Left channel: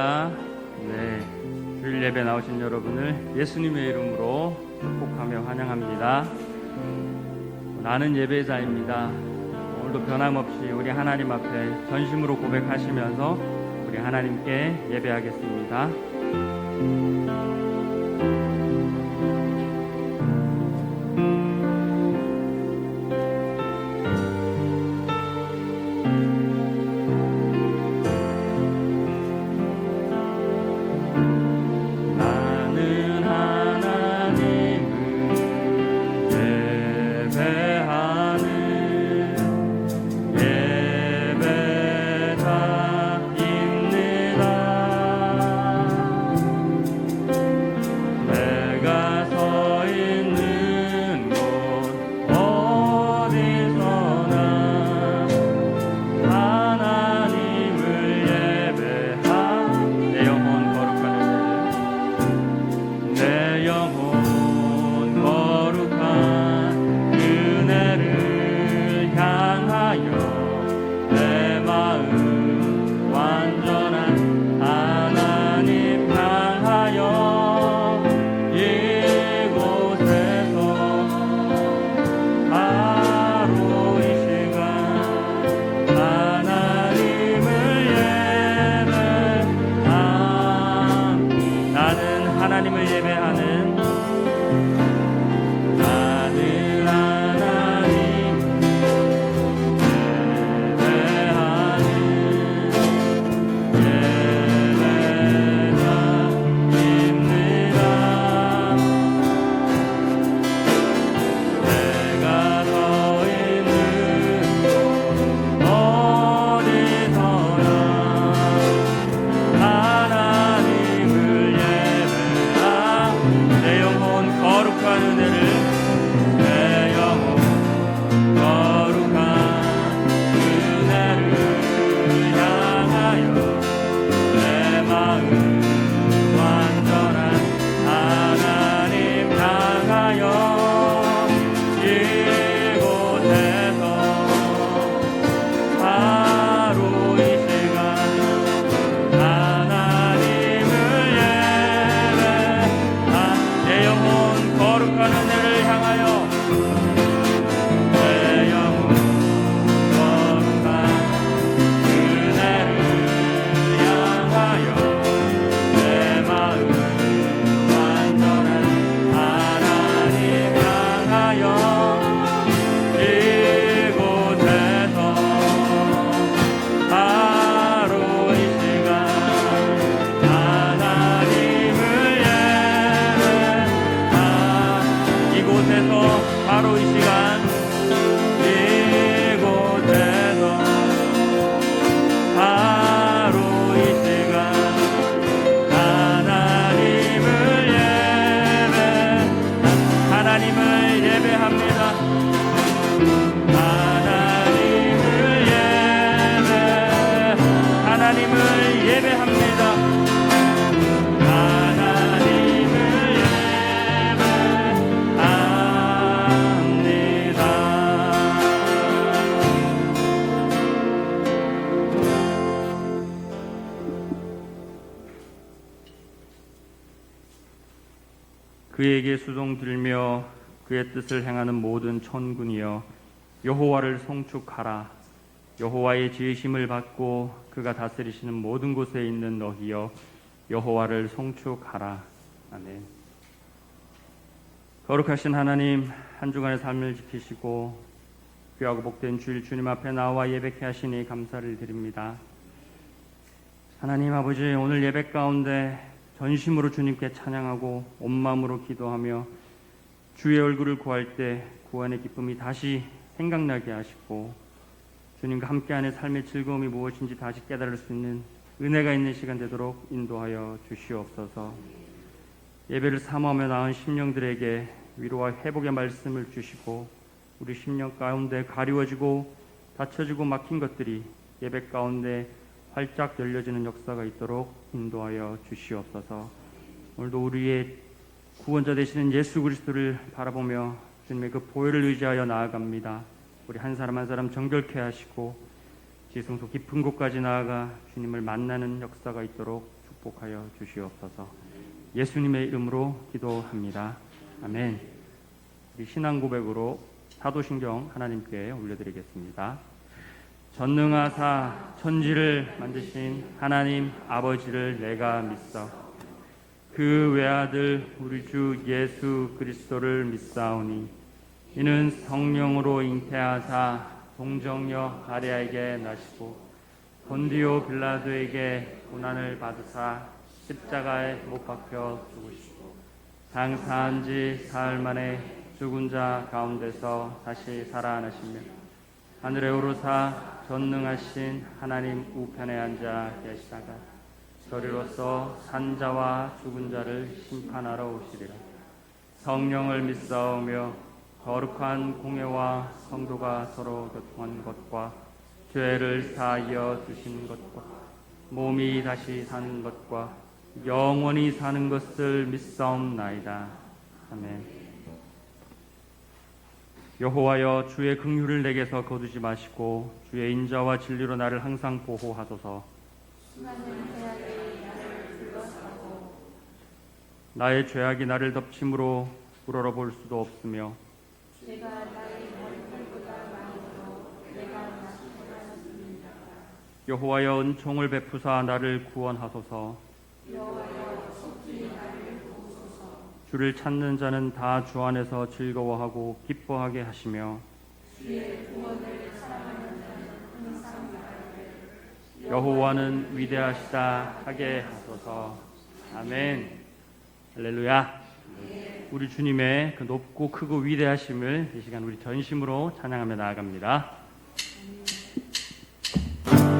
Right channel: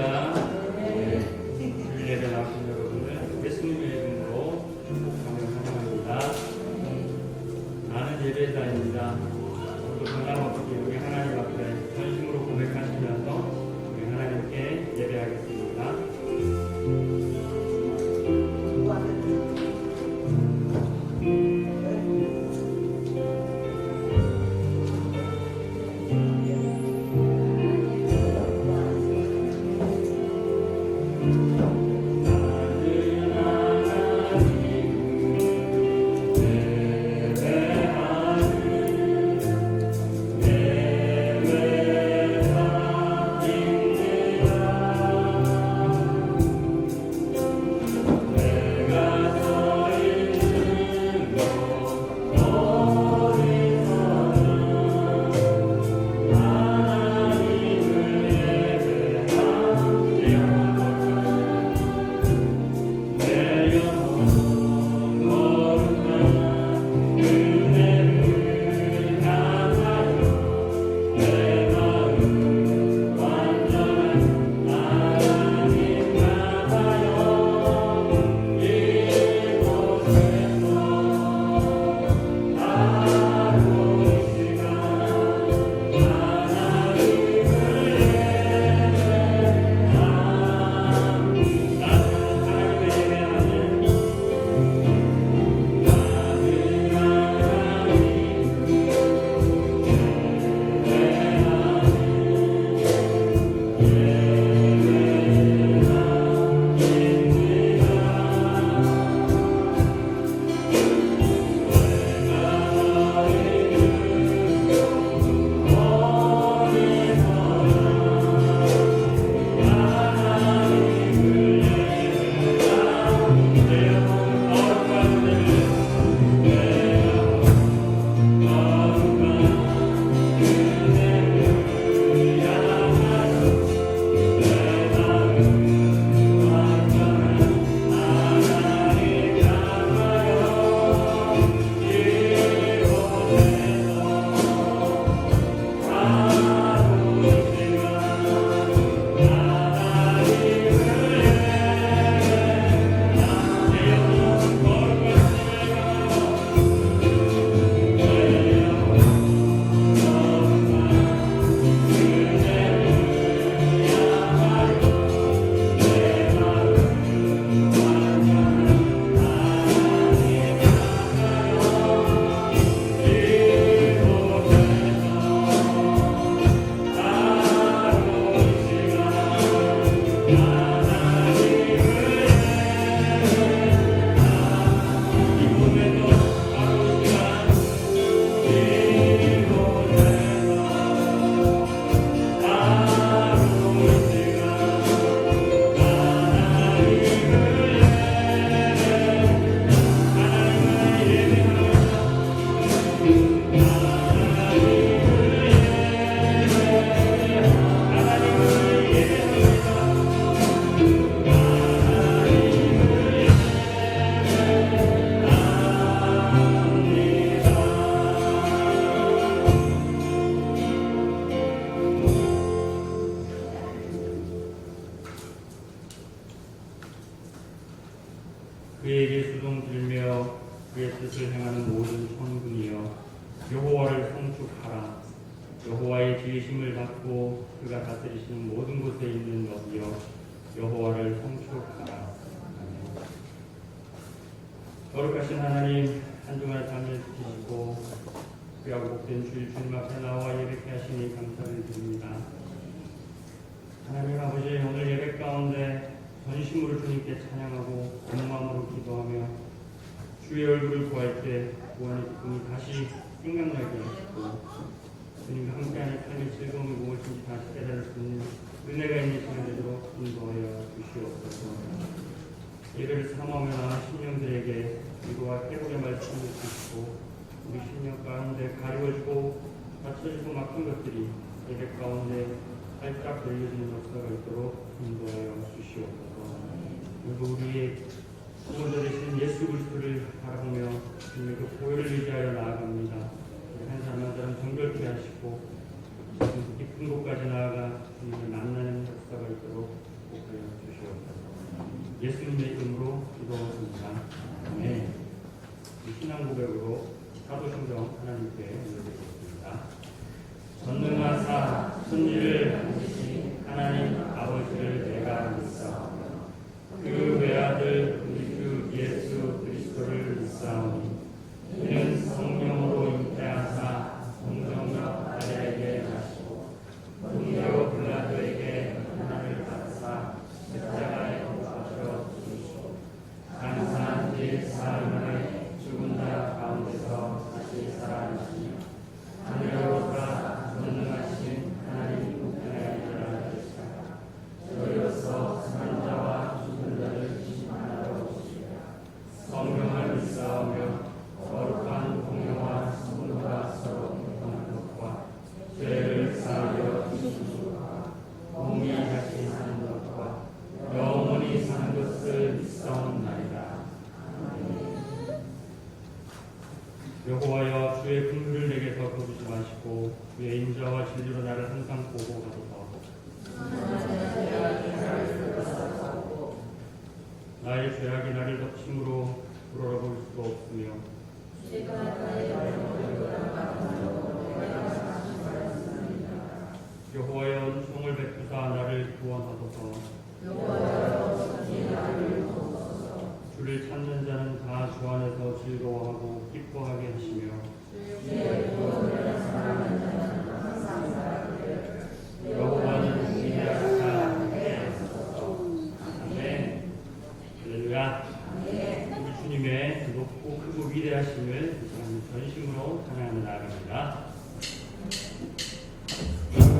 할렐루야. 네, 주일 예배 나오신 여러분을 예수님의 이름으로 축복하며 환영합니다. 나는 예배자입니다. 오늘도 변함없이 우리 하나님 앞에 전심으로 고백하시면서 우리 하나님께 예배하겠습니다. 그에게 수종 들며 그의 뜻을 행하는 모든 천군이여 여호와를 송축하라. 여호와의 지으심을 받고 그가 다스리시는 모든 곳에 있는 너희여 여호와를 송축하라. 아멘. 거룩하신 하나님, 한 주간의 삶을 지키시고 귀하고 복된 주일 주님 앞에 나와 예배케 하시니 감사를 드립니다. 하나님 아버지, 오늘 예배 가운데 전심으로 주님께 찬양하고 온 마음으로 기도하며 주의 얼굴을 구할 때 구원의 기쁨이 다시 생각나게 하시고 주님과 함께하는 삶의 즐거움이 무엇인지 다시 깨달을 수 있는 은혜가 있는 시간 되도록 인도하여 주시옵소서. 예배를 사모하며 나온 심령들에게 위로와 회복의 말씀을 주시고 우리 심령 가운데 가리워지고 닫혀지고 막힌 것들이 예배 가운데 활짝 열려지는 역사가 있도록 인도하여 주시옵소서. 오늘도 우리의 구원자 되시는 예수 그리스도를 바라보며 주님의 그 보혈을 의지하여 나아갑니다. 우리 한 사람 한 사람 정결케 하시고 깊은 곳까지 나아가 주님을 만나는 역사가 있도록 축복하여 주시옵소서. 예수님의 이름으로 기도합니다. 아멘. 이 신앙 고백으로 사도신경 하나님께 올려드리겠습니다. 전능하사 천지를 만드신 하나님 아버지를 내가 믿사오니 그 외아들 우리 주 예수 그리스도를 믿사오니 이는 성령으로 잉태하사 동정녀 마리아에게 나시고 본디오 빌라도에게 고난을 받으사 십자가에 못 박혀 죽으시고 장사한 지 사흘 만에 죽은 자 가운데서 다시 살아나십니다. 하늘에 오르사 전능하신 하나님 우편에 앉아 계시다가 저리로서 산자와 죽은 자를 심판하러 오시리라. 성령을 믿사오며 거룩한 공예와 성도가 서로 교통하는 것과 죄를 사하여 주시는 것과 몸이 다시 사는 것과 영원히 사는 것을 믿사옵나이다. 아멘. 여호와여 주의 긍휼을 내게서 거두지 마시고 주의 인자와 진리로 나를 항상 보호하소서. 나의 죄악이 나를 덮침으로 우러러볼 수도 없으며 여호와여 은총을 베푸사 나를 구원하소서. 주를 찾는 자는 다 주 안에서 즐거워하고 기뻐하게 하시며 여호와는 위대하시다 하게 하소서. 아멘. 할렐루야. 우리 주님의 그 높고 크고 위대하심을 이 시간 우리 전심으로 찬양하며 나아갑니다. 그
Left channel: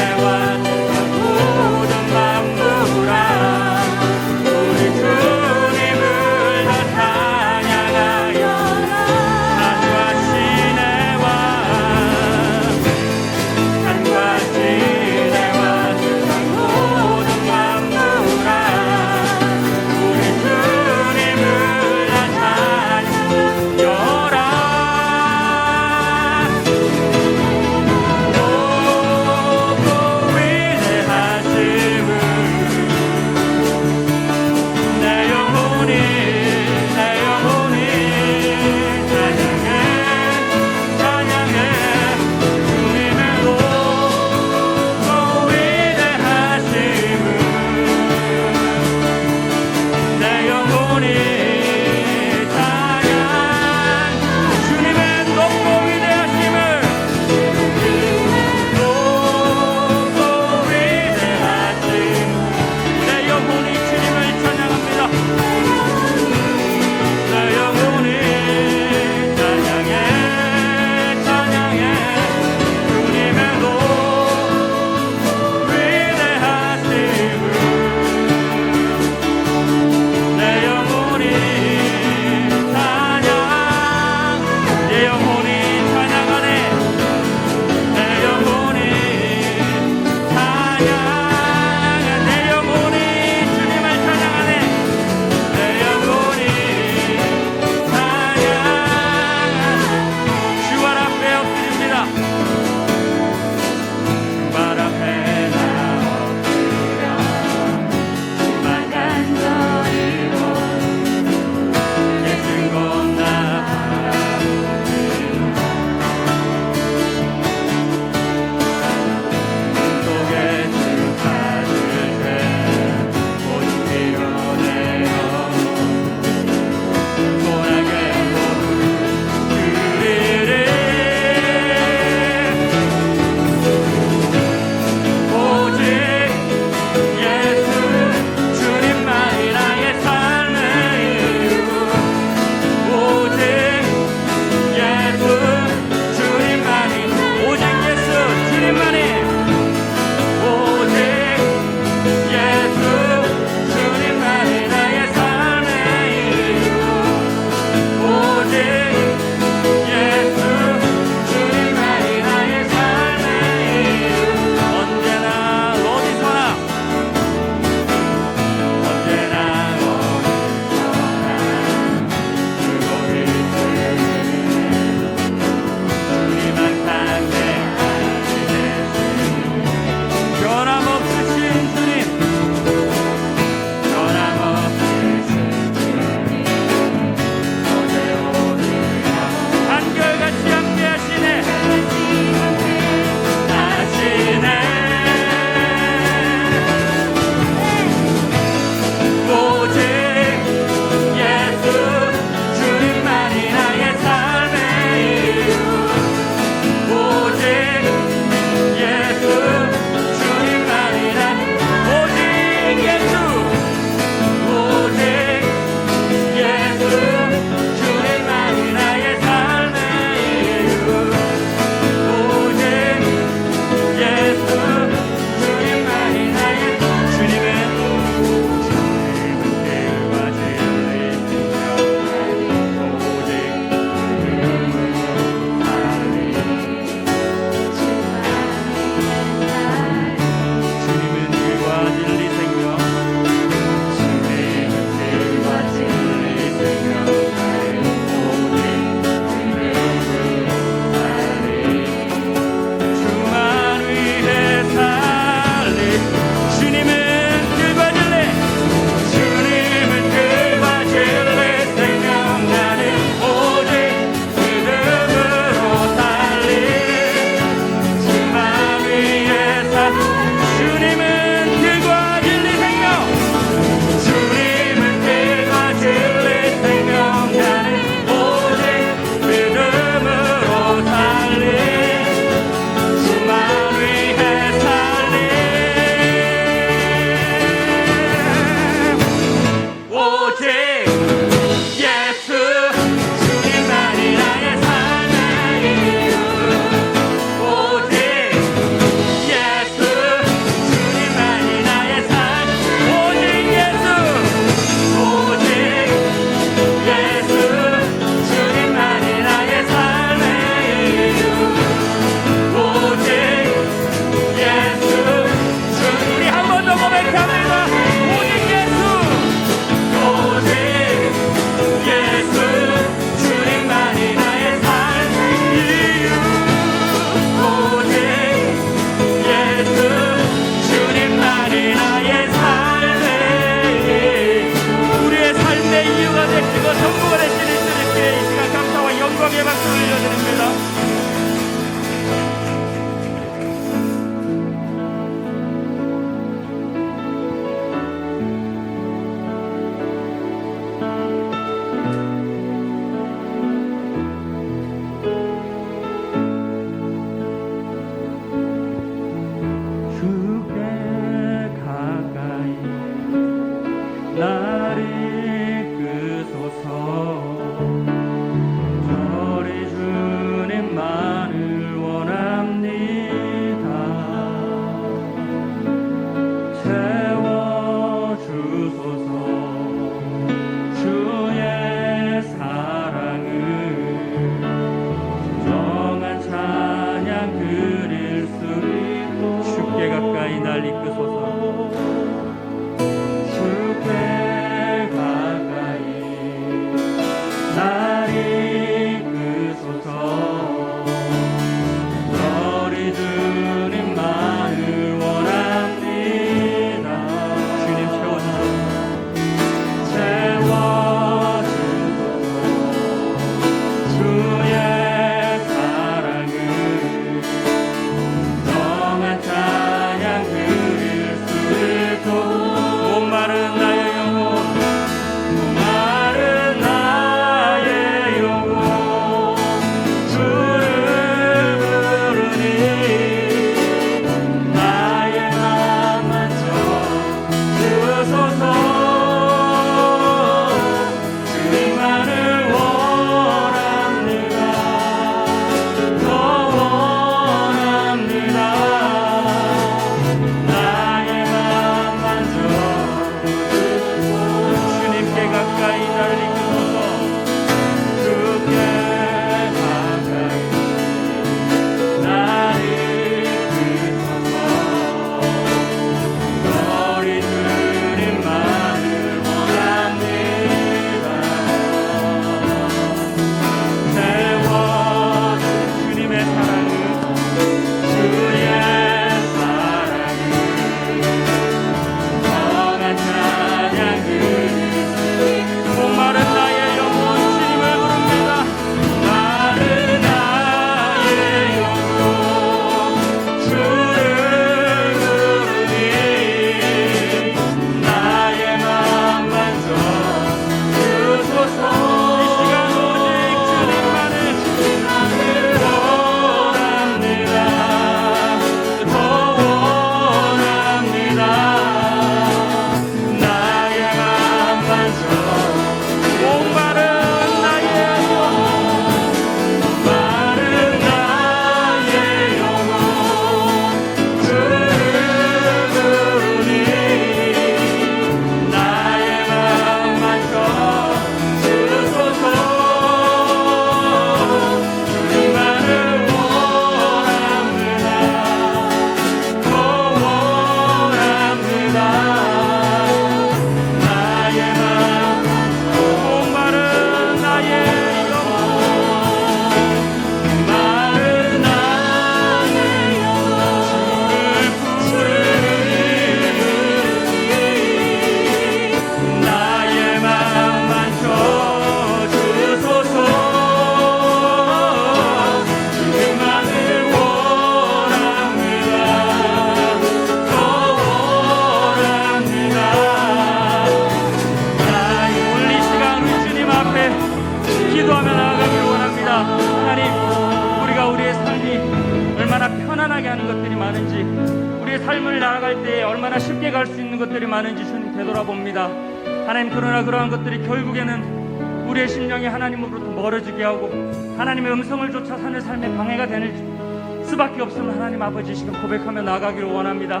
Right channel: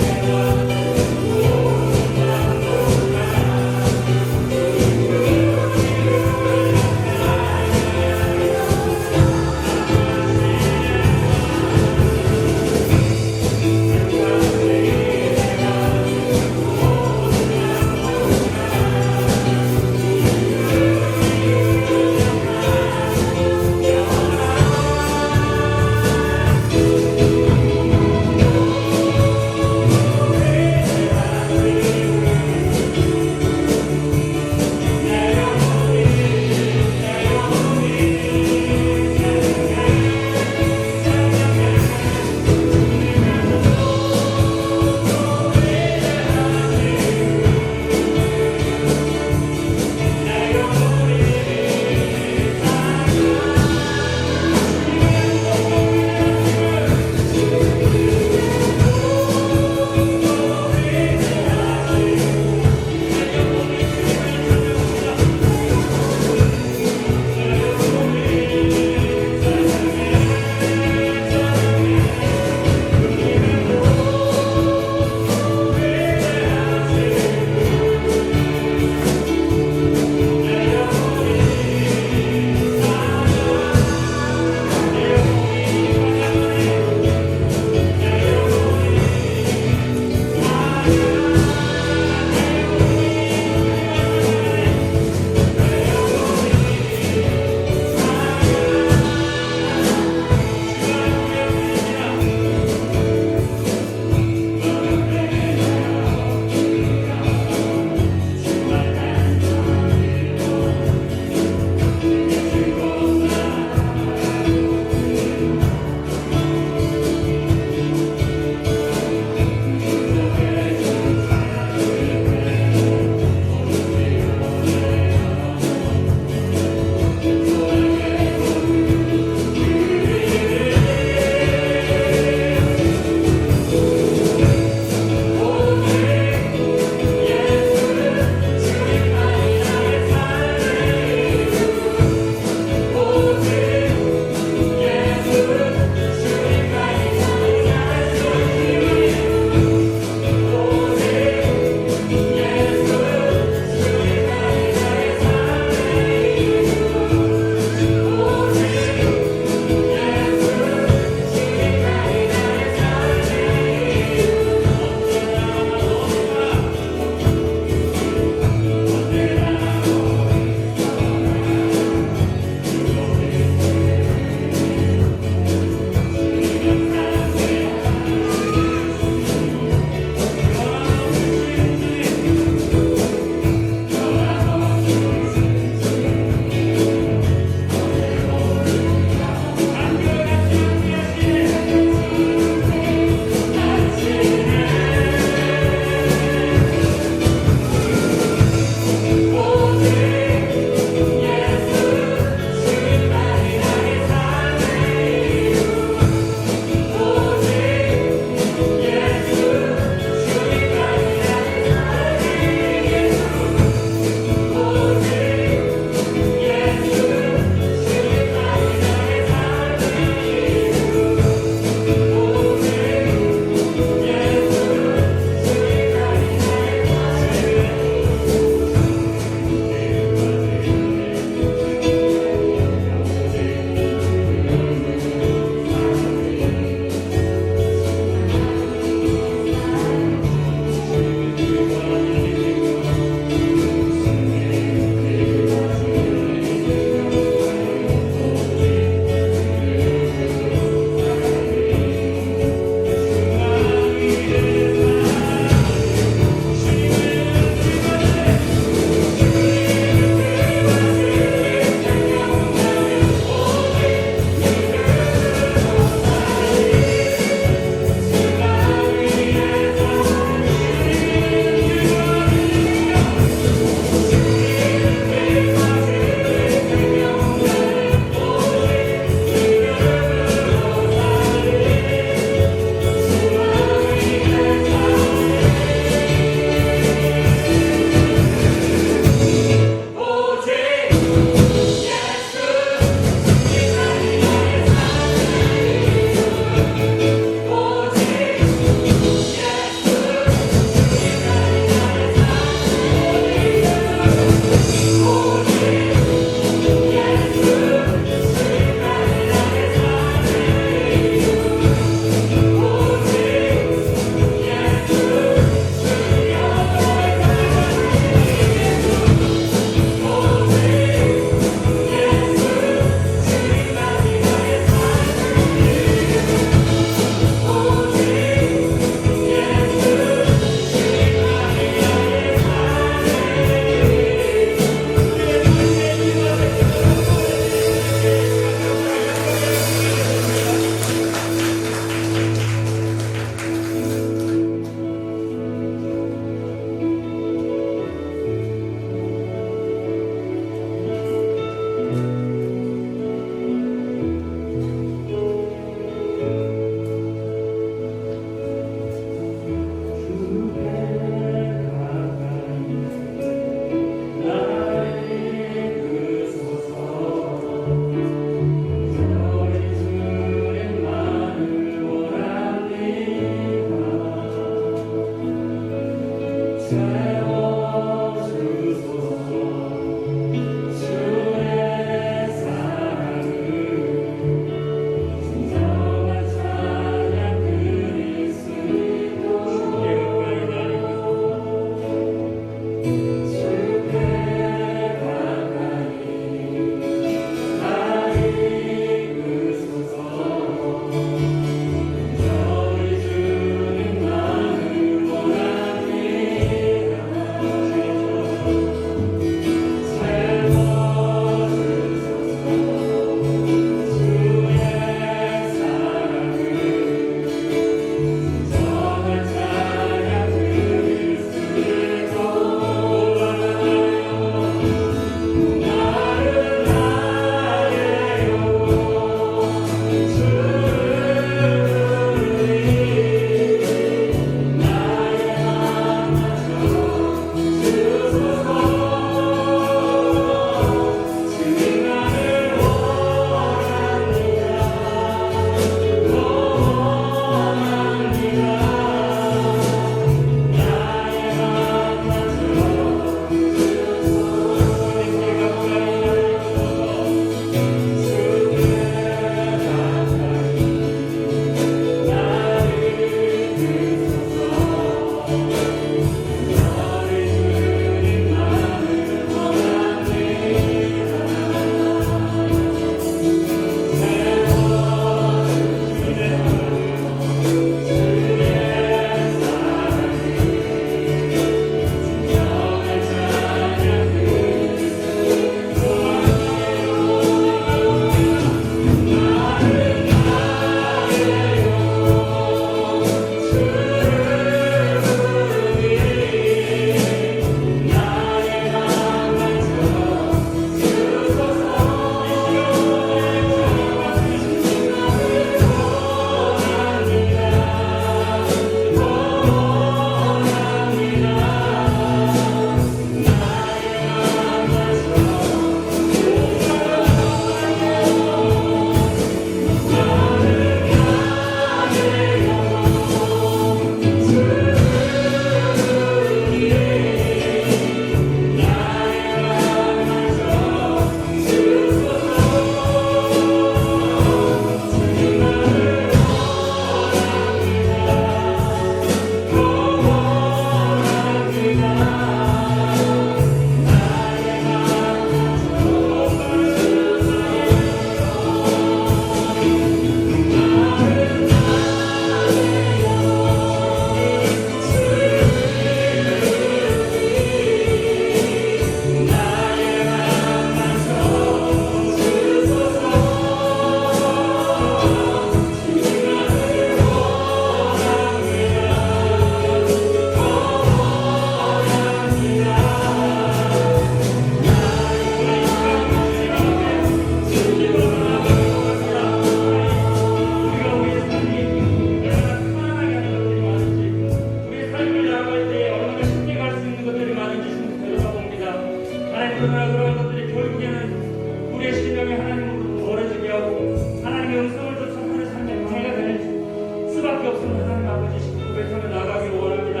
영이 하나님으로부터 멀어지게 하고 하나님의 음성을 쫓아 사는 삶에 방해가 되는 수밖에 없는 하나님 아버지시도 고백하며 나아가길 원합니다.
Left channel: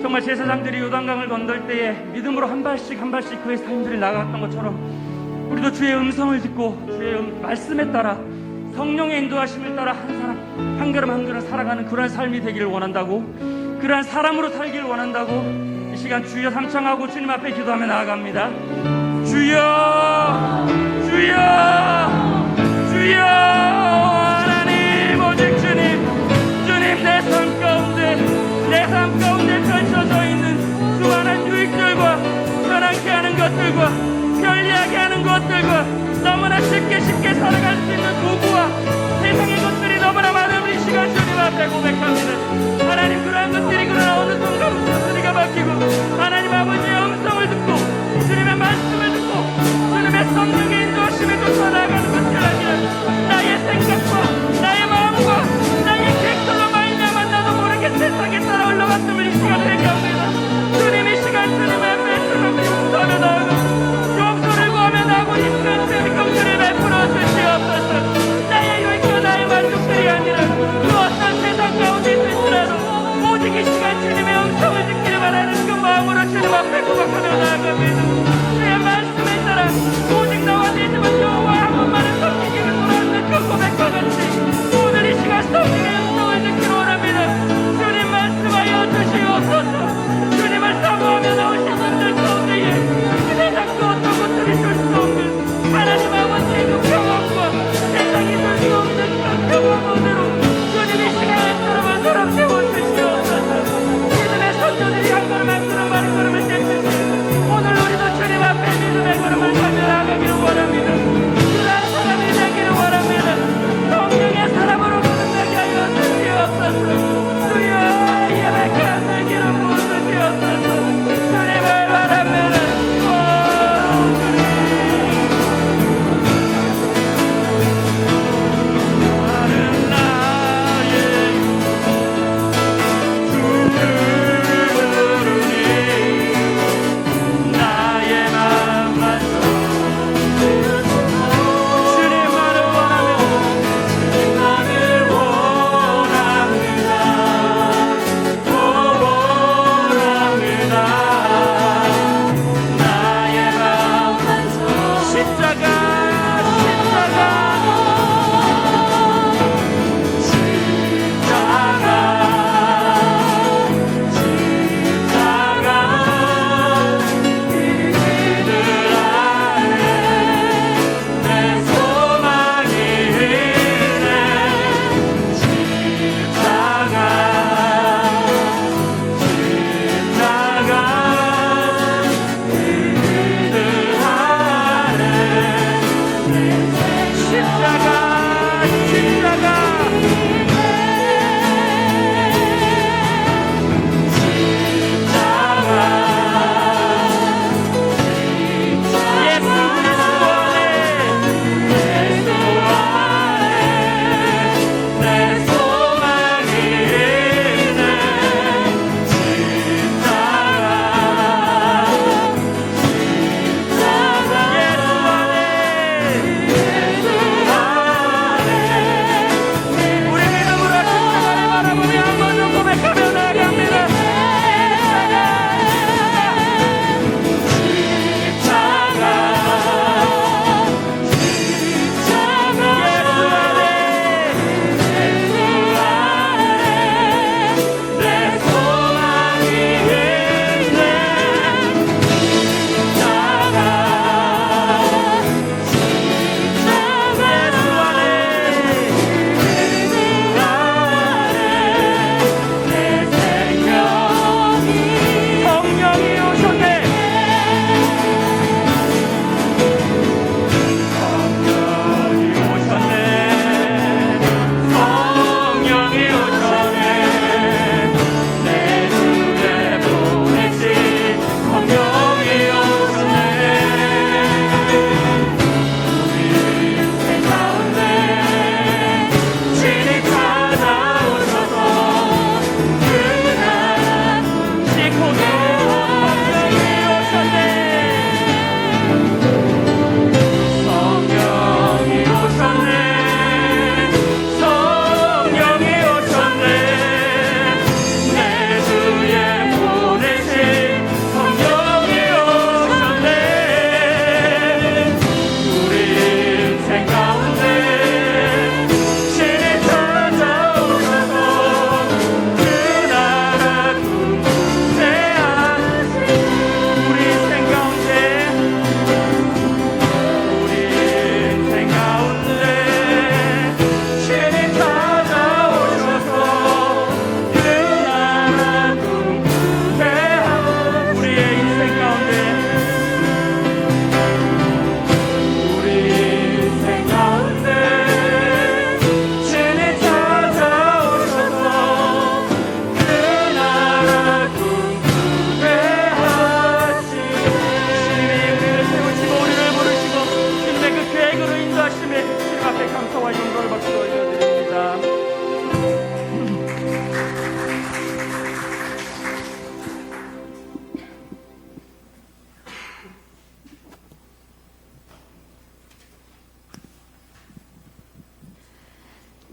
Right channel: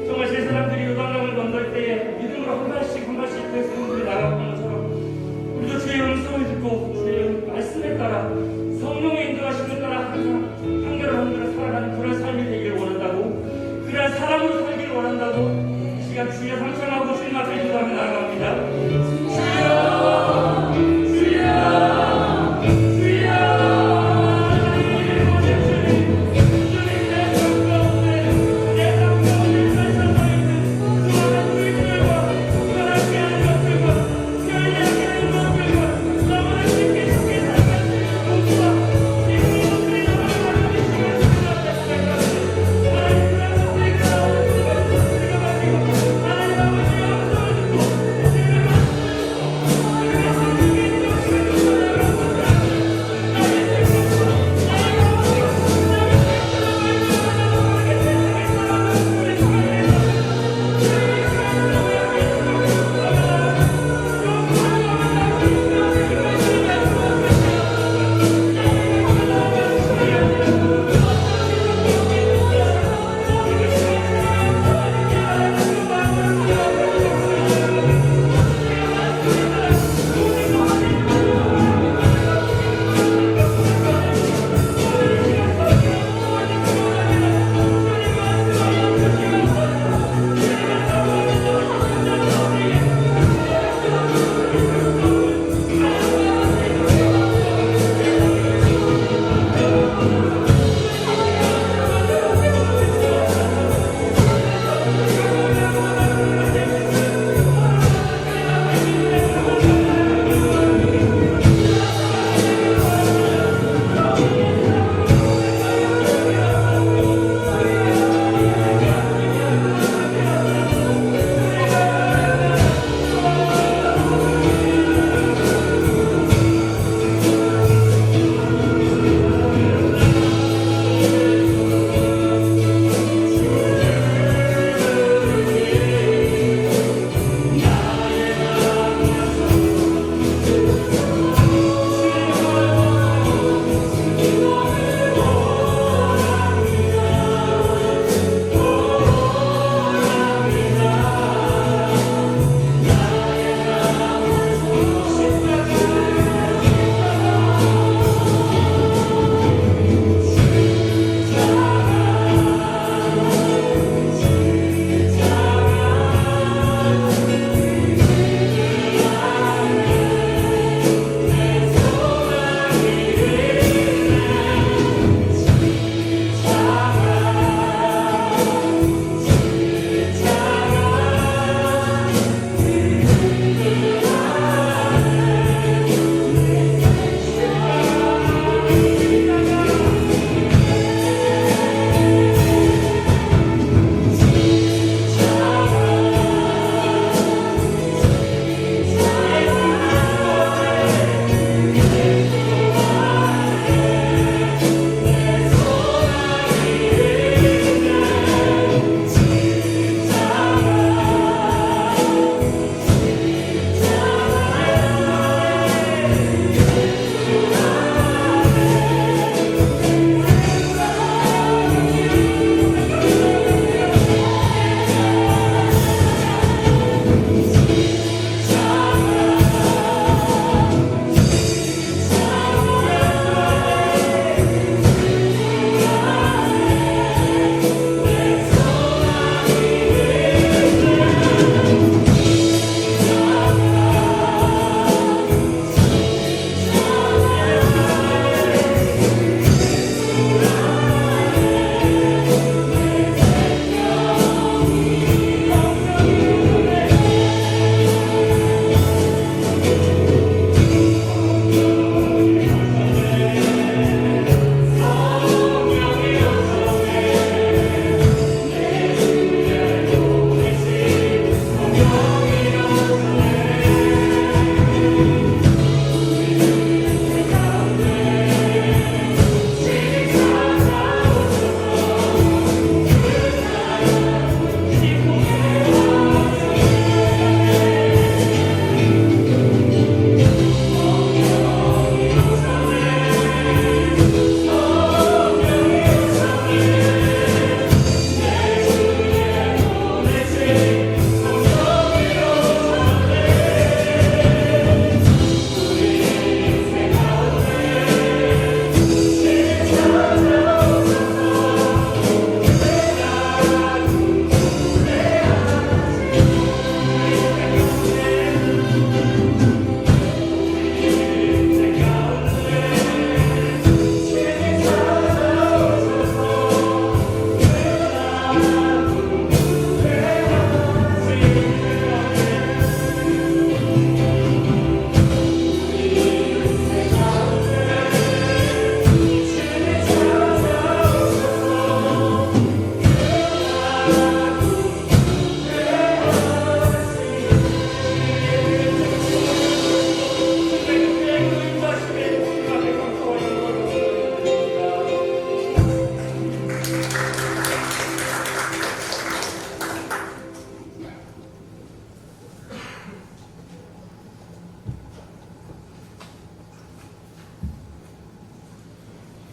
정말 제사장들이 요단강을 건널 때에 믿음으로 한 발씩 한 발씩 그의 삶들이 나아갔던 것처럼 우리도 주의 음성을 듣고 주의 말씀에 따라 성령의 인도하심에 따라 항상 한 걸음 한 걸음 살아가는 그런 삶이 되기를 원한다고, 그러한 사랑으로 살기를 원한다고 이 시간 주여 상청하고 주님 앞에 기도하며 나아갑니다. 주여 주여 주여 하나님 오직 주님 내 삶 가운데 펼쳐져 있는 수많은 수익들과 편하게 하는 것들과 편리하게 하는 것들과 너무나 쉽게 살아갈 수 있는 도구와 세상의 것들이 너무나 많은 이 시간 주님 앞에 고백합니다. 하나님 그러한 것들이 그러나 어느 순간부터 소리가 바뀌고 하나님 아버지의 음성을 듣고 주님의 말씀을 듣고 주님의 성령을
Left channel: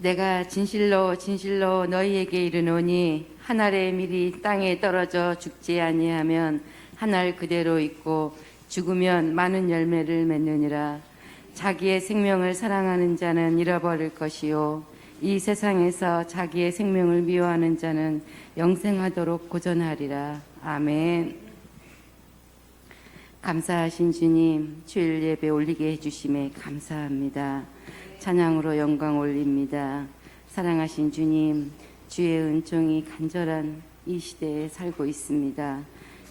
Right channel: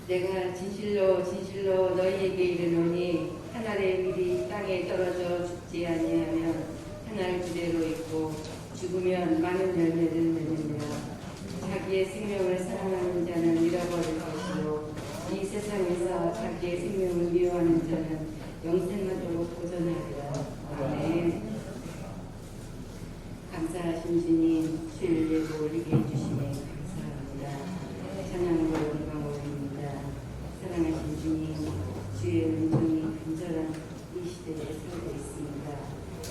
내가 진실로 진실로 너희에게 이르노니 한 알의 밀이 땅에 떨어져 죽지 아니하면 한 알 그대로 있고 죽으면 많은 열매를 맺느니라. 자기의 생명을 사랑하는 자는 잃어버릴 것이요 이 세상에서 자기의 생명을 미워하는 자는 영생하도록 고전하리라. 아멘. 감사하신 주님, 주일 예배 올리게 해주심에 감사합니다. 찬양으로 영광 올립니다. 사랑하신 주님, 주의 은총이 간절한 이 시대에 살고 있습니다.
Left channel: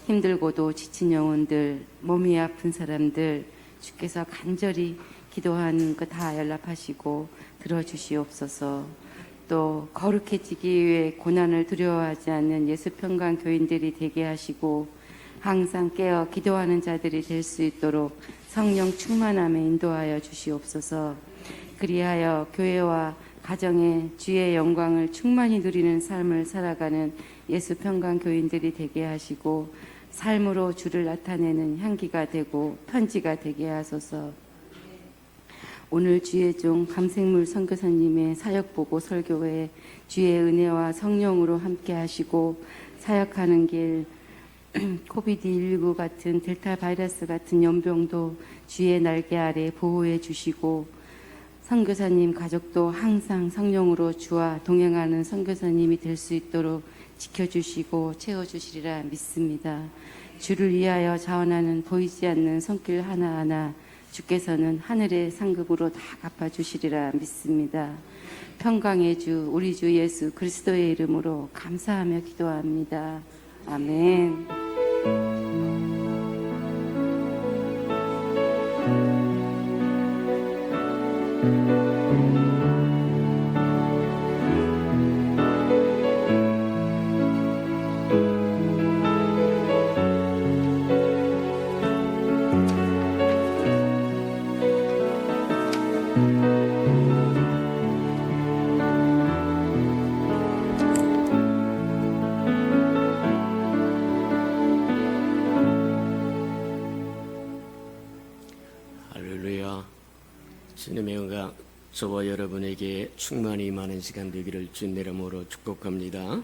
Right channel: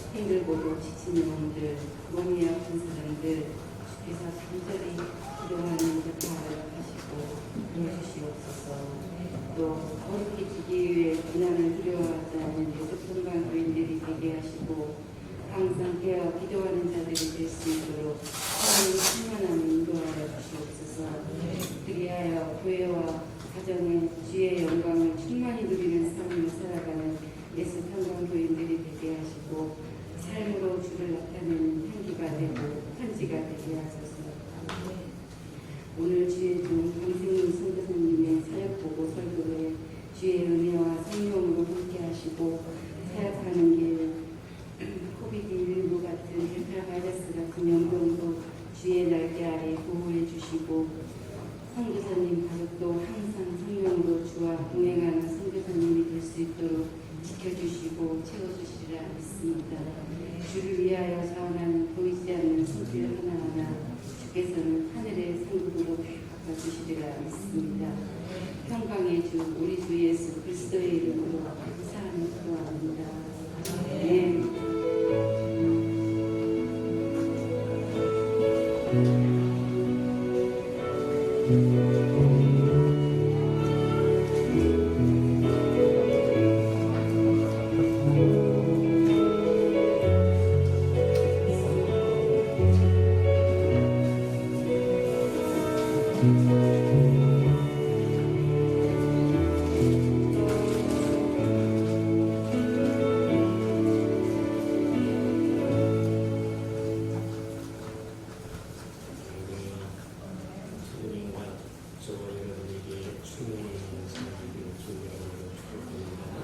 힘들고도 지친 영혼들, 몸이 아픈 사람들, 주께서 간절히 기도하는 것 다 연락하시고 들어주시옵소서. 또 거룩해지기 위해 고난을 두려워하지 않는 예수평강 교인들이 되게 하시고 항상 깨어 기도하는 자들이 될 수 있도록 성령 충만함에 인도하여 주시옵소서. 그리하여 교회와 가정에 주의 영광을 충만히 누리는 삶을 살아가는 예수평강 교인들이 되게 하시고 삶으로 주를 나타내는 향기가 되고 편지가 되게 하소서. 오늘 주의 종 감생물 선교사님의 사역보고 설교에 주의 은혜와 성령으로 함께 하시고 사역하는 길 코비드19 같은 델타 바이러스 같은 연병도 주의 날개 아래 보호해 주시고 선교사님 가족도 항상 성령으로 주와 동행하는 선교사님이 될 수 있도록 지켜주시고 채워주시리라 믿습니다. 주를 위하여 자원하는 보이지 않는 손길 하나하나 주께서는 하늘의 상급으로 다 갚아주시리라 믿습니다. 평강의 주 우리 주 예수 그리스도의 이름으로 감사하며 기도합니다. 아멘. 저와 여러분에게 충만히 많은 시간 되기를 주님 이름으로 축복합니다.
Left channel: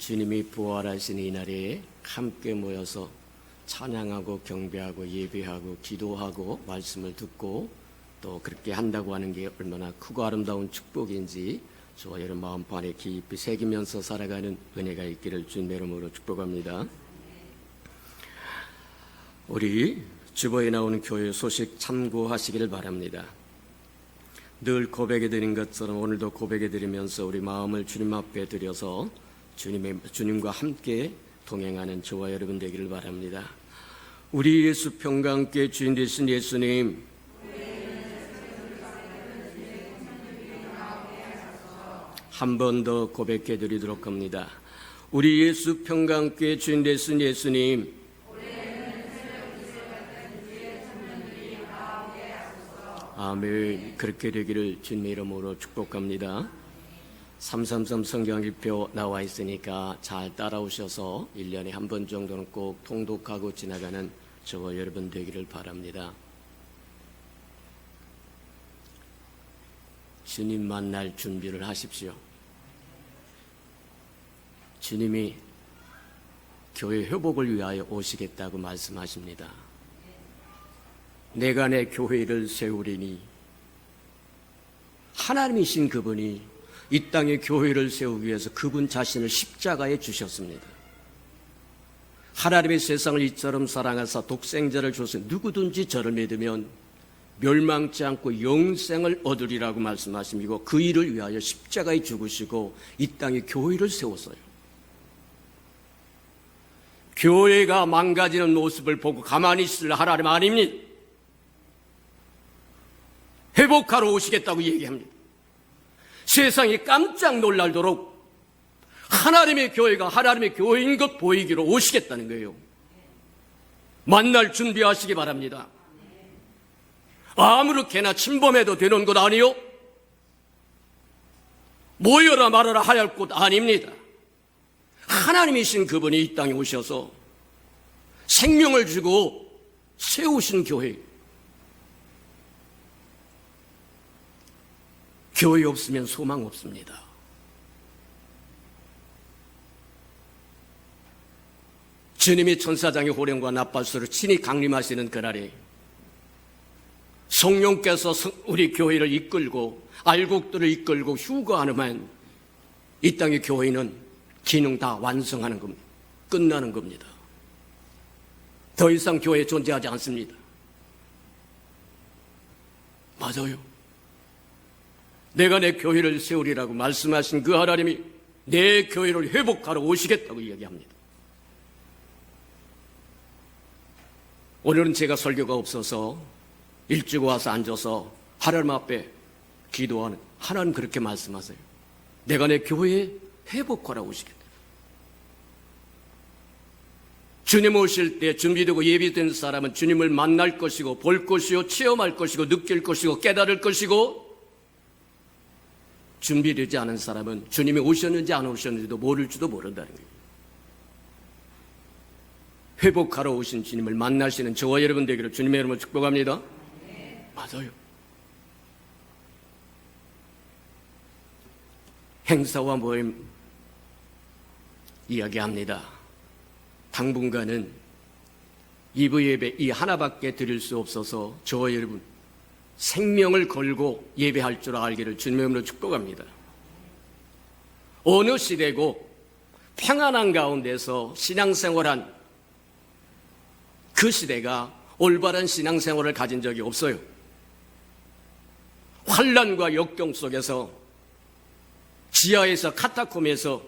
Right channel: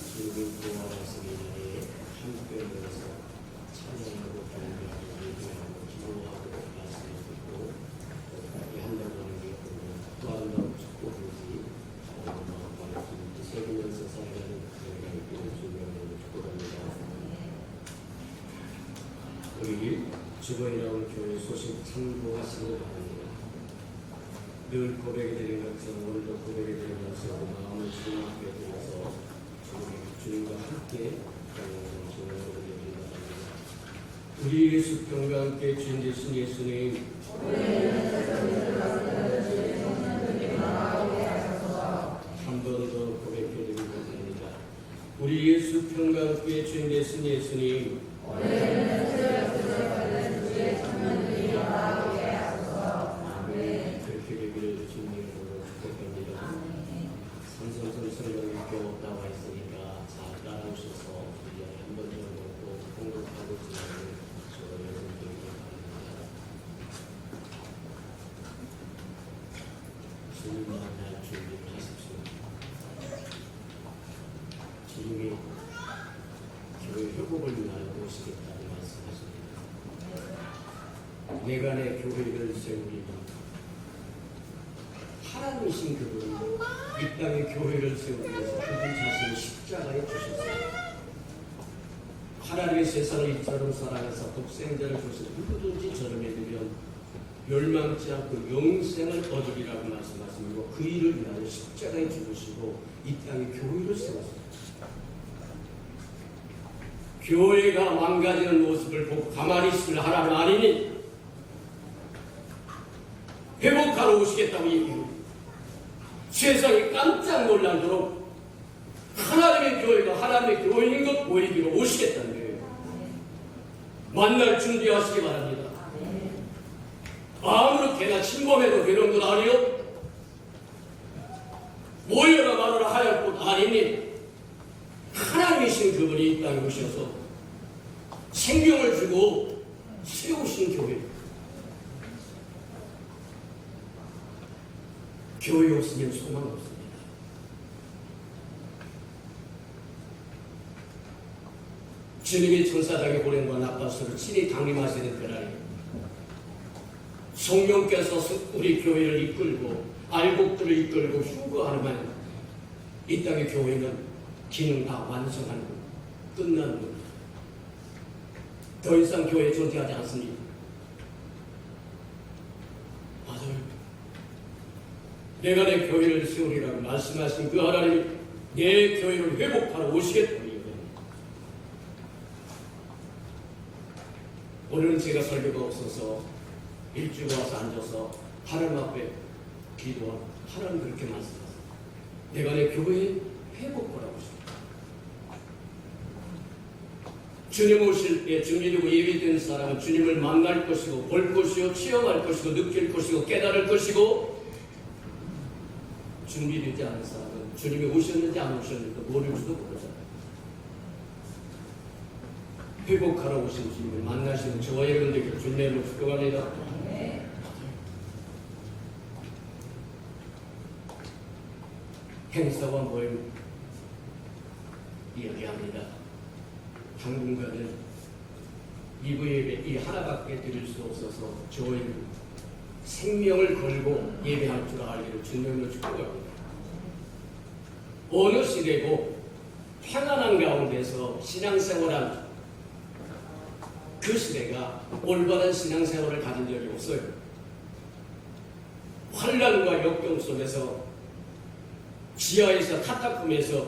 주님이 부활하신 이날에 함께 모여서 찬양하고 경배하고 예배하고 기도하고 말씀을 듣고 또 그렇게 한다고 하는 게 얼마나 크고 아름다운 축복인지 저와 여러분 마음판에 깊이 새기면서 살아가는 은혜가 있기를 주님 이름으로 축복합니다. 우리 주보에 나오는 교회 소식 참고하시기를 바랍니다. 늘 고백해드린 것처럼 오늘도 고백해드리면서 우리 마음을 주님 앞에 드려서 주님과 함께 동행하는 저와 여러분 되기를 바랍니다. 우리 예수 평강교회 주인 되신 예수님, 한 번 더 고백해드리도록 합니다. 우리 예수 평강교회 주인 되신 예수님, 그렇게 되기를 주님 이름으로 축복합니다. 333 성경일표 나와 있으니까 잘 따라오셔서 1년에 한 번 정도는 꼭 통독하고 지나가는 저와 여러분 되기를 바랍니다. 주님 만날 준비를 하십시오. 주님이 교회 회복을 위하여 오시겠다고 말씀하십니다. 내가 내 교회를 세우리니 하나님이신 그분이 이 땅에 교회를 세우기 위해서 그분 자신을 십자가에 주셨습니다. 하나님의 세상을 이처럼 사랑하사 독생자를 줘서 누구든지 저를 믿으면 멸망치 않고 영생을 얻으리라고 말씀하시고 그 일을 위하여 십자가에 죽으시고 이 땅에 교회를 세웠어요. 교회가 망가지는 모습을 보고 가만히 있을 하나님 아닙니까? 회복하러 오시겠다고 얘기합니다. 세상이 깜짝 놀랄도록 하나님의 교회가 하나님의 교회인 것 보이기로 오시겠다는 거예요. 만날 준비하시기 바랍니다. 아무렇게나 침범해도 되는 것 아니요? 모여라 말아라 할 것 아닙니다. 하나님이신 그분이 이 땅에 오셔서 생명을 주고 세우신 교회, 교회 없으면 소망 없습니다. 주님이 천사장의 호령과 나팔소를 친히 강림하시는 그날에 성령께서 우리 교회를 이끌고 알곡들을 이끌고 휴거하는 이 땅의 교회는 기능 다 완성하는 겁니다. 끝나는 겁니다. 더 이상 교회 존재하지 않습니다. 맞아요. 내가 내 교회를 세우리라고 말씀하신 그 하나님이 내 교회를 회복하러 오시겠다고 얘기합니다. 오늘은 제가 설교가 없어서 일찍 와서 앉아서 하나님 앞에 기도하는, 하나님 그렇게 말씀하세요. 내가 내 교회에 회복하러 오시겠다. 주님 오실 때 준비되고 예비된 사람은 주님을 만날 것이고 볼 것이요 체험할 것이고 느낄 것이고 깨달을 것이고, 준비되지 않은 사람은 주님이 오셨는지 안 오셨는지도 모를지도 모른다. 회복하러 오신 주님을 만나시는 저와 여러분 되기를 주님의 이름으로 축복합니다. 맞아요. 행사와 모임 이야기합니다. 당분간은 2부 예배 이 하나밖에 드릴 수 없어서 저와 여러분 생명을 걸고 예배할 줄 알기를 주님의 이름으로 축복합니다. 어느 시대고 평안한 가운데서 신앙생활한 그 시대가 올바른 신앙생활을 가진 적이 없어요. 환난과 역경 속에서 지하에서 카타콤에서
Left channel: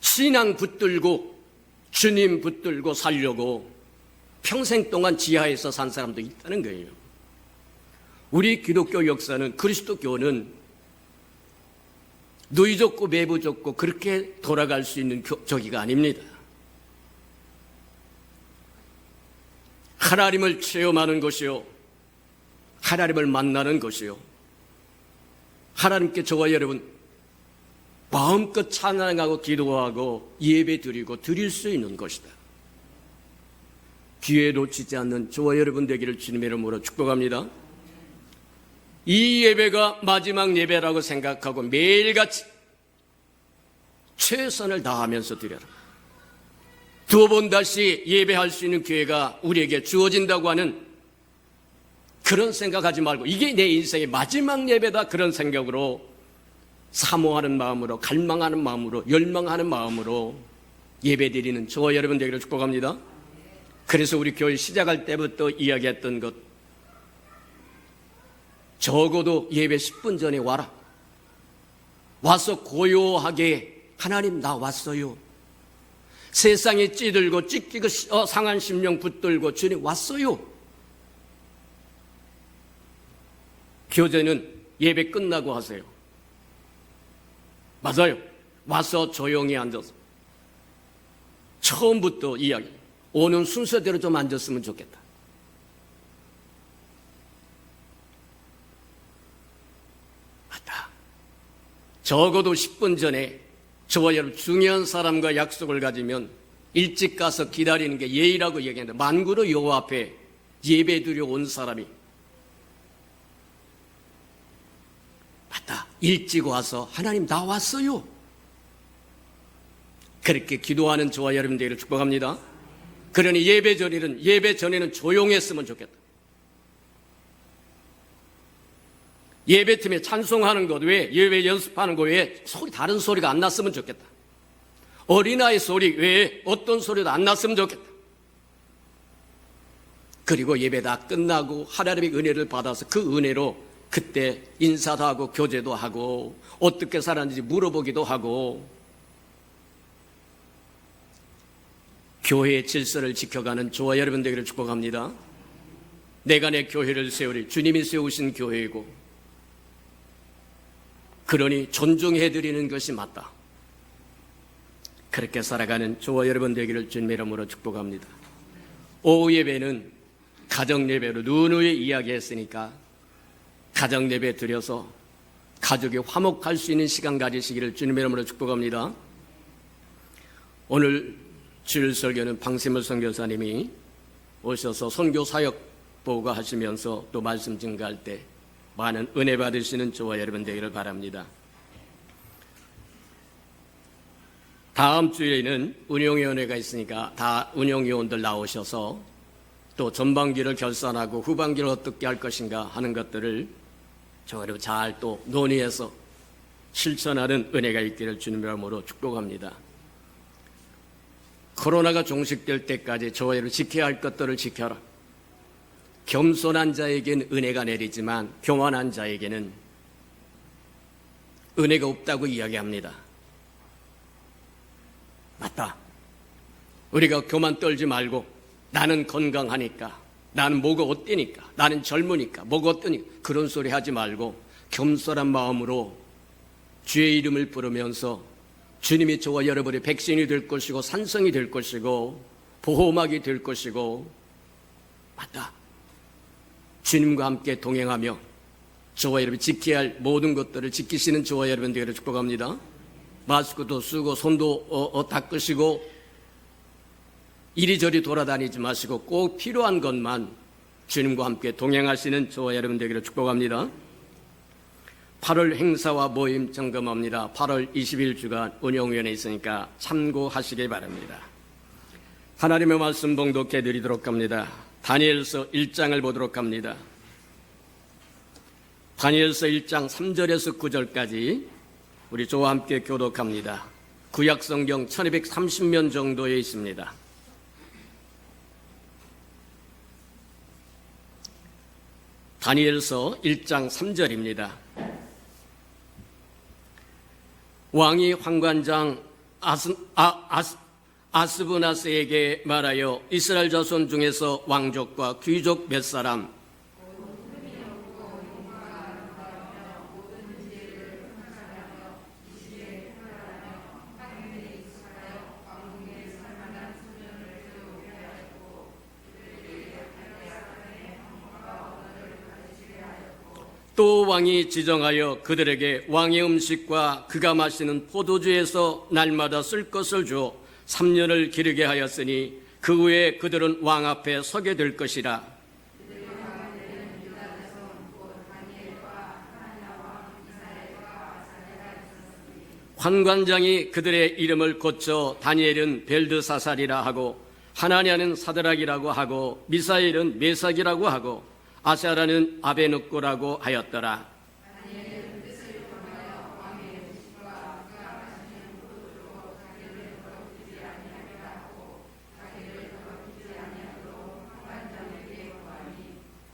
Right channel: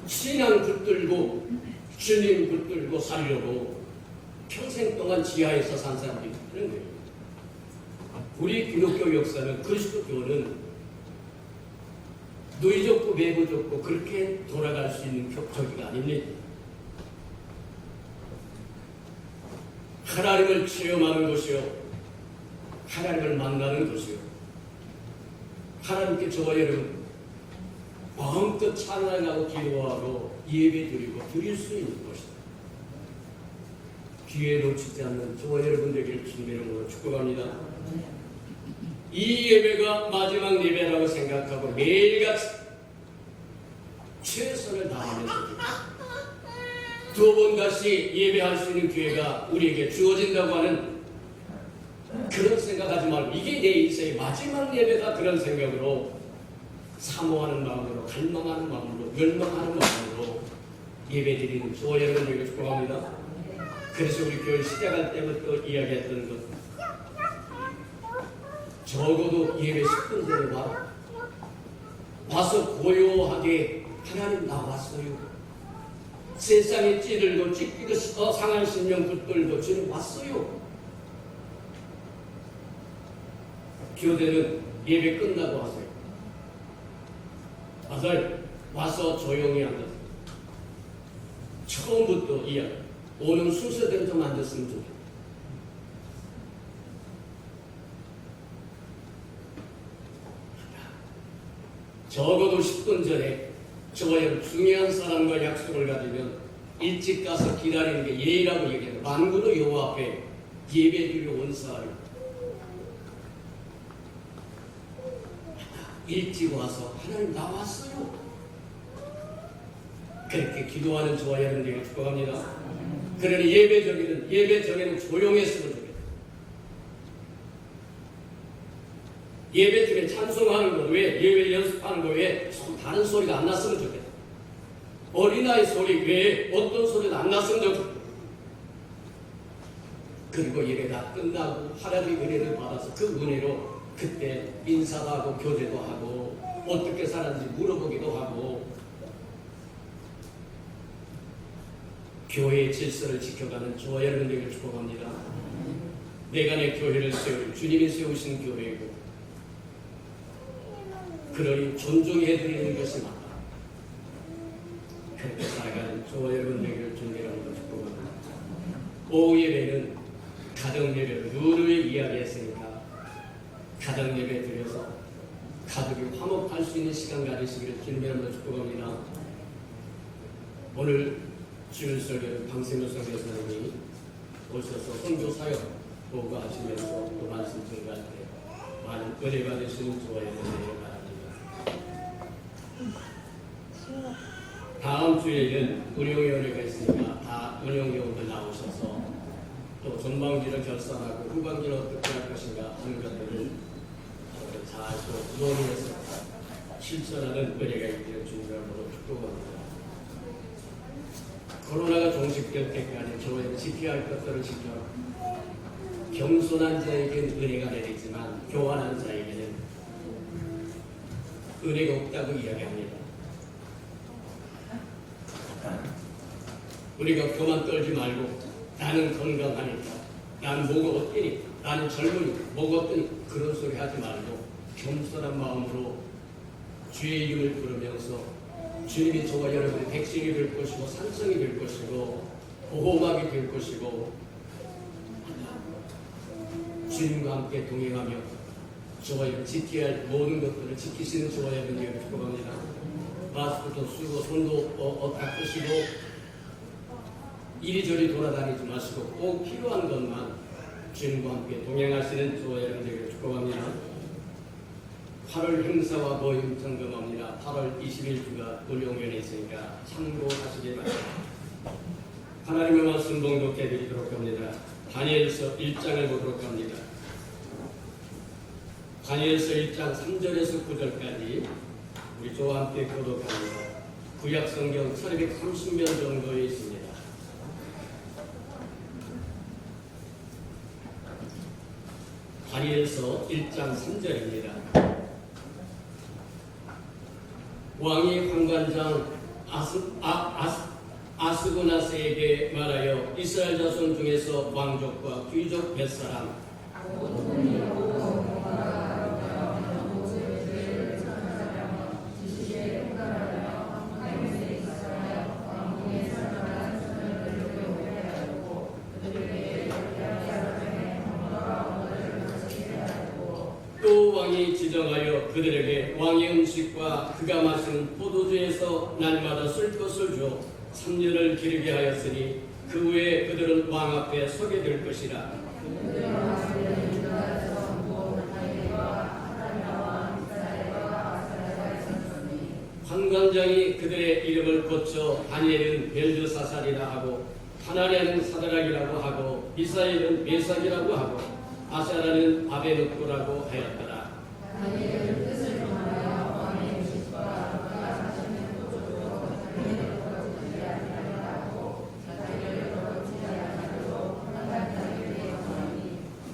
신앙 붙들고 주님 붙들고 살려고 평생 동안 지하에서 산 사람도 있다는 거예요. 우리 기독교 역사는, 그리스도교는 누이졌고 매부졌고 그렇게 돌아갈 수 있는 저기가 아닙니다. 하나님을 체험하는 것이요, 하나님을 만나는 것이요, 하나님께 저와 여러분 마음껏 찬양하고 기도하고 예배드리고 드릴 수 있는 것이다. 기회 놓치지 않는 저와 여러분 되기를 주님의 이름으로 축복합니다. 이 예배가 마지막 예배라고 생각하고 매일같이 최선을 다하면서 드려라. 두 번 다시 예배할 수 있는 기회가 우리에게 주어진다고 하는 그런 생각하지 말고, 이게 내 인생의 마지막 예배다, 그런 생각으로 사모하는 마음으로, 갈망하는 마음으로, 열망하는 마음으로 예배드리는 저와 여러분 되기를 축복합니다. 그래서 우리 교회 시작할 때부터 이야기했던 것, 적어도 예배 10분 전에 와라. 와서 고요하게 하나님 나 왔어요. 세상에 찌들고 찢기고 상한 심령 붙들고 주님 왔어요. 교제는 예배 끝나고 하세요. 맞아요. 와서 조용히 앉아서 처음부터 이야기, 오는 순서대로 좀 앉았으면 좋겠다. 맞다. 적어도 10분 전에 저와 여러분 중요한 사람과 약속을 가지면 일찍 가서 기다리는 게 예의라고 얘기했는데, 만군의 여호와 앞에 예배드려 온 사람이 맞다, 일찍 와서 하나님 나 왔어요. 그렇게 기도하는 저와 여러분 되기를 축복합니다. 그러니 예배 전에는 조용했으면 좋겠다. 예배 팀에 찬송하는 것 외에, 예배 연습하는 것 외에 다른 소리가 안 났으면 좋겠다. 어린아이 소리 외에 어떤 소리도 안 났으면 좋겠다. 그리고 예배 다 끝나고 하나님의 은혜를 받아서 그 은혜로 그때 인사도 하고 교제도 하고 어떻게 살았는지 물어보기도 하고, 교회의 질서를 지켜가는 저와 여러분 되기를 축복합니다. 내가 내 교회를 세우리, 주님이 세우신 교회이고, 그러니 존중해드리는 것이 맞다. 그렇게 살아가는 저와 여러분 되기를 주님의 이름으로 축복합니다. 오후 예배는 가정 예배로 누누이 이야기했으니까 가정 예배 드려서 가족이 화목할 수 있는 시간 가지시기를 주님의 이름으로 축복합니다. 오늘 주일 설교는 방세물 선교사님이 오셔서 선교 사역 보고하시면서 또 말씀 증가할 때 많은 은혜 받으시는 저와 여러분 되기를 바랍니다. 다음 주에는 운영위원회가 있으니까 다 운영위원들 나오셔서 또 전반기를 결산하고 후반기를 어떻게 할 것인가 하는 것들을 저를 잘 또 논의해서 실천하는 은혜가 있기를 주님의 이름으로 축복합니다. 코로나가 종식될 때까지 저와 여러분 지켜야 할 것들을 지켜라. 겸손한 자에게는 은혜가 내리지만 교만한 자에게는 은혜가 없다고 이야기합니다. 맞다. 우리가 교만 떨지 말고 나는 건강하니까, 나는 뭐가 어때니까, 나는 젊으니까, 뭐가 어떠니까 그런 소리 하지 말고 겸손한 마음으로 주의 이름을 부르면서 주님이 저와 여러분의 백성이 될 것이고 산성이 될 것이고 보호막이 될 것이고 맞다. 주님과 함께 동행하며 저와 여러분 지켜야 할 모든 것들을 지키시는 저와 여러분 되기를 축복합니다. 마스크도 쓰고 손도 닦으시고 이리저리 돌아다니지 마시고 꼭 필요한 것만 주님과 함께 동행하시는 저와 여러분 되기를 축복합니다. 8월 행사와 모임 점검합니다. 8월 20일 주간 운영위원회 있으니까 참고하시기 바랍니다. 하나님의 말씀 봉독해 드리도록 합니다. 다니엘서 1장을 보도록 합니다. 다니엘서 1장 3절에서 9절까지 우리 저와 함께 교독합니다. 구약 성경 1230면 정도에 있습니다. 다니엘서 1장 3절입니다. 왕이 환관장 아스부나스에게 말하여 이스라엘 자손 중에서 왕족과 귀족 몇 사람 또 왕이 지정하여 그들에게 왕의 음식과 그가 마시는 포도주에서 날마다 쓸 것을 줘 3년을 기르게 하였으니 그 후에 그들은 왕 앞에 서게 될 것이라. 환관장이 그들의 이름을 고쳐 다니엘은 벨드사살이라 하고 하나냐는 사드락이라고 하고 미사엘은 메삭이라고 하고 아샤라는 아베누코라고 하였더라.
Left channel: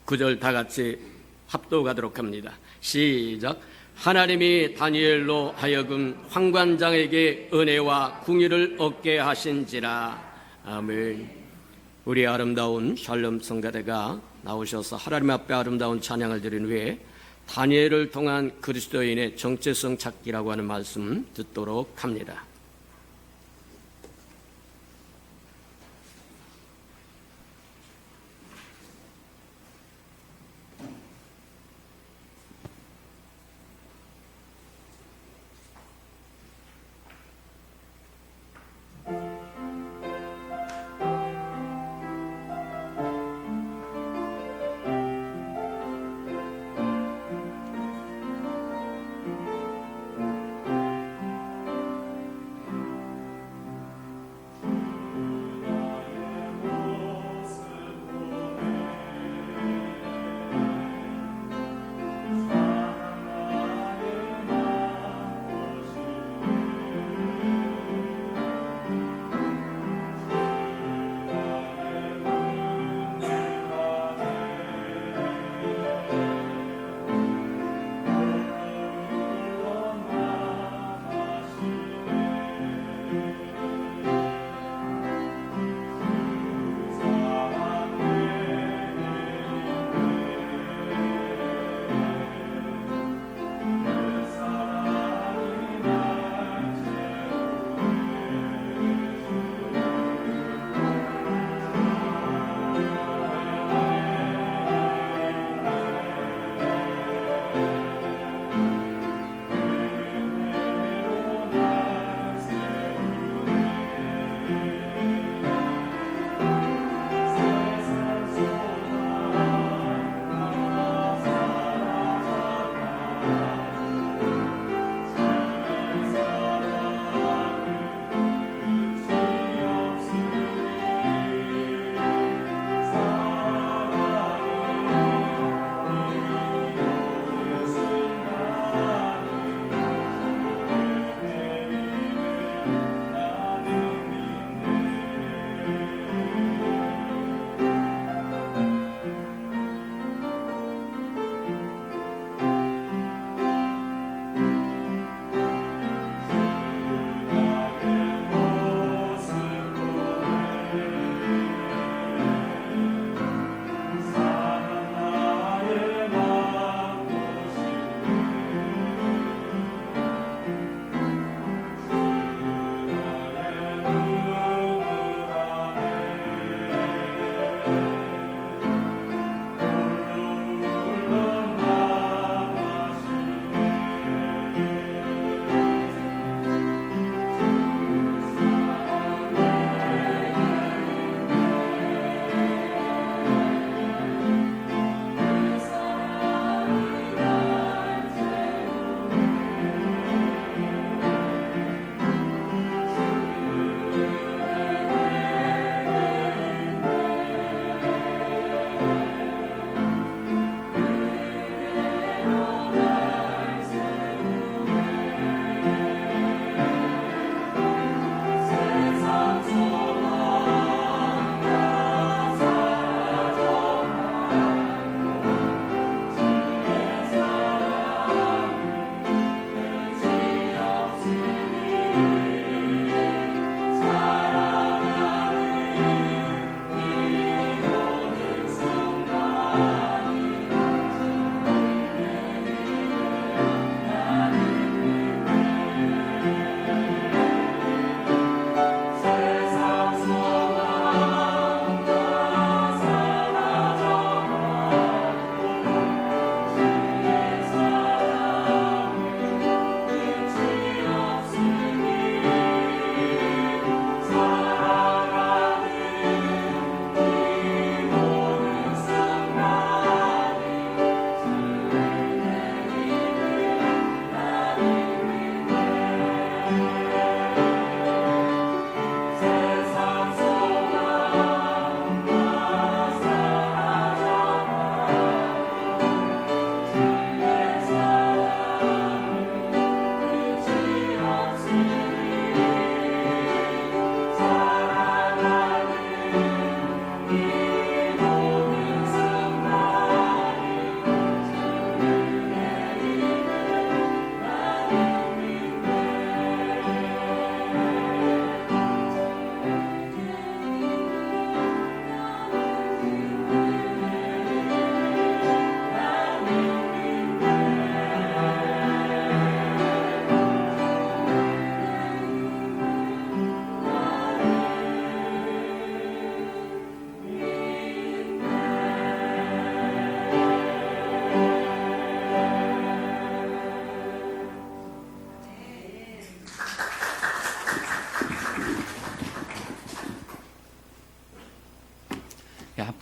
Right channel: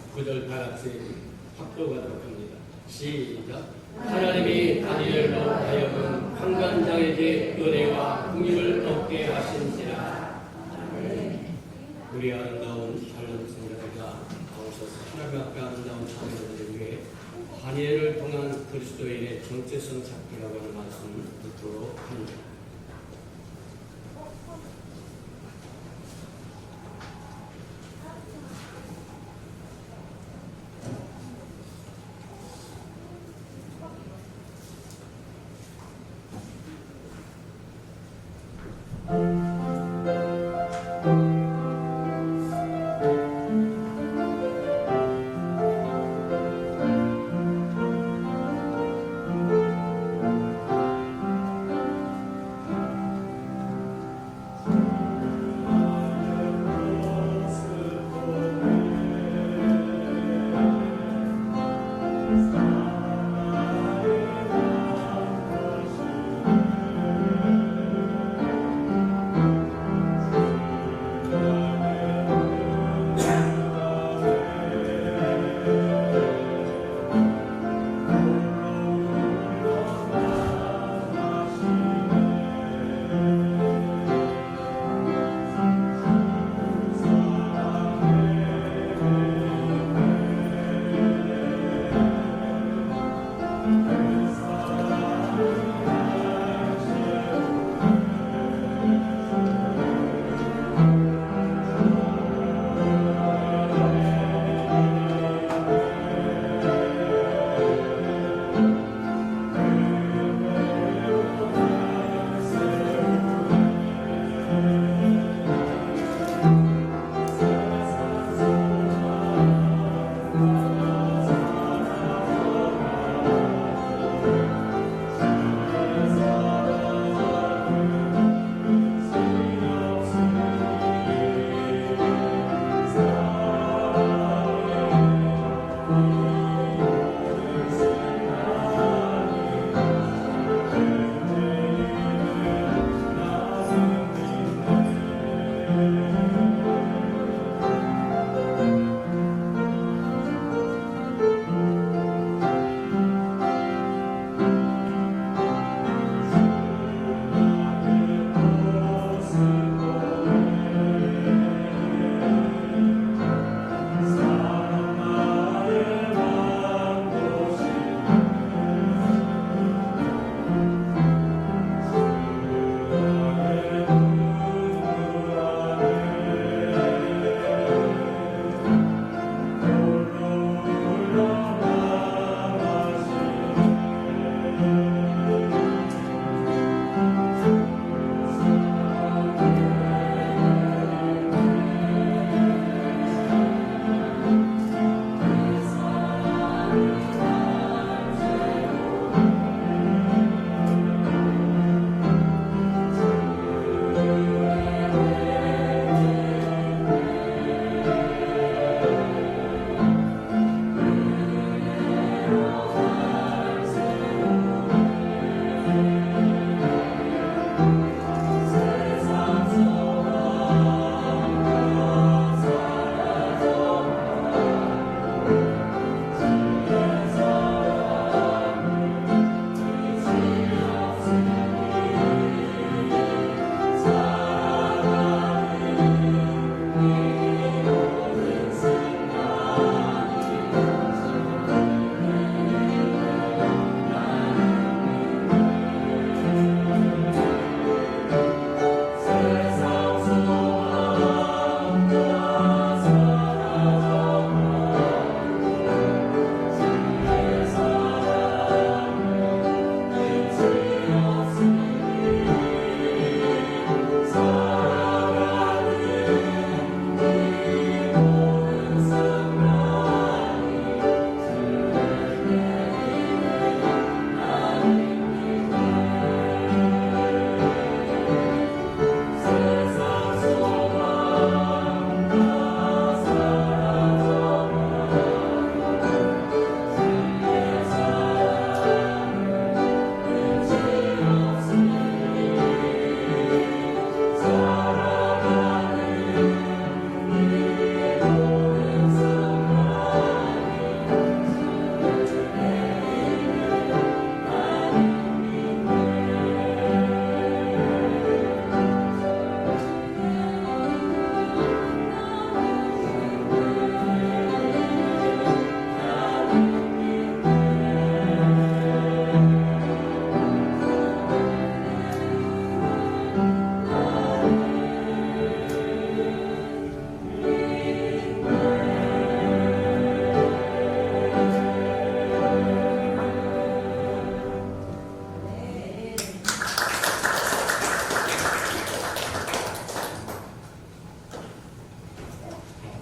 구절 다 같이 합독하도록 합니다. 시작. 하나님이 다니엘로 하여금 환관장에게 은혜와 궁유를 얻게 하신지라. 아멘. 우리 아름다운 샬롬 성가대가 나오셔서 하나님 앞에 아름다운 찬양을 드린 후에 다니엘을 통한 그리스도인의 정체성 찾기라고 하는 말씀 듣도록 합니다.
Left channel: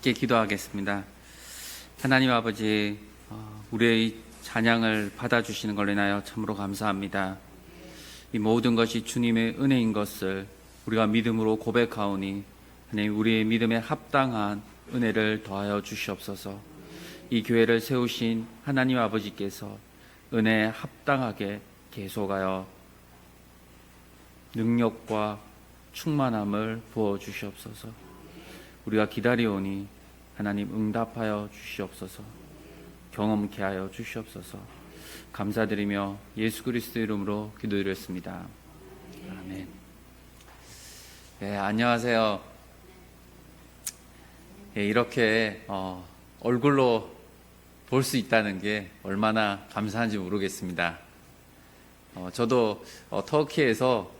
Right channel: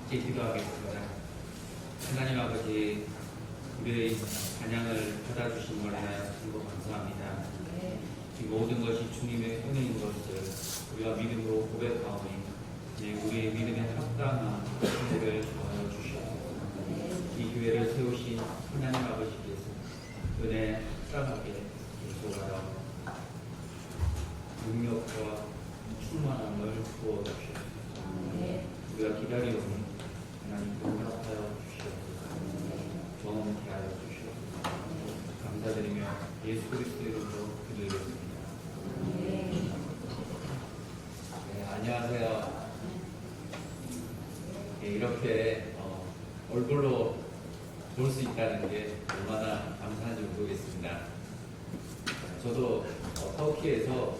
함께 기도하겠습니다. 하나님 아버지, 우리의 찬양을 받아주시는 걸로 인하여 참으로 감사합니다. 이 모든 것이 주님의 은혜인 것을 우리가 믿음으로 고백하오니 우리의 믿음에 합당한 은혜를 더하여 주시옵소서. 이 교회를 세우신 하나님 아버지께서 은혜에 합당하게 계속하여 능력과 충만함을 부어 주시옵소서. 우리가 기다리오니 하나님 응답하여 주시옵소서. 경험케 하여 주시옵소서. 감사드리며 예수 그리스도 이름으로 기도드렸습니다. 네, 안녕하세요. 네, 이렇게 얼굴로 볼 수 있다는 게 얼마나 감사한지 모르겠습니다. 저도 터키에서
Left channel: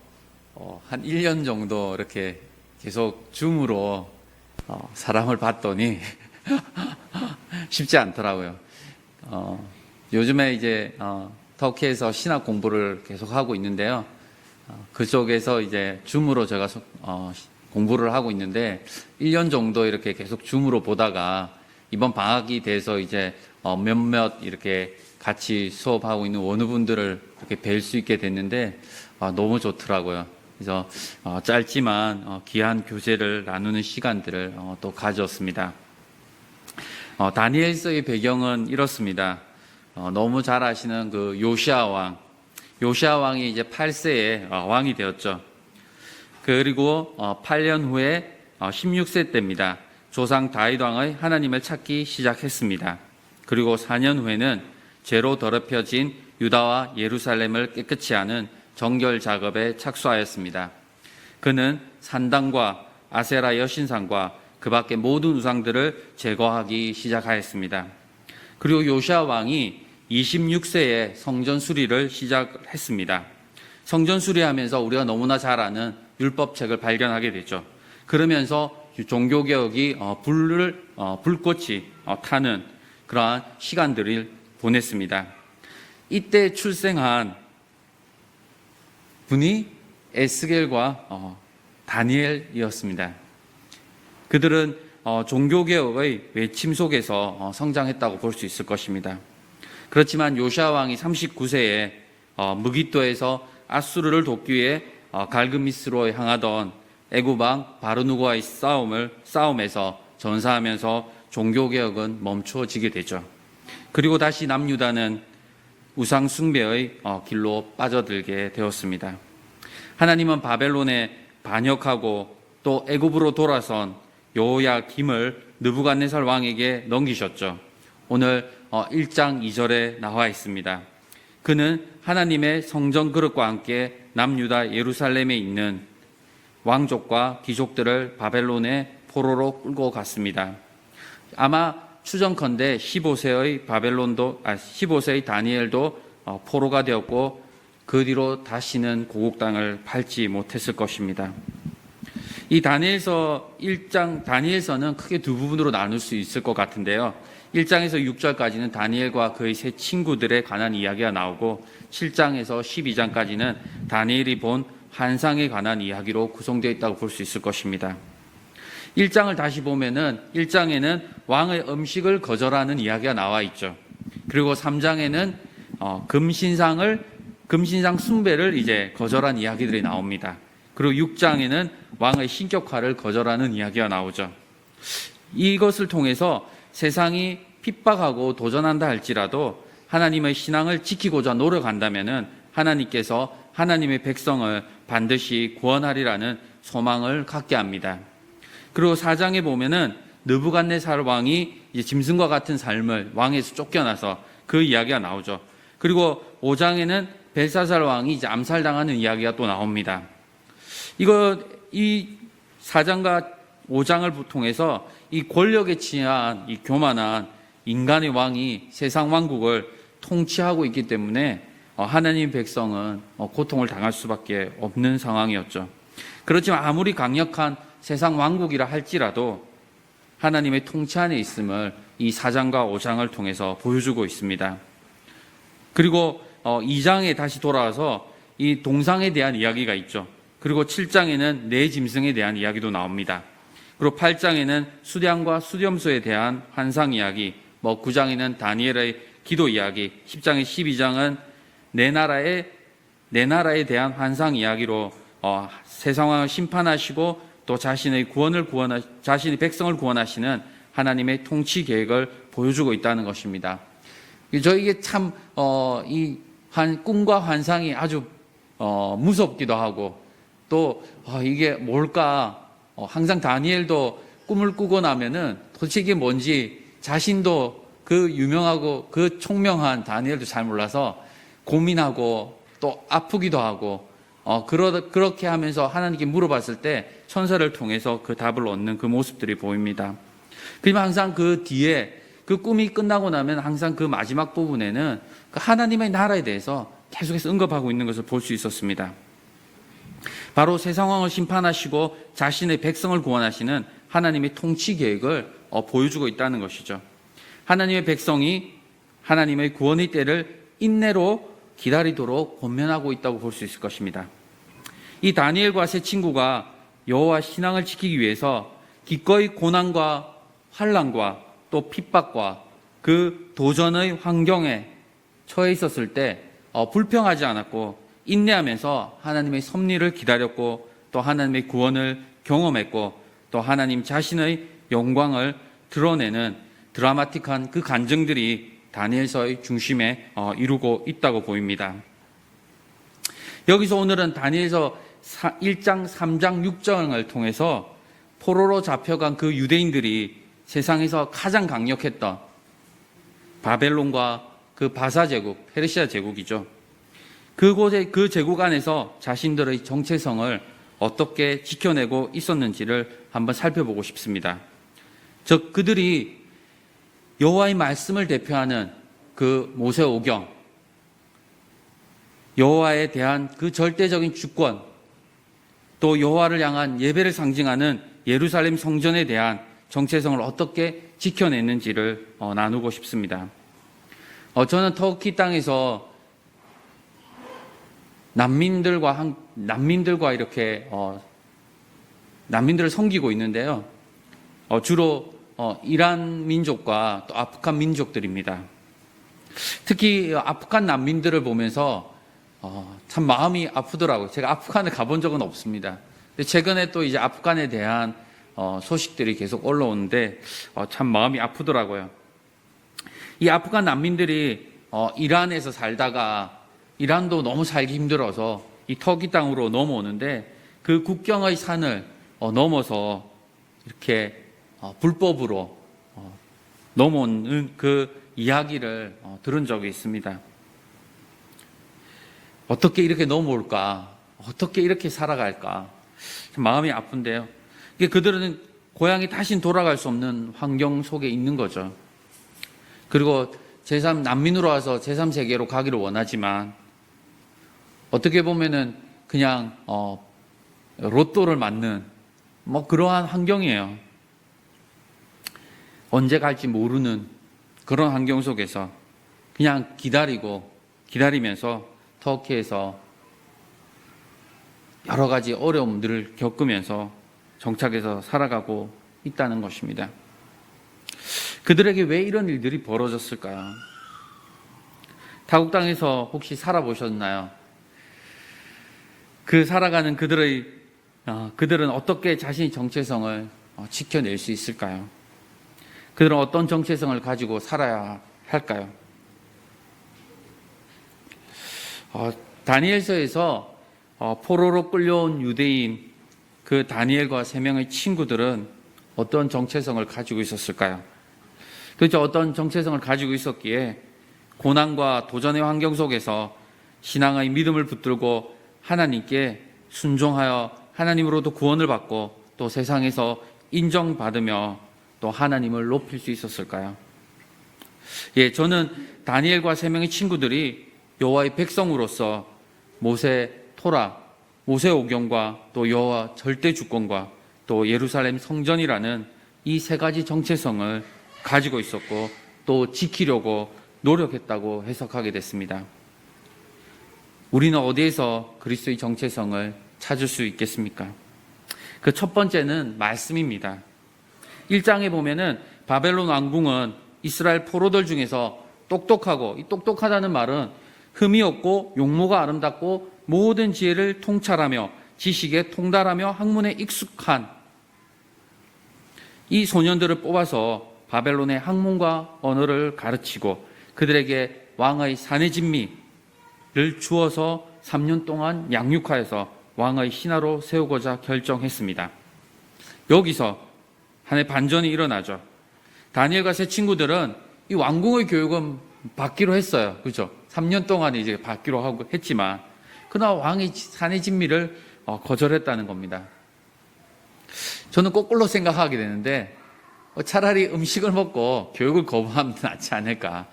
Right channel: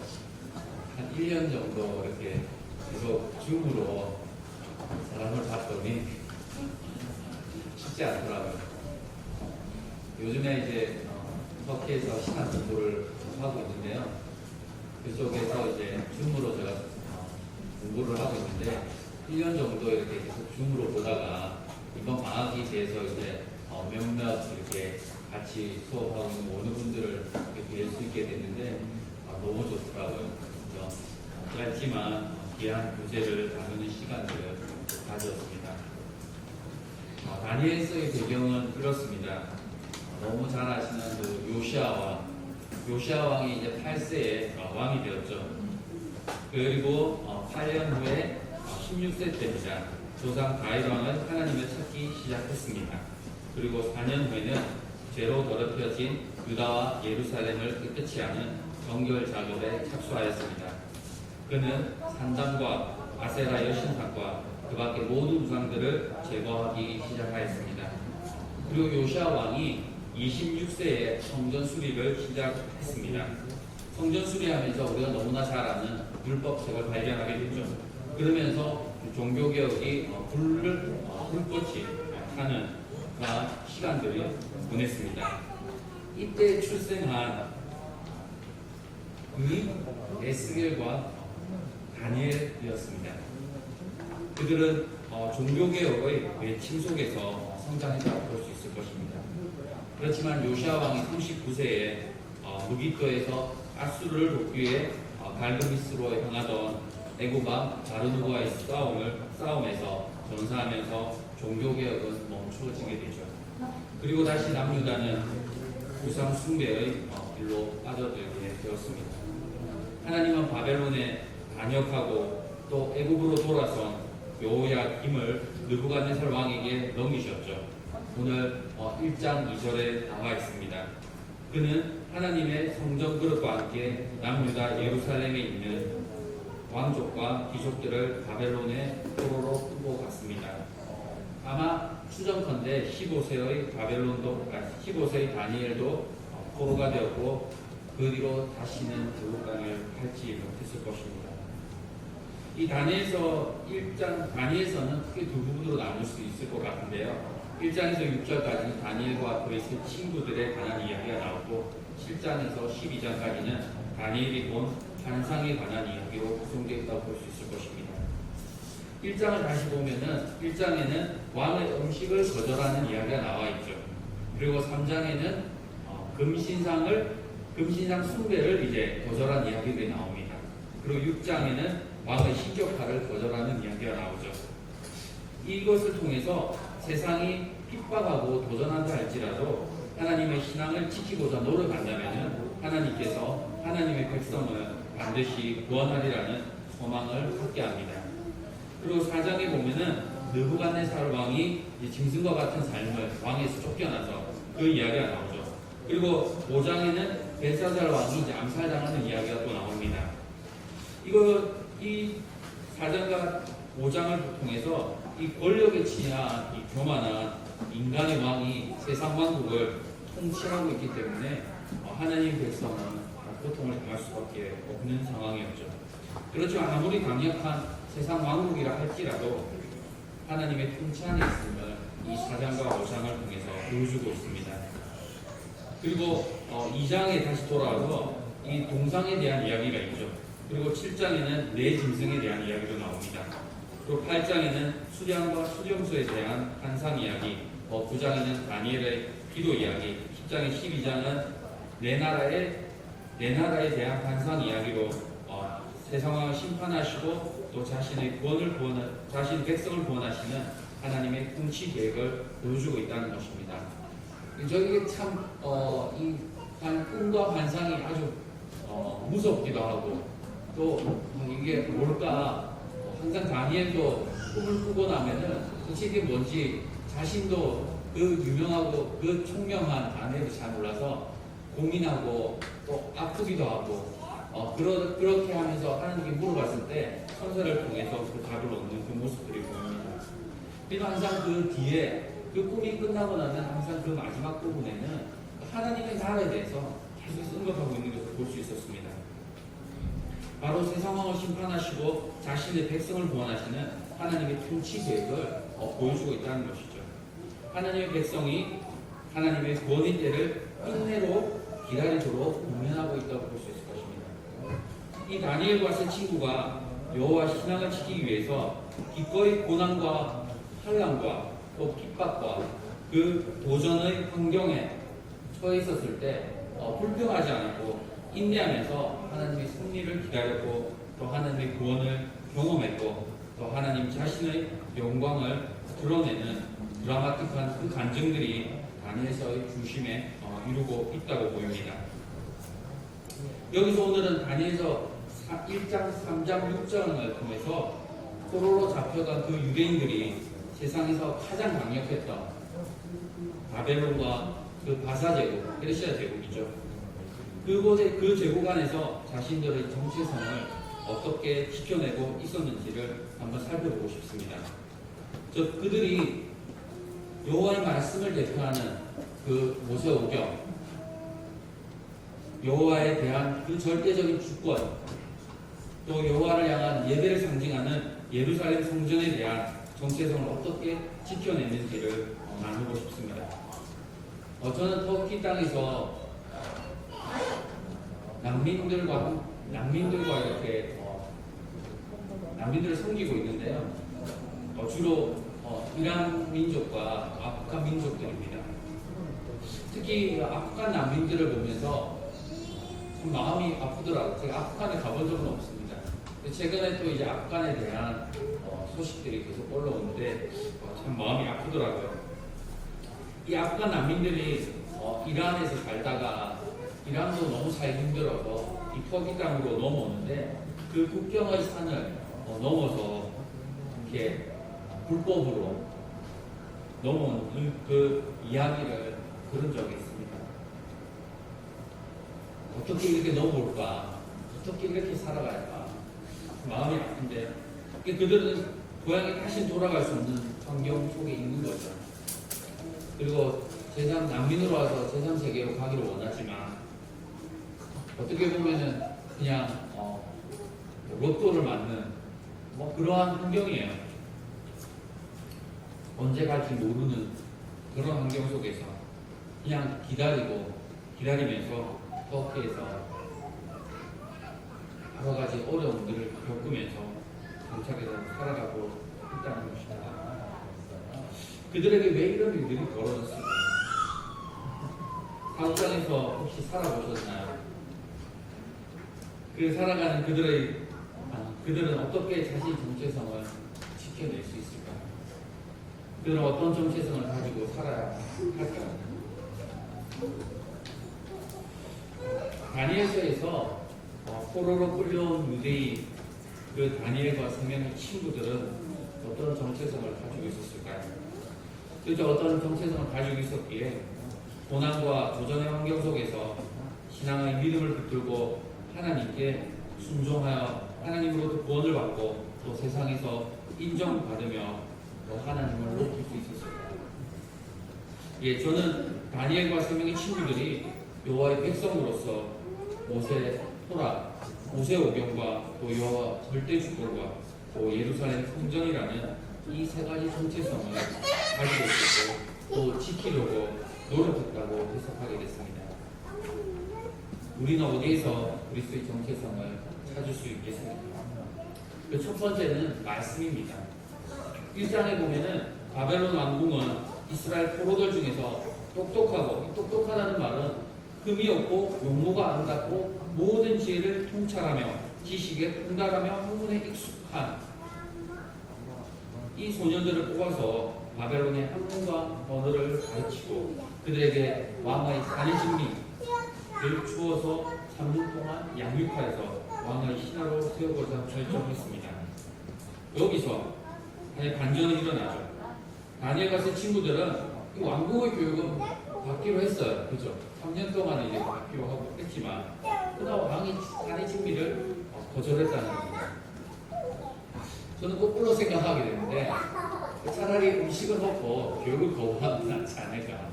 한 1년 정도 이렇게 계속 줌으로 사람을 봤더니 쉽지 않더라고요. 요즘에 이제 터키에서 신학 공부를 계속 하고 있는데요. 그쪽에서 이제 줌으로 제가 공부를 하고 있는데 1년 정도 이렇게 계속 줌으로 보다가 이번 방학이 돼서 이제 몇몇 이렇게 같이 수업하고 있는 원우분들을 뵐 수 있게 됐는데 너무 좋더라고요. 그래서 짧지만 귀한 교제를 나누는 시간들을 또 가졌습니다. 다니엘서의 배경은 이렇습니다. 너무 잘 아시는 그 요시아 왕이 이제 8세에 왕이 되었죠. 그리고 8년 후에 16세 때입니다. 조상 다윗 왕의 하나님을 찾기 시작했습니다. 그리고 4년 후에는 죄로 더럽혀진 유다와 예루살렘을 깨끗이 하는 정결 작업에 착수하였습니다. 그는 산당과 아세라 여신상과 그 밖의 모든 우상들을 제거하기 시작하였습니다. 그리고 요시아 왕이 26세에 성전 수리를 시작했습니다. 성전 수리하면서 우리가 너무나 잘 아는 율법책을 발견하게 되죠. 그러면서 종교개혁이 불꽃이 타는 그러한 시간들을 보냈습니다. 이때 출생한 분이 에스겔과 다니엘이었습니다. 그들은 종교개혁의 외침 속에서 성장했다고 볼 수 있을 것입니다. 그렇지만 요시아 왕이 39세에 무기또에서 아수르를 돕기 위해 갈그미스로 향하던 애굽 왕 바르누고와의 싸움에서 전사하면서 종교개혁은 멈추어지게 되죠. 그리고 다시 남유다는 우상 숭배의 길로 빠져들게 되었습니다. 하나님은 바벨론에 반역하고 또 애굽으로 돌아선 요야김을 느부갓네살 왕에게 넘기셨죠. 오늘 1장 2절에 나와 있습니다. 그는 하나님의 성전 그릇과 함께 남유다 예루살렘에 있는 왕족과 귀족들을 바벨론에 포로로 끌고 갔습니다. 아마 추정컨대 15세의 다니엘도 포로가 되었고 그 뒤로 다시는 고국 땅을 밟지 못했을 것입니다. 이 다니엘서는 크게 두 부분으로 나눌 수 있을 것 같은데요. 1장에서 6절까지는 다니엘과 그의 세 친구들에 관한 이야기가 나오고 7장에서 12장까지는 다니엘이 본 환상에 관한 이야기로 구성되어 있다고 볼 수 있을 것입니다. 1장을 다시 보면은 1장에는 왕의 음식을 거절하는 이야기가 나와 있죠. 그리고 3장에는 금신상 숭배를 이제 거절한 이야기들이 나옵니다. 그리고 6장에는 왕의 신격화를 거절하는 이야기가 나오죠. 이것을 통해서 세상이 핍박하고 도전한다 할지라도 하나님의 신앙을 지키고자 노력한다면은 하나님께서 하나님의 백성을 반드시 구원하리라는 소망을 갖게 합니다. 그리고 4장에 보면은 느부갓네살 왕이 이제 짐승과 같은 삶을 왕에서 쫓겨나서 그 이야기가 나오죠. 그리고 5장에는 벨사살 왕이 이제 암살당하는 이야기가 또 나옵니다. 이 4장과 5장을 통해서 이 권력에 취한 이 교만한 인간의 왕이 세상 왕국을 통치하고 있기 때문에 하나님 백성은 고통을 당할 수밖에 없는 상황이었죠. 그렇지만 아무리 강력한 세상 왕국이라 할지라도 하나님의 통치 안에 있음을 이 4장과 5장을 통해서 보여주고 있습니다. 그리고 2장에 다시 돌아와서 이 동상에 대한 이야기가 있죠. 그리고 7장에는 네 짐승에 대한 이야기도 나옵니다. 그리고 8장에는 수량과 수렴소에 대한 환상 이야기, 9장에는 다니엘의 기도 이야기, 10장에 12장은 내 나라에 대한 환상 이야기로 세상을 심판하시고 또 자신의 백성을 구원하시는 하나님의 통치 계획을 보여주고 있다는 것입니다. 저에게 참 이 꿈과 환상이 아주 무섭기도 하고 또 이게 뭘까? 항상 다니엘도 꿈을 꾸고 나면은 도대체 이게 뭔지 자신도 그 유명하고 그 총명한 다니엘도 잘 몰라서 고민하고 또 아프기도 하고 그렇게 하면서 하나님께 물어봤을 때 천사를 통해서 그 답을 얻는 그 모습들이 보입니다. 그리고 항상 그 뒤에 그 꿈이 끝나고 나면 항상 그 마지막 부분에는 그 하나님의 나라에 대해서 계속해서 언급하고 있는 것을 볼 수 있었습니다. 바로 새 상황을 심판하시고 자신의 백성을 구원하시는 하나님의 통치 계획을 보여주고 있다는 것이죠. 하나님의 백성이 하나님의 구원의 때를 인내로 기다리도록 권면하고 있다고 볼 수 있을 것입니다. 이 다니엘과 세 친구가 여호와 신앙을 지키기 위해서 기꺼이 고난과 환난과 또 핍박과 그 도전의 환경에 처해 있었을 때 불평하지 않았고 인내하면서 하나님의 섭리를 기다렸고 또 하나님의 구원을 경험했고 또 하나님 자신의 영광을 드러내는 드라마틱한 그 간증들이 다니엘서의 중심에 이루고 있다고 보입니다. 여기서 오늘은 다니엘서 1장, 3장, 6장을 통해서 포로로 잡혀간 그 유대인들이 세상에서 가장 강력했던 바벨론과 그 바사 제국, 페르시아 제국이죠. 그곳의 그 제국 안에서 자신들의 정체성을 어떻게 지켜내고 있었는지를 한번 살펴보고 싶습니다. 즉 그들이 여호와의 말씀을 대표하는 그 모세오경, 여호와에 대한 그 절대적인 주권, 또 여호와를 향한 예배를 상징하는 예루살렘 성전에 대한 정체성을 어떻게 지켜냈는지를 나누고 싶습니다. 저는 터키 땅에서 난민들과 이렇게 난민들을 섬기고 있는데요. 주로 이란 민족과 또 아프간 민족들입니다. 특히 아프간 난민들을 보면서 참 마음이 아프더라고요. 제가 아프간에 가본 적은 없습니다. 근데 최근에 또 이제 아프간에 대한 소식들이 계속 올라오는데 참 마음이 아프더라고요. 이 아프간 난민들이 이란에서 살다가 이란도 너무 살기 힘들어서 이 터키 땅으로 넘어오는데 그 국경의 산을 넘어서 이렇게 불법으로 넘어오는 그 이야기를 들은 적이 있습니다. 어떻게 이렇게 넘어올까? 어떻게 이렇게 살아갈까? 마음이 아픈데요. 그들은 고향에 다시 돌아갈 수 없는 환경 속에 있는 거죠. 그리고 난민으로 와서 제3세계로 가기를 원하지만 어떻게 보면은 그냥 로또를 맞는 그러한 환경이에요. 언제 갈지 모르는 그런 환경 속에서 그냥 기다리면서 터키에서 여러 가지 어려움들을 겪으면서 정착해서 살아가고 있다는 것입니다. 그들에게 왜 이런 일들이 벌어졌을까요? 타국 땅에서 혹시 살아보셨나요? 그 살아가는 그들은 어떻게 자신의 정체성을 지켜낼 수 있을까요? 그들은 어떤 정체성을 가지고 살아야 할까요? 다니엘서에서 포로로 끌려온 유대인 그 다니엘과 3명의 친구들은 어떤 정체성을 가지고 있었을까요? 그렇죠. 어떤 정체성을 가지고 있었기에 고난과 도전의 환경 속에서 신앙의 믿음을 붙들고 하나님께 순종하여 하나님으로부터 구원을 받고 또 세상에서 인정받으며 또 하나님을 높일 수 있었을까요? 저는 다니엘과 3명의 친구들이 여호와의 백성으로서 모세 토라, 모세 오경과 또 여호와 절대 주권과 또 예루살렘 성전이라는 이 3가지 정체성을 가지고 있었고 또 지키려고 노력했다고 해석하게 됐습니다. 우리는 어디에서 그리스도의 정체성을 찾을 수 있겠습니까? 그 첫 번째는 말씀입니다. 1장에 보면은 바벨론 왕궁은 이스라엘 포로들 중에서 똑똑하고, 이 똑똑하다는 말은 흠이 없고 용모가 아름답고 모든 지혜를 통찰하며 지식에 통달하며 학문에 익숙한 이 소년들을 뽑아서 바벨론의 학문과 언어를 가르치고 그들에게 왕의 사내 진미를 주어서 3년 동안 양육하여서 왕의 신하로 세우고자 결정했습니다. 여기서 하나의 반전이 일어나죠. 다니엘과 세 친구들은 이 왕궁의 교육은 받기로 했어요. 그죠? 3년 동안 이제 받기로 하고 했지만 그러나 왕의 사내 진미를 거절했다는 겁니다. 저는 거꾸로 생각하게 되는데 차라리 음식을 먹고 교육을 거부하면 낫지 않을까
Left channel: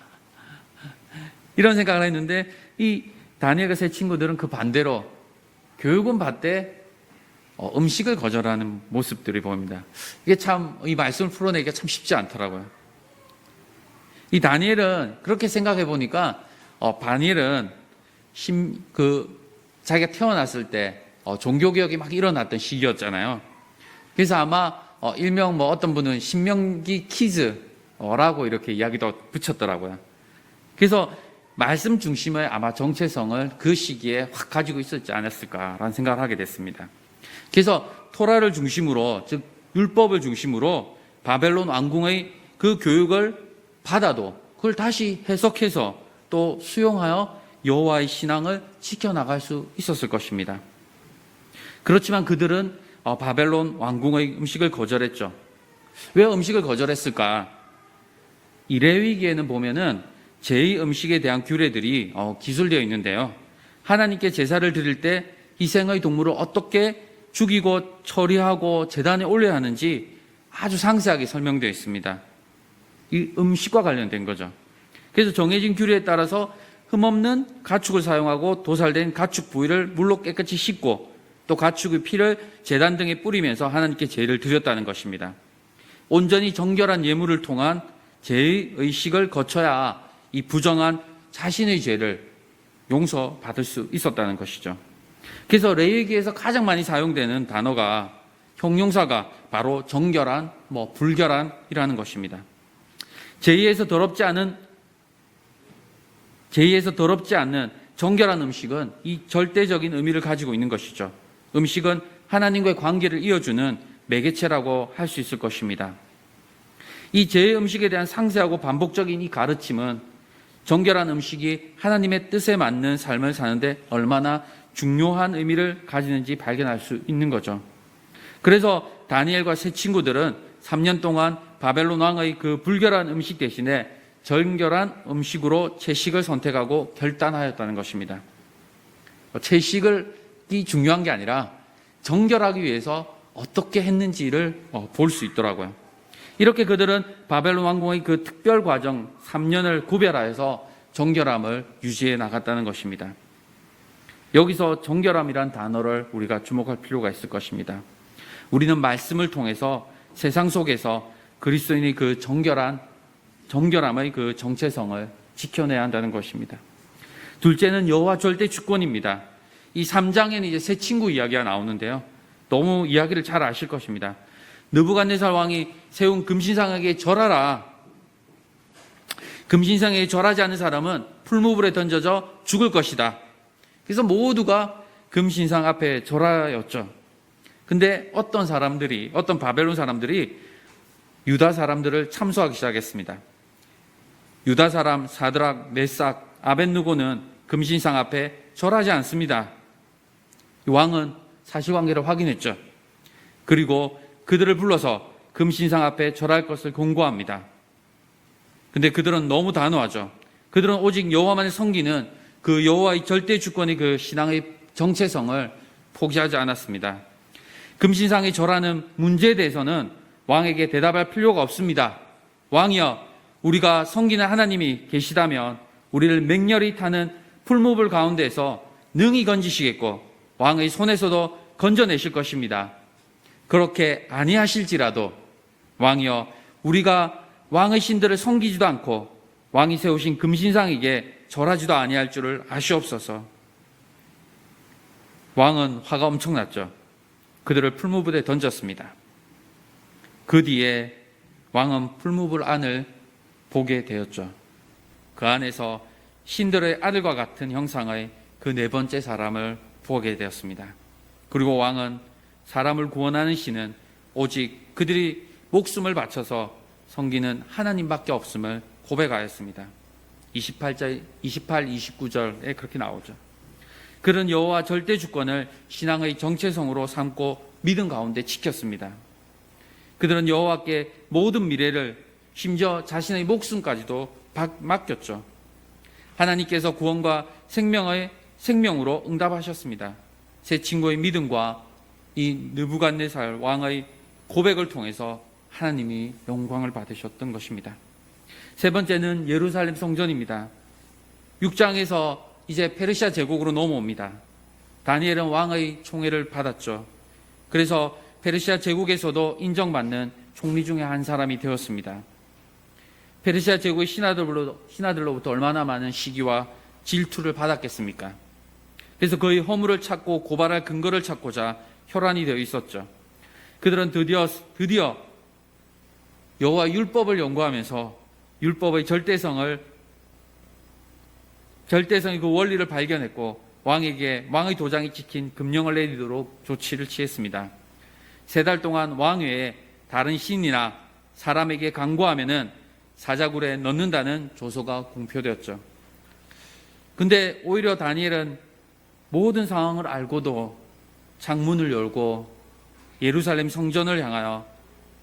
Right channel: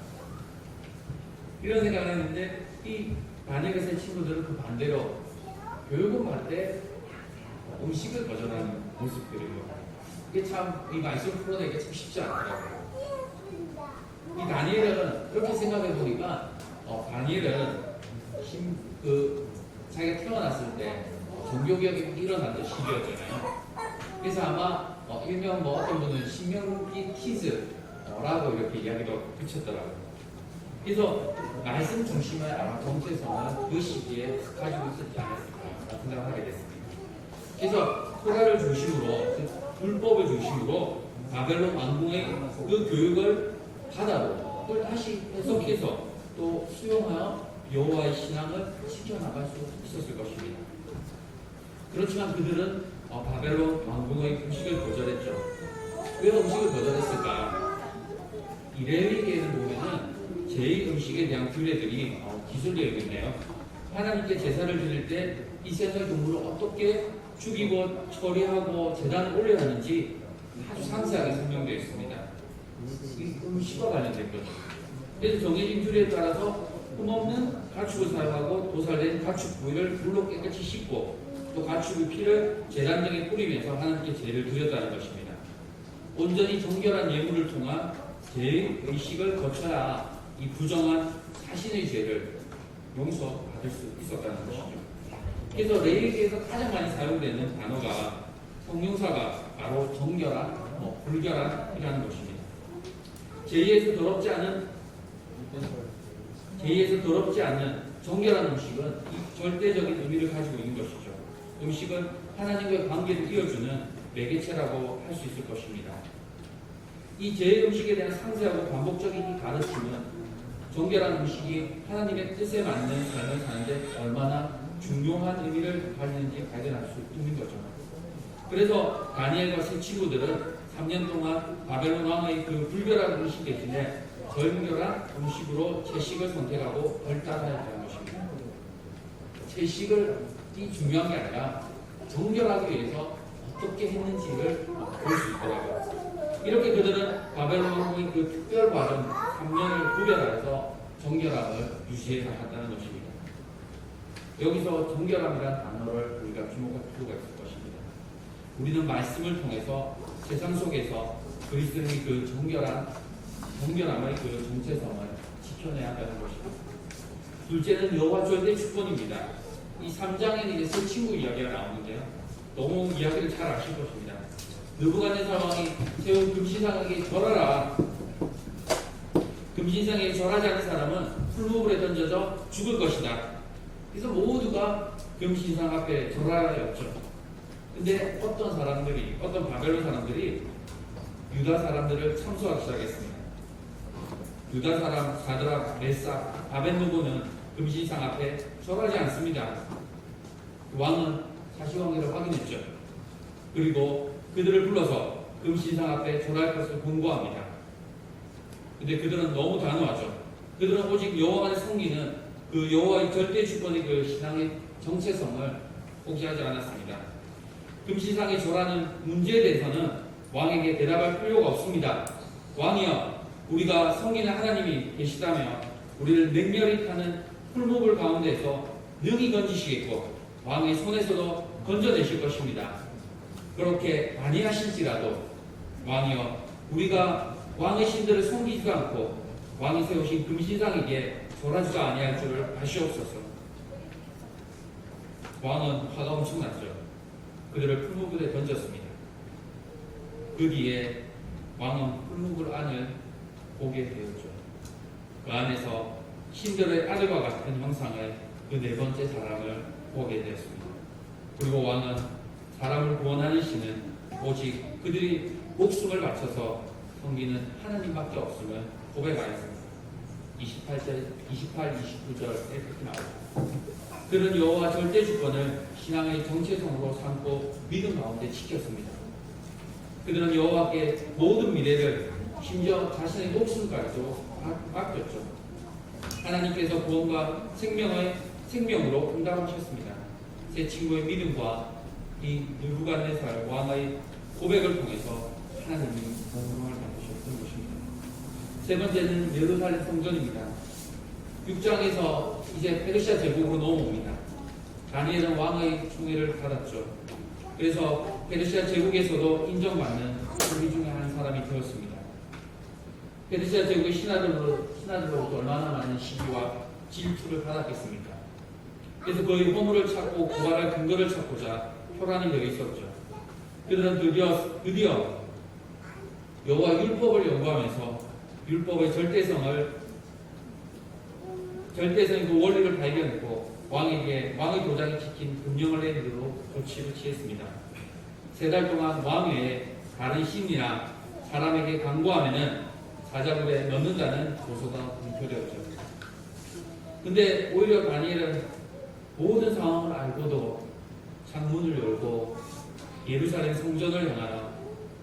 이런 생각을 했는데 이 다니엘과 세 친구들은 그 반대로 교육은 받되 음식을 거절하는 모습들이 보입니다. 이게 참 이 말씀을 풀어내기가 참 쉽지 않더라고요. 이 다니엘은 그렇게 생각해 보니까 다니엘은 자기가 태어났을 때 종교개혁이 막 일어났던 시기였잖아요. 그래서 아마 일명 어떤 분은 신명기 키즈라고 이렇게 이야기도 붙였더라고요. 그래서 말씀 중심의 아마 정체성을 그 시기에 확 가지고 있었지 않았을까라는 생각을 하게 됐습니다. 그래서 토라를 중심으로, 즉 율법을 중심으로 바벨론 왕궁의 그 교육을 받아도 그걸 다시 해석해서 또 수용하여 여호와의 신앙을 지켜나갈 수 있었을 것입니다. 그렇지만 그들은 바벨론 왕궁의 음식을 거절했죠. 왜 음식을 거절했을까? 이레위기에는 보면은 제2 음식에 대한 규례들이 기술되어 있는데요. 하나님께 제사를 드릴 때 희생의 동물을 어떻게 죽이고 처리하고 제단에 올려야 하는지 아주 상세하게 설명되어 있습니다. 이 음식과 관련된 거죠. 그래서 정해진 규례에 따라서 흠없는 가축을 사용하고 도살된 가축 부위를 물로 깨끗이 씻고 또 가축의 피를 제단 등에 뿌리면서 하나님께 제를 드렸다는 것입니다. 온전히 정결한 예물을 통한 제의 의식을 거쳐야 이 부정한 자신의 죄를 용서받을 수 있었다는 것이죠. 그래서 레위기에서 가장 많이 사용되는 단어가 형용사가 바로 정결한, 불결한이라는 것입니다. 제의에서 더럽지 않는 정결한 음식은 이 절대적인 의미를 가지고 있는 것이죠. 음식은 하나님과의 관계를 이어주는 매개체라고 할 수 있을 것입니다. 이 제의 음식에 대한 상세하고 반복적인 이 가르침은 정결한 음식이 하나님의 뜻에 맞는 삶을 사는데 얼마나 중요한 의미를 가지는지 발견할 수 있는 거죠. 그래서 다니엘과 세 친구들은 3년 동안 바벨론 왕의 그 불결한 음식 대신에 정결한 음식으로 채식을 선택하고 결단하였다는 것입니다. 채식이 중요한 게 아니라 정결하기 위해서 어떻게 했는지를 볼 수 있더라고요. 이렇게 그들은 바벨론 왕궁의 그 특별 과정 3년을 구별하여서 정결함을 유지해 나갔다는 것입니다. 여기서 정결함이란 단어를 우리가 주목할 필요가 있을 것입니다. 우리는 말씀을 통해서 세상 속에서 그리스도인의 그 정결함의 그 정체성을 지켜내야 한다는 것입니다. 둘째는 여호와 절대 주권입니다. 이 3장에는 이제 세 친구 이야기가 나오는데요. 너무 이야기를 잘 아실 것입니다. 느부갓네살 왕이 세운 금신상에게 절하라. 금신상에 절하지 않는 사람은 풀무불에 던져져 죽을 것이다. 그래서 모두가 금신상 앞에 절하였죠. 근데 어떤 바벨론 사람들이 유다 사람들을 참소하기 시작했습니다. 유다 사람 사드락, 메삭, 아벳느고는 금신상 앞에 절하지 않습니다. 왕은 사실관계를 확인했죠. 그리고 그들을 불러서 금신상 앞에 절할 것을 공고합니다. 근데 그들은 너무 단호하죠. 그들은 오직 여호와만을 섬기는 그 여호와의 절대 주권의 그 신앙의 정체성을 포기하지 않았습니다. 금신상에 절하는 문제에 대해서는 왕에게 대답할 필요가 없습니다. 왕이여, 우리가 섬기는 하나님이 계시다면 우리를 맹렬히 타는 풀무불 가운데에서 능히 건지시겠고 왕의 손에서도 건져내실 것입니다. 그렇게 아니하실지라도 왕이여, 우리가 왕의 신들을 섬기지도 않고 왕이 세우신 금신상에게 절하지도 아니할 줄을 아시옵소서. 왕은 화가 엄청났죠. 그들을 풀무불에 던졌습니다. 그 뒤에 왕은 풀무불 안을 보게 되었죠. 그 안에서 신들의 아들과 같은 형상의 그 네 번째 사람을 보게 되었습니다. 그리고 왕은 사람을 구원하는 신은 오직 그들이 목숨을 바쳐서 섬기는 하나님밖에 없음을 고백하였습니다. 28, 29절에 그렇게 나오죠. 그런 여호와 절대 주권을 신앙의 정체성으로 삼고 믿음 가운데 지켰습니다. 그들은 여호와께 모든 미래를, 심지어 자신의 목숨까지도 맡겼죠. 하나님께서 구원과 생명으로 응답하셨습니다. 제 친구의 믿음과 이 느부갓네살 왕의 고백을 통해서 하나님이 영광을 받으셨던 것입니다. 세 번째는 예루살렘 성전입니다. 6장에서 이제 페르시아 제국으로 넘어옵니다. 다니엘은 왕의 총애를 받았죠. 그래서 페르시아 제국에서도 인정받는 총리 중에 한 사람이 되었습니다. 페르시아 제국의 신하들로부터 얼마나 많은 시기와 질투를 받았겠습니까? 그래서 그의 허물을 찾고 고발할 근거를 찾고자 혈안이 되어 있었죠. 그들은 드디어 여호와 율법을 연구하면서 율법의 절대성의 그 원리를 발견했고 왕의 도장이 찍힌 금령을 내리도록 조치를 취했습니다. 3달 동안 왕 외에 다른 신이나 사람에게 간구하면은 사자굴에 넣는다는 조서가 공표되었죠. 근데 오히려 다니엘은 모든 상황을 알고도 창문을 열고 예루살렘 성전을 향하여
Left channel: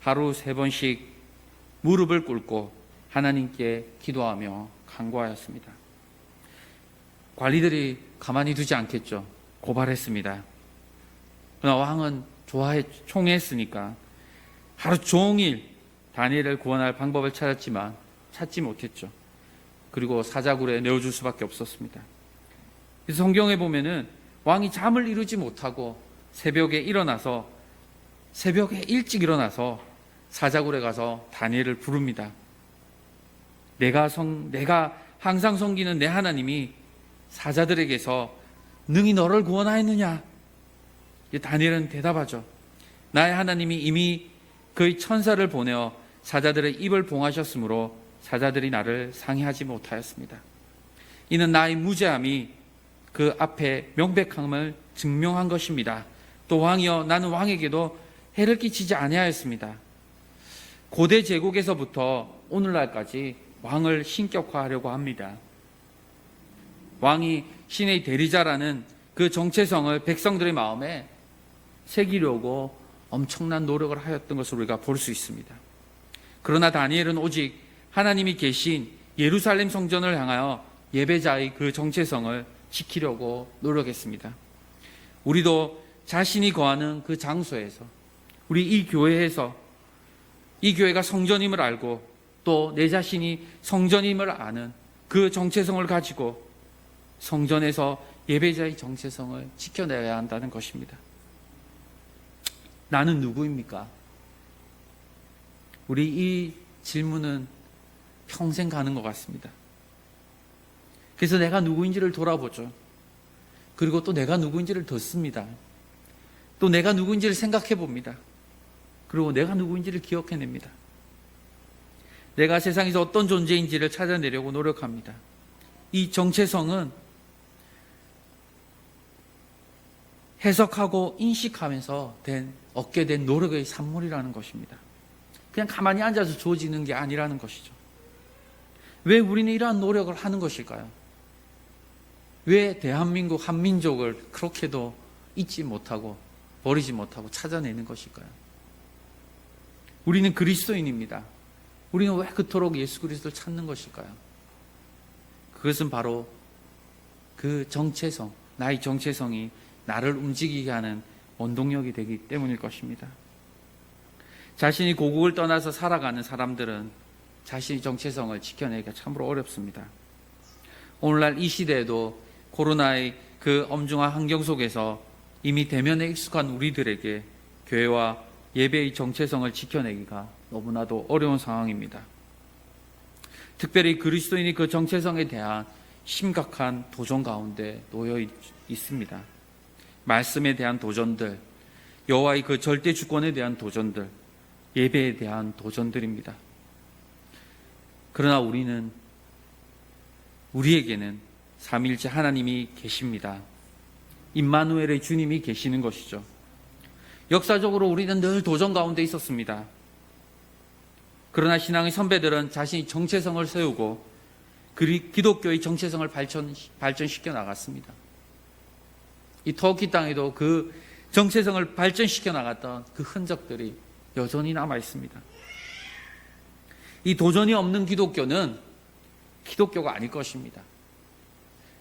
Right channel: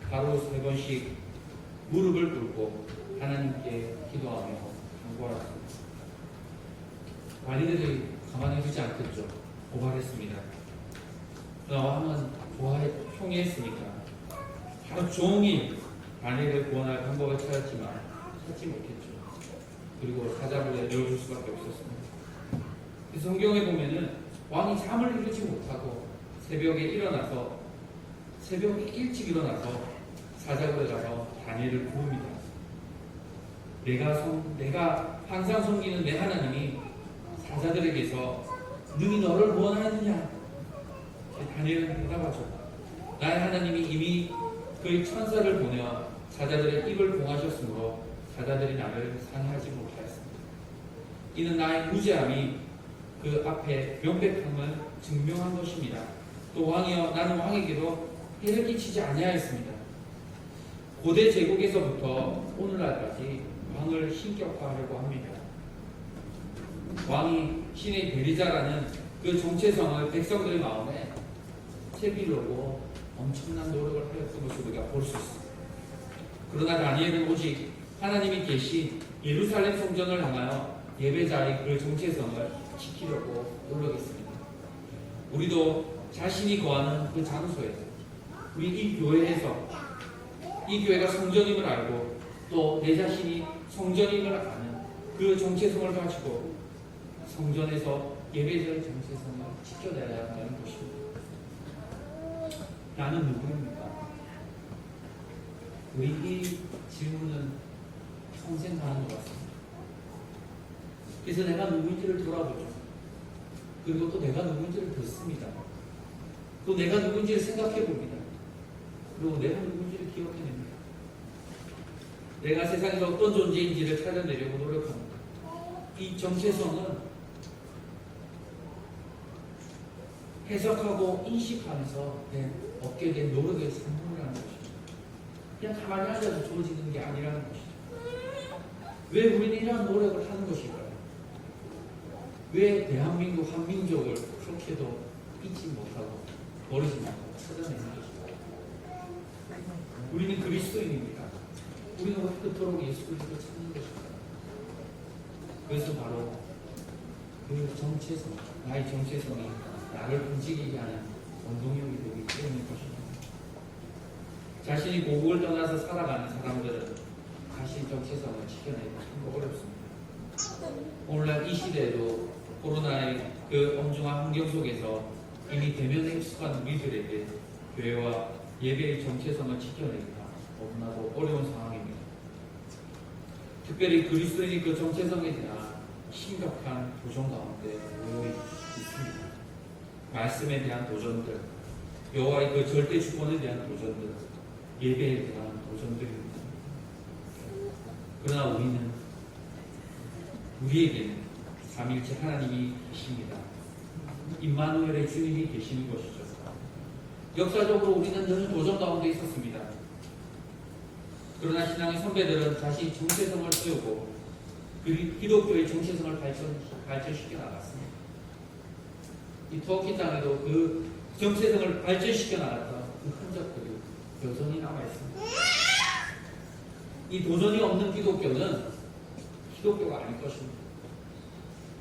하루 3번씩 무릎을 꿇고 하나님께 기도하며 간구하였습니다. 관리들이 가만히 두지 않겠죠. 고발했습니다. 그러나 왕은 총애했으니까 하루 종일 다니엘을 구원할 방법을 찾았지만 찾지 못했죠. 그리고 사자굴에 내어줄 수밖에 없었습니다. 그래서 성경에 보면은 왕이 잠을 이루지 못하고 새벽에 일찍 일어나서 사자굴에 가서 다니엘을 부릅니다. 내가 항상 섬기는 내 하나님이 사자들에게서 능히 너를 구원하였느냐? 다니엘은 대답하죠. 나의 하나님이 이미 그의 천사를 보내어 사자들의 입을 봉하셨으므로 사자들이 나를 상해하지 못하였습니다. 이는 나의 무죄함이 그 앞에 명백함을 증명한 것입니다. 또 왕이여, 나는 왕에게도 해를 끼치지 아니하였습니다. 고대 제국에서부터 오늘날까지 왕을 신격화하려고 합니다. 왕이 신의 대리자라는 그 정체성을 백성들의 마음에 새기려고 엄청난 노력을 하였던 것을 우리가 볼 수 있습니다. 그러나 다니엘은 오직 하나님이 계신 예루살렘 성전을 향하여 예배자의 그 정체성을 지키려고 노력했습니다. 우리도 자신이 거하는 그 장소에서, 우리 이 교회에서, 이 교회가 성전임을 알고 또 내 자신이 성전임을 아는 그 정체성을 가지고 성전에서 예배자의 정체성을 지켜내야 한다는 것입니다. 나는 누구입니까? 우리 이 질문은 평생 가는 것 같습니다. 그래서 내가 누구인지를 돌아보죠. 그리고 또 내가 누구인지를 듣습니다. 또 내가 누구인지를 생각해 봅니다. 그리고 내가 누구인지를 기억해냅니다. 내가 세상에서 어떤 존재인지를 찾아내려고 노력합니다. 이 정체성은 해석하고 인식하면서 얻게 된 노력의 산물이라는 것입니다. 그냥 가만히 앉아서 주어지는 게 아니라는 것이죠. 왜 우리는 이러한 노력을 하는 것일까요? 왜 대한민국 한민족을 그렇게도 잊지 못하고 버리지 못하고 찾아내는 것일까요? 우리는 그리스도인입니다. 우리는 왜 그토록 예수 그리스도를 찾는 것일까요? 그것은 바로 그 정체성, 나의 정체성이 나를 움직이게 하는 원동력이 되기 때문일 것입니다. 자신이 고국을 떠나서 살아가는 사람들은 자신의 정체성을 지켜내기가 참으로 어렵습니다. 오늘날 이 시대에도 코로나의 그 엄중한 환경 속에서 이미 대면에 익숙한 우리들에게 교회와 예배의 정체성을 지켜내기가 너무나도 어려운 상황입니다. 특별히 그리스도인이 그 정체성에 대한 심각한 도전 가운데 놓여 있습니다. 말씀에 대한 도전들, 여호와의 그 절대 주권에 대한 도전들, 예배에 대한 도전들입니다. 그러나 우리에게는 삼위일체 하나님이 계십니다. 임마누엘의 주님이 계시는 것이죠. 역사적으로 우리는 늘 도전 가운데 있었습니다. 그러나 신앙의 선배들은 자신이 정체성을 세우고 기독교의 정체성을 발전시켜 나갔습니다. 이 터키 땅에도 그 정체성을 발전시켜 나갔던 그 흔적들이 여전히 남아 있습니다. 이 도전이 없는 기독교는 기독교가 아닐 것입니다.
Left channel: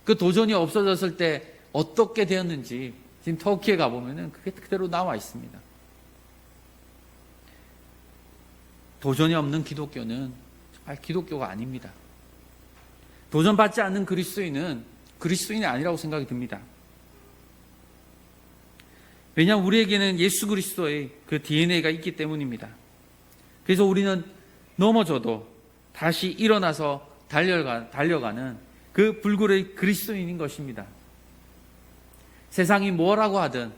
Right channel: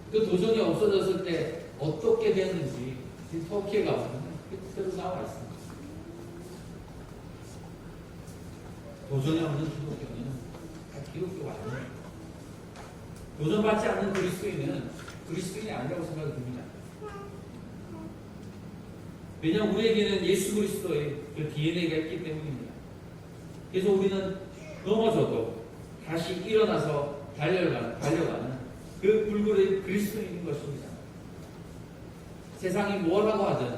그 도전이 없어졌을 때 어떻게 되었는지 지금 터키에 가보면 그게 그대로 나와 있습니다. 도전이 없는 기독교는 정말 기독교가 아닙니다. 도전받지 않는 그리스도인은 그리스도인이 아니라고 생각이 듭니다. 왜냐하면 우리에게는 예수 그리스도의 그 DNA가 있기 때문입니다. 그래서 우리는 넘어져도 다시 일어나서 달려가는 그 불굴의 그리스도인인 것입니다. 세상이 뭐라고 하든,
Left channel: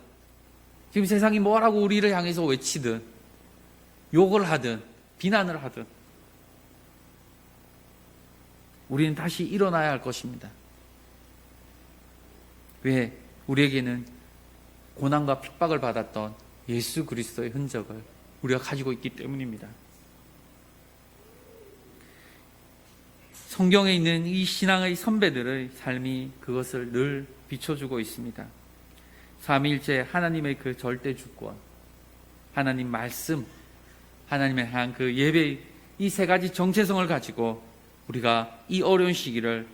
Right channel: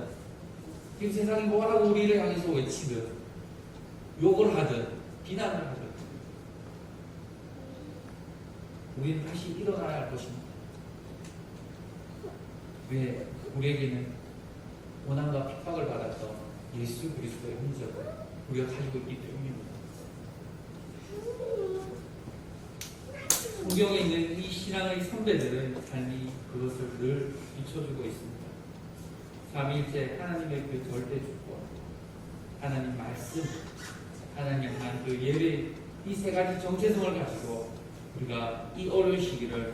지금 세상이 뭐라고 우리를 향해서 외치든, 욕을 하든, 비난을 하든, 우리는 다시 일어나야 할 것입니다. 왜? 우리에게는 고난과 핍박을 받았던 예수 그리스도의 흔적을 우리가 가지고 있기 때문입니다. 성경에 있는 이 신앙의 선배들의 삶이 그것을 늘 비춰주고 있습니다. 삼위일체 하나님의 그 절대 주권, 하나님 말씀, 하나님의 향 그 예배, 이 세 가지 정체성을 가지고 우리가 이 어려운 시기를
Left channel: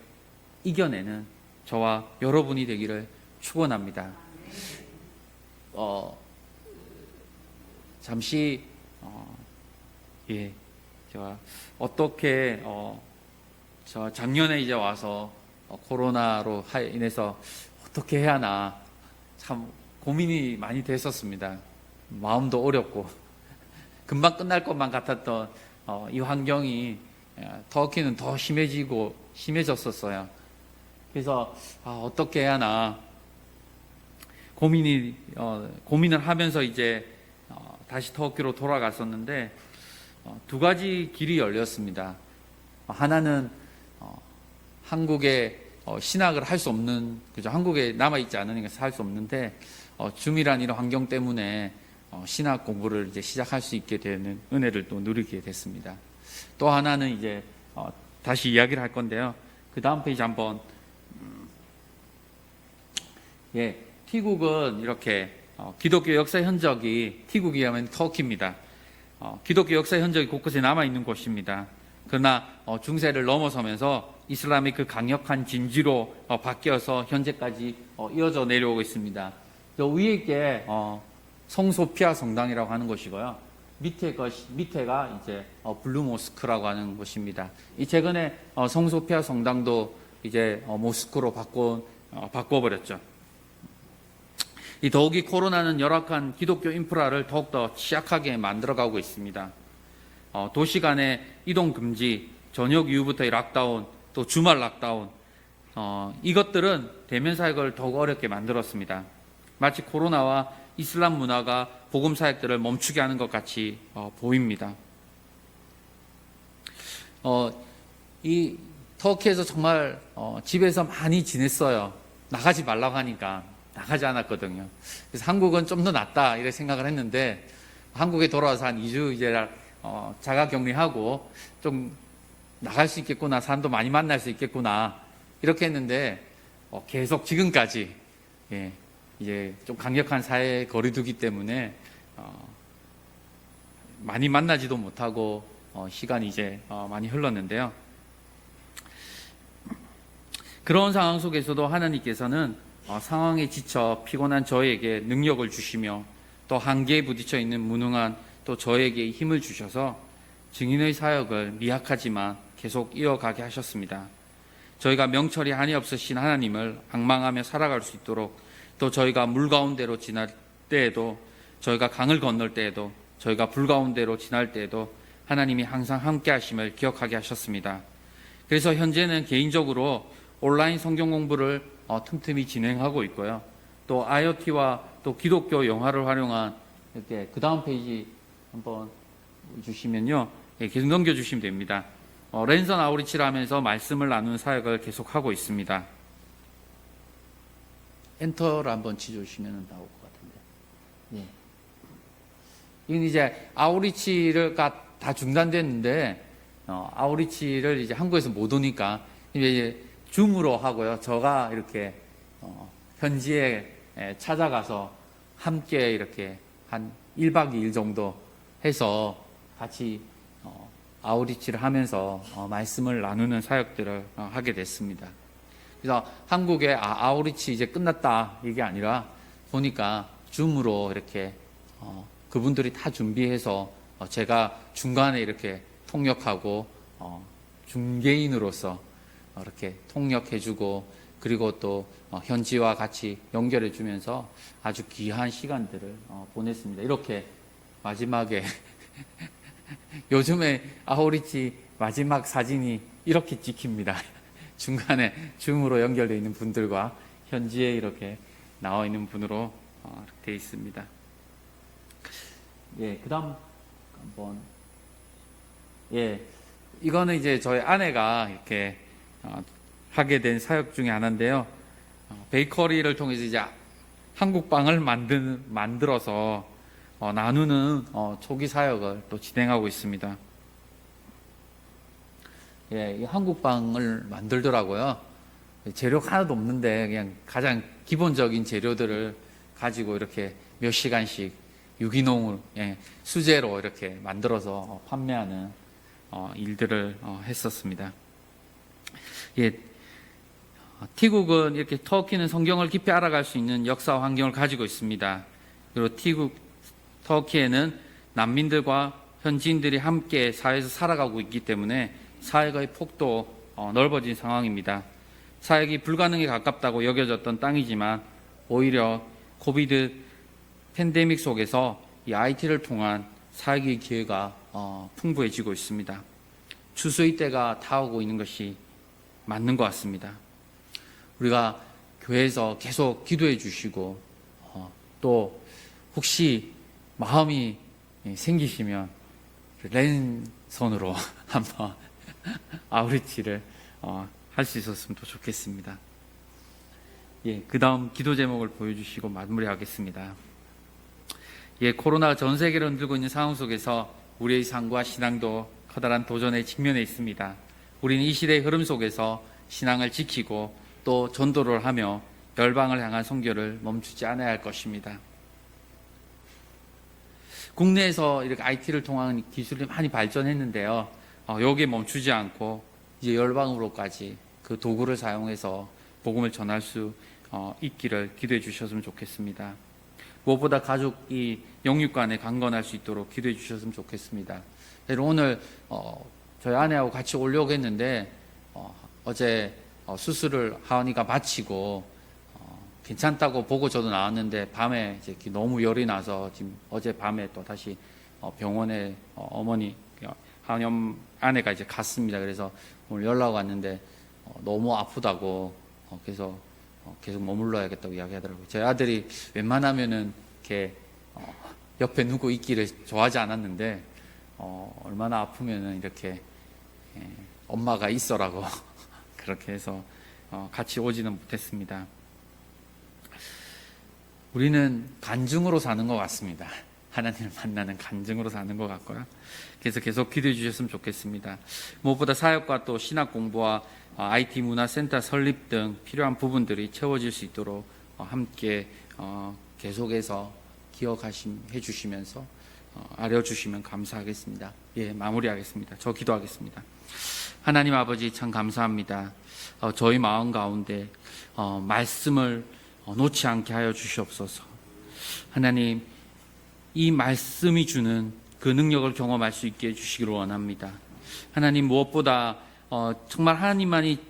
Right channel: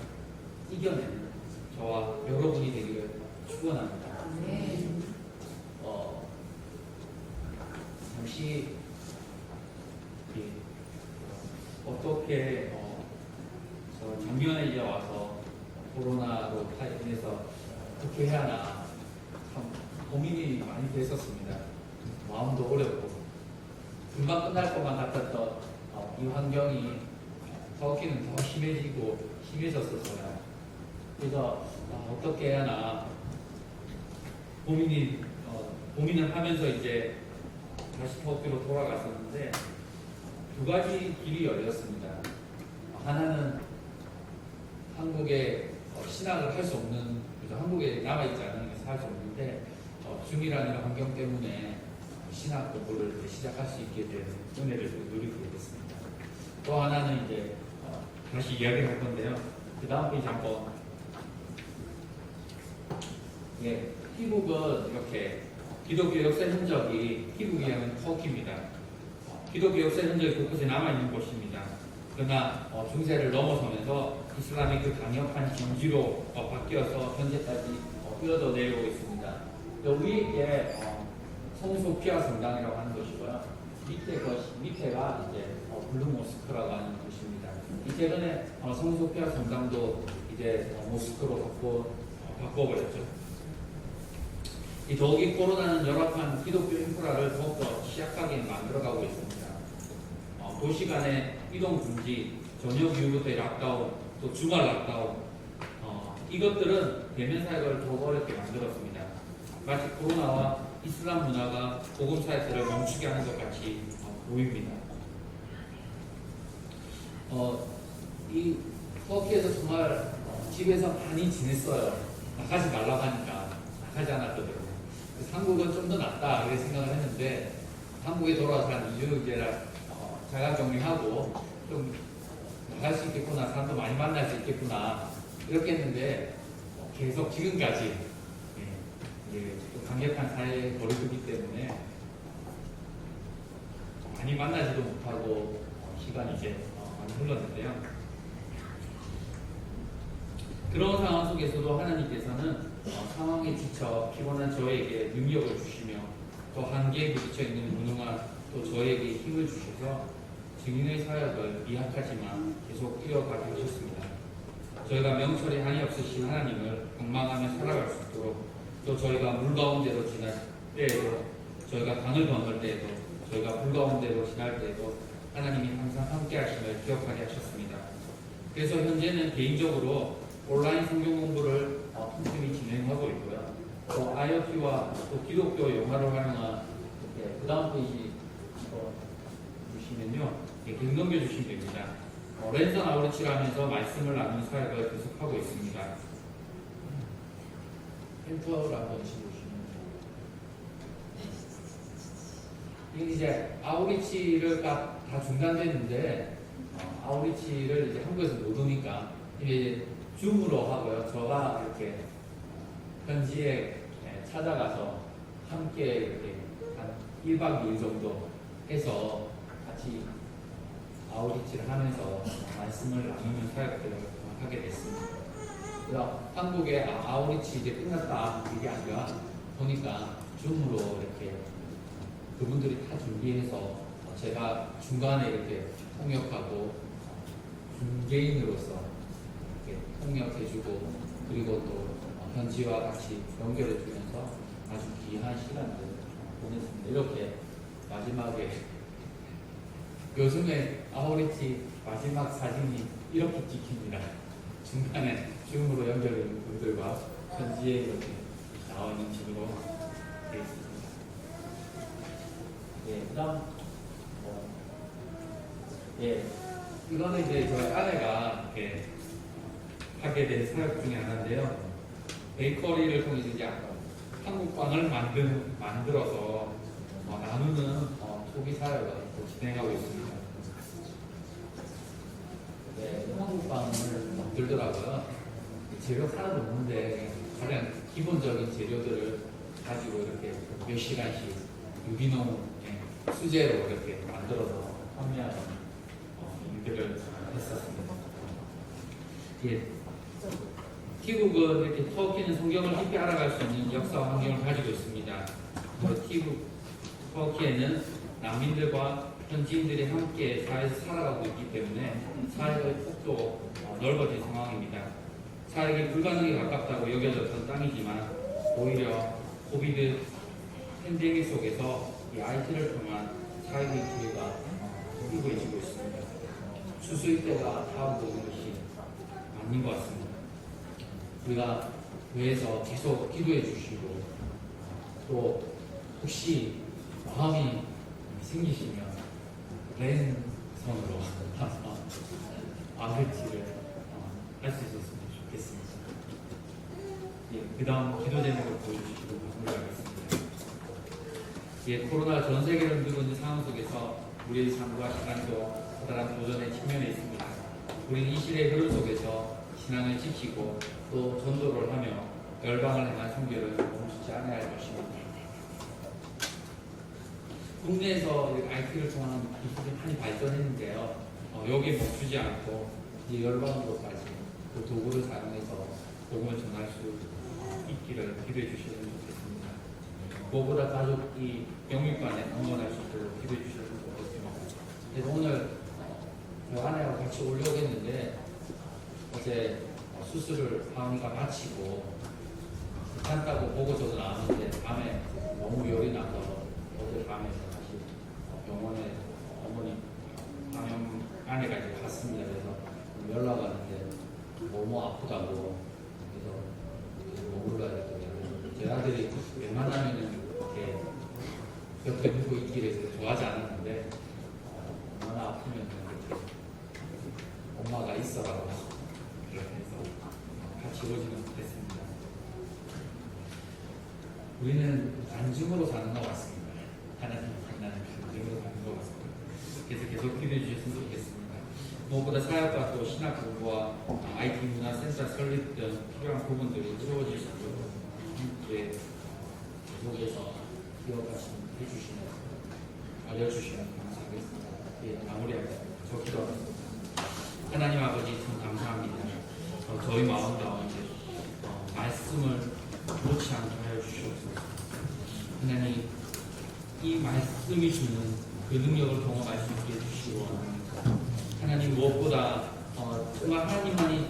이겨내는 저와 여러분이 되기를 축원합니다. 잠시 제가 어떻게 저 작년에 이제 와서 코로나로 인해서 어떻게 해야 하나 참 고민이 많이 됐었습니다. 마음도 어렵고 금방 끝날 것만 같았던 이 환경이 터키는 더 심해졌었어요. 그래서 어떻게 해야 하나 고민을 하면서 이제 다시 터키로 돌아갔었는데 두 가지 길이 열렸습니다. 하나는 한국에 신학을 할 수 없는, 그죠? 한국에 남아있지 않으니까 살 수 없는데 줌이라는 이런 환경 때문에 신학 공부를 이제 시작할 수 있게 되는 은혜를 또 누리게 됐습니다. 또 하나는 이제 다시 이야기를 할 건데요. 그 다음 페이지 한번. 티국은 이렇게 기독교 역사 현적이, 티국이 하면 터키입니다. 기독교 역사 현적이 곳곳에 남아있는 곳입니다. 그러나 중세를 넘어서면서 이슬람의 그 강력한 진지로 바뀌어서 현재까지 이어져 내려오고 있습니다. 위에 게 성소피아 성당이라고 하는 곳이고요. 밑에가 이제 블루 모스크라고 하는 곳입니다. 이 최근에 성소피아 성당도 이제 모스크로 바꿔버렸죠. 이 더욱이 코로나는 열악한 기독교 인프라를 더욱더 취약하게 만들어가고 있습니다. 도시 간의 이동 금지, 저녁 이후부터의 락다운, 또 주말 락다운, 이것들은 대면 사역을 더욱 어렵게 만들었습니다. 마치 코로나와 이슬람 문화가 복음 사역들을 멈추게 하는 것 같이 보입니다. 이 터키에서 정말 집에서 많이 지냈어요. 나가지 말라고 하니까 나가지 않았거든요. 그래서 한국은 좀 더 낫다 이렇게 생각을 했는데 한국에 돌아와서 한 2주 이제 자가격리하고 좀 나갈 수 있겠구나, 사람도 많이 만날 수 있겠구나 이렇게 했는데 계속 지금까지 이제 좀 강력한 사회 거리두기 때문에 많이 만나지도 못하고 시간이 이제 많이 흘렀는데요. 그런 상황 속에서도 하나님께서는 상황에 지쳐 피곤한 저에게 능력을 주시며 또 한계에 부딪혀 있는 무능한 또 저에게 힘을 주셔서 증인의 사역을 미약하지만 계속 이어가게 하셨습니다. 저희가 명철이 한이 없으신 하나님을 방망하며 살아갈 수 있도록, 또 저희가 물 가운데로 지날 때에도, 저희가 강을 건널 때에도, 저희가 불 가운데로 지날 때에도 하나님이 항상 함께 하심을 기억하게 하셨습니다. 그래서 현재는 개인적으로 온라인 성경 공부를 틈틈이 진행하고 있고요. 또 IoT와 또 기독교 영화를 활용한, 이렇게 그 다음 페이지 한번 주시면요, 계속 넘겨주시면 됩니다. 랜선 아우리치를 하면서 말씀을 나누는 사역을 계속하고 있습니다. 엔터를 한번 치주시면 나올 이건 이제 아우리치를 다 중단됐는데 아우리치를 이제 한국에서 못 오니까 이제 줌으로 하고요. 저가 이렇게 현지에 찾아가서 함께 이렇게 한 1박 2일 정도 해서 같이 아우리치를 하면서 말씀을 나누는 사역들을 하게 됐습니다. 그래서 한국에 아우리치 이제 끝났다 이게 아니라 보니까 줌으로 이렇게 그분들이 다 준비해서 제가 중간에 이렇게 통역하고 중개인으로서 이렇게 통역해주고 그리고 또 현지와 같이 연결해주면서 아주 귀한 시간들을 보냈습니다. 이렇게 마지막에 요즘에 아우리치 마지막 사진이 이렇게 찍힙니다. 중간에 줌으로 연결되어 있는 분들과 현지에 이렇게 나와 있는 분으로 되어 있습니다. 예, 그다음 한번 이거는 이제 저희 아내가 이렇게 하게 된 사역 중에 하나인데요. 베이커리를 통해서 이제 한국 빵을 만들어서 나누는 초기 사역을 또 진행하고 있습니다. 예, 한국 빵을 만들더라고요. 재료가 하나도 없는데 그냥 가장 기본적인 재료들을 가지고 이렇게 몇 시간씩 유기농을 수제로 이렇게 만들어서 판매하는 일들을 했었습니다. 예, 티국은 이렇게 터키는 성경을 깊이 알아갈 수 있는 역사 환경을 가지고 있습니다. 그리고 터키에는 난민들과 현지인들이 함께 사회에서 살아가고 있기 때문에 사회의 폭도 넓어진 상황입니다. 사역이 불가능에 가깝다고 여겨졌던 땅이지만 오히려 코비드 팬데믹 속에서 이 IT를 통한 사역의 기회가 풍부해지고 있습니다. 추수의 때가 다가오고 있는 것이 맞는 것 같습니다. 우리가 교회에서 계속 기도해 주시고 또 혹시 마음이 생기시면 랜선으로 한번 아우리치를 할 수 있었으면 더 좋겠습니다. 예, 그 다음 기도 제목을 보여주시고 마무리하겠습니다. 예, 코로나가 전 세계를 흔들고 있는 상황 속에서 우리의 삶과 신앙도 커다란 도전에 직면해 있습니다. 우리는 이 시대의 흐름 속에서 신앙을 지키고 또 전도를 하며 열방을 향한 선교를 멈추지 않아야 할 것입니다. 국내에서 이렇게 IT를 통한 기술이 많이 발전했는데요. 여기에 멈추지 않고 이제 열방으로까지 그 도구를 사용해서 복음을 전할 수 있기를 기도해 주셨으면 좋겠습니다. 무엇보다 가족이 영육 간에 강건할 수 있도록 기도해 주셨으면 좋겠습니다. 오늘 저희 아내하고 같이 오려고 했는데 어제 수술을 하은이가 마치고 괜찮다고 보고 저도 나왔는데 밤에 이렇게 너무 열이 나서 지금 어제 밤에 또 다시 병원에 어머니 하은이 아내가 이제 갔습니다. 그래서 오늘 연락 왔는데 너무 아프다고 그래서 계속 머물러야겠다고 이야기하더라고요. 제 아들이 웬만하면은 이렇게 옆에 누구 있기를 좋아하지 않았는데 얼마나 아프면은 이렇게 엄마가 있어라고 그렇게 해서 같이 오지는 못했습니다. 우리는 간증으로 사는 것 같습니다. 하나님을 만나는 간증으로 사는 것 같고요. 그래서 계속 기도해 주셨으면 좋겠습니다. 무엇보다 사역과 또 신학 공부와 IT 문화센터 설립 등 필요한 부분들이 채워질 수 있도록 함께 계속해서 기억해 주시면서 알려주시면 감사하겠습니다. 예, 마무리하겠습니다. 저 기도하겠습니다. 하나님 아버지 참 감사합니다. 저희 마음 가운데 말씀을 놓지 않게 하여 주시옵소서. 하나님, 이 말씀이 주는 그 능력을 경험할 수 있게 해주시기를 원합니다. 하나님, 무엇보다 정말 하나님만이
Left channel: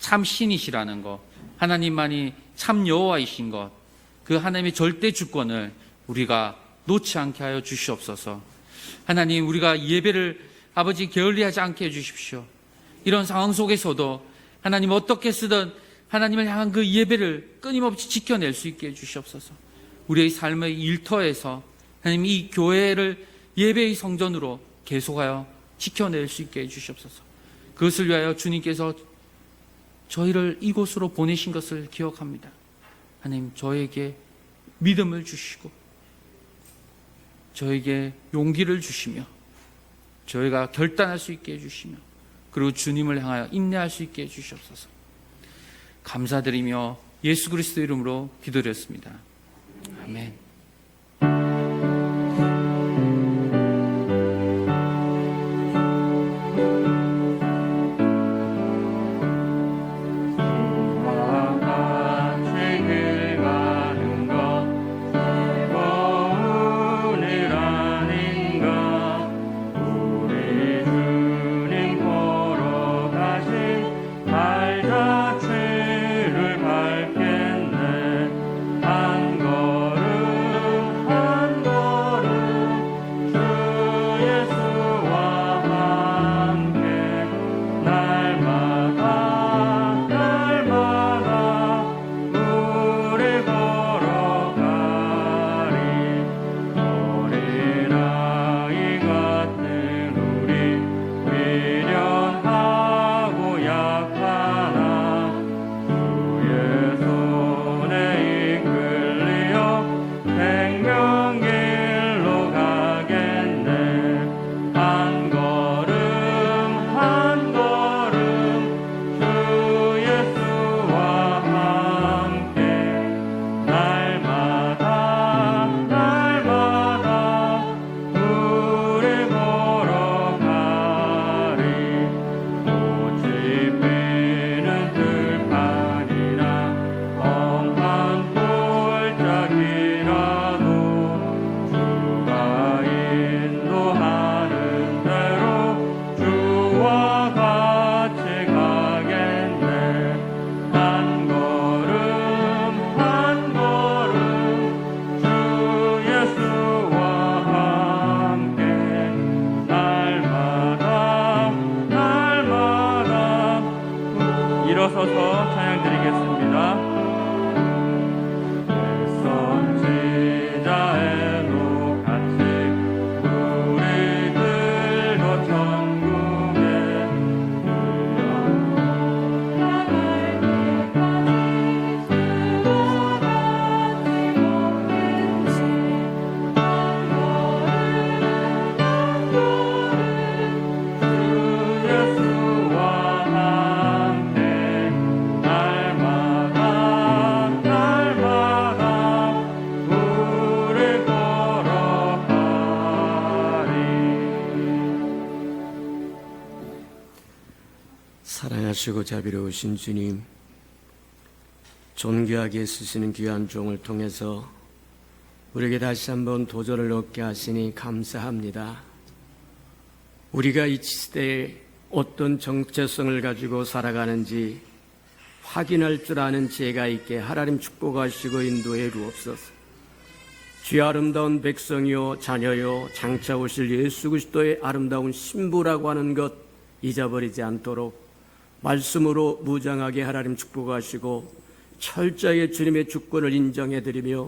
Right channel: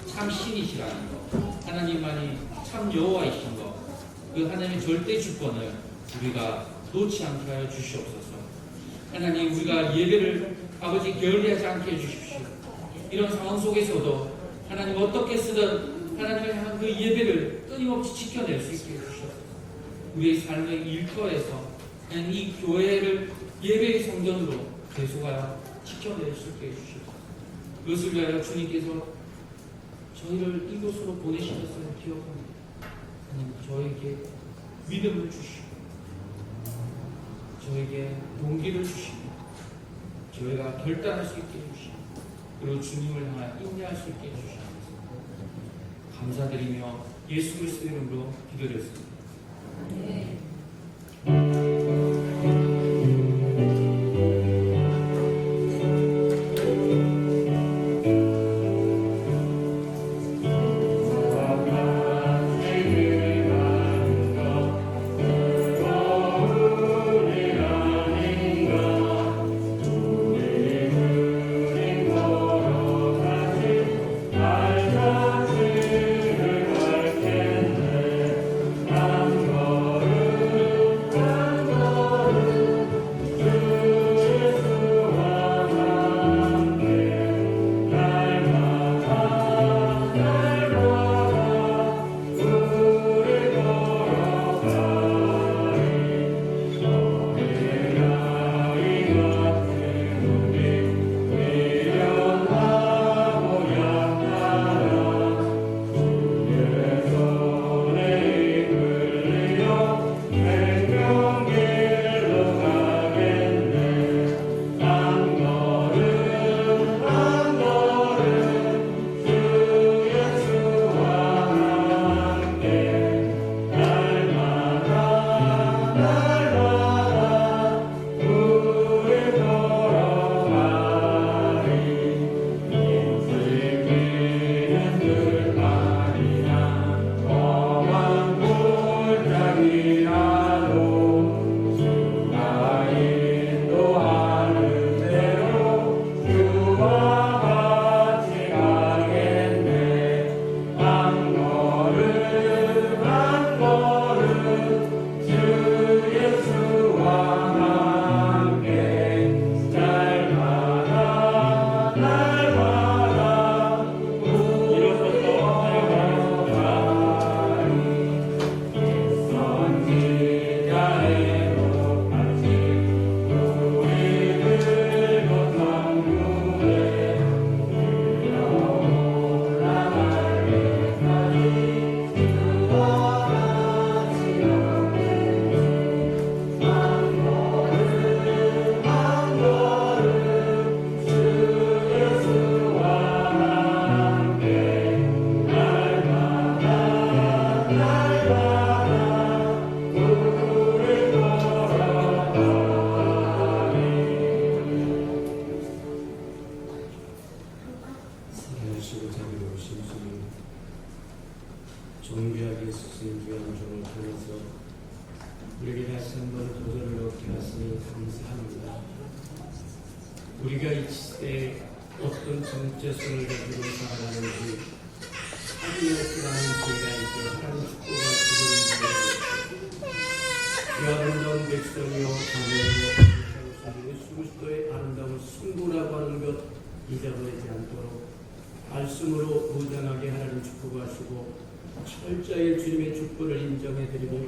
참 신이시라는 것, 하나님만이 참 여호와이신 것, 그 하나님의 절대 주권을 우리가 놓지 않게 하여 주시옵소서. 하나님, 우리가 예배를 아버지 게을리하지 않게 해주십시오. 이런 상황 속에서도 하나님 어떻게 쓰든 하나님을 향한 그 예배를 끊임없이 지켜낼 수 있게 해주시옵소서. 우리의 삶의 일터에서 하나님 이 교회를 예배의 성전으로 계속하여 지켜낼 수 있게 해주시옵소서. 그것을 위하여 주님께서 저희를 이곳으로 보내신 것을 기억합니다. 하나님, 저에게 믿음을 주시고 저에게 용기를 주시며 저희가 결단할 수 있게 해주시며 그리고 주님을 향하여 인내할 수 있게 해주시옵소서. 감사드리며 예수 그리스도 이름으로 기도드렸습니다. 아멘. 사랑하시고 자비로우신 주님, 존귀하게 쓰시는 귀한 종을 통해서 우리에게 다시 한번 도전을 얻게 하시니 감사합니다. 우리가 이 시대에 어떤 정체성을 가지고 살아가는지 확인할 줄 아는 지혜가 있게 하나님 축복하시고 인도해 주옵소서. 주의 아름다운 백성이요 자녀요 장차 오실 예수 그리스도의 아름다운 신부라고 하는 것 잊어버리지 않도록 말씀으로 무장하게 하나님 축복하시고 철저하게 주님의 주권을 인정해드리며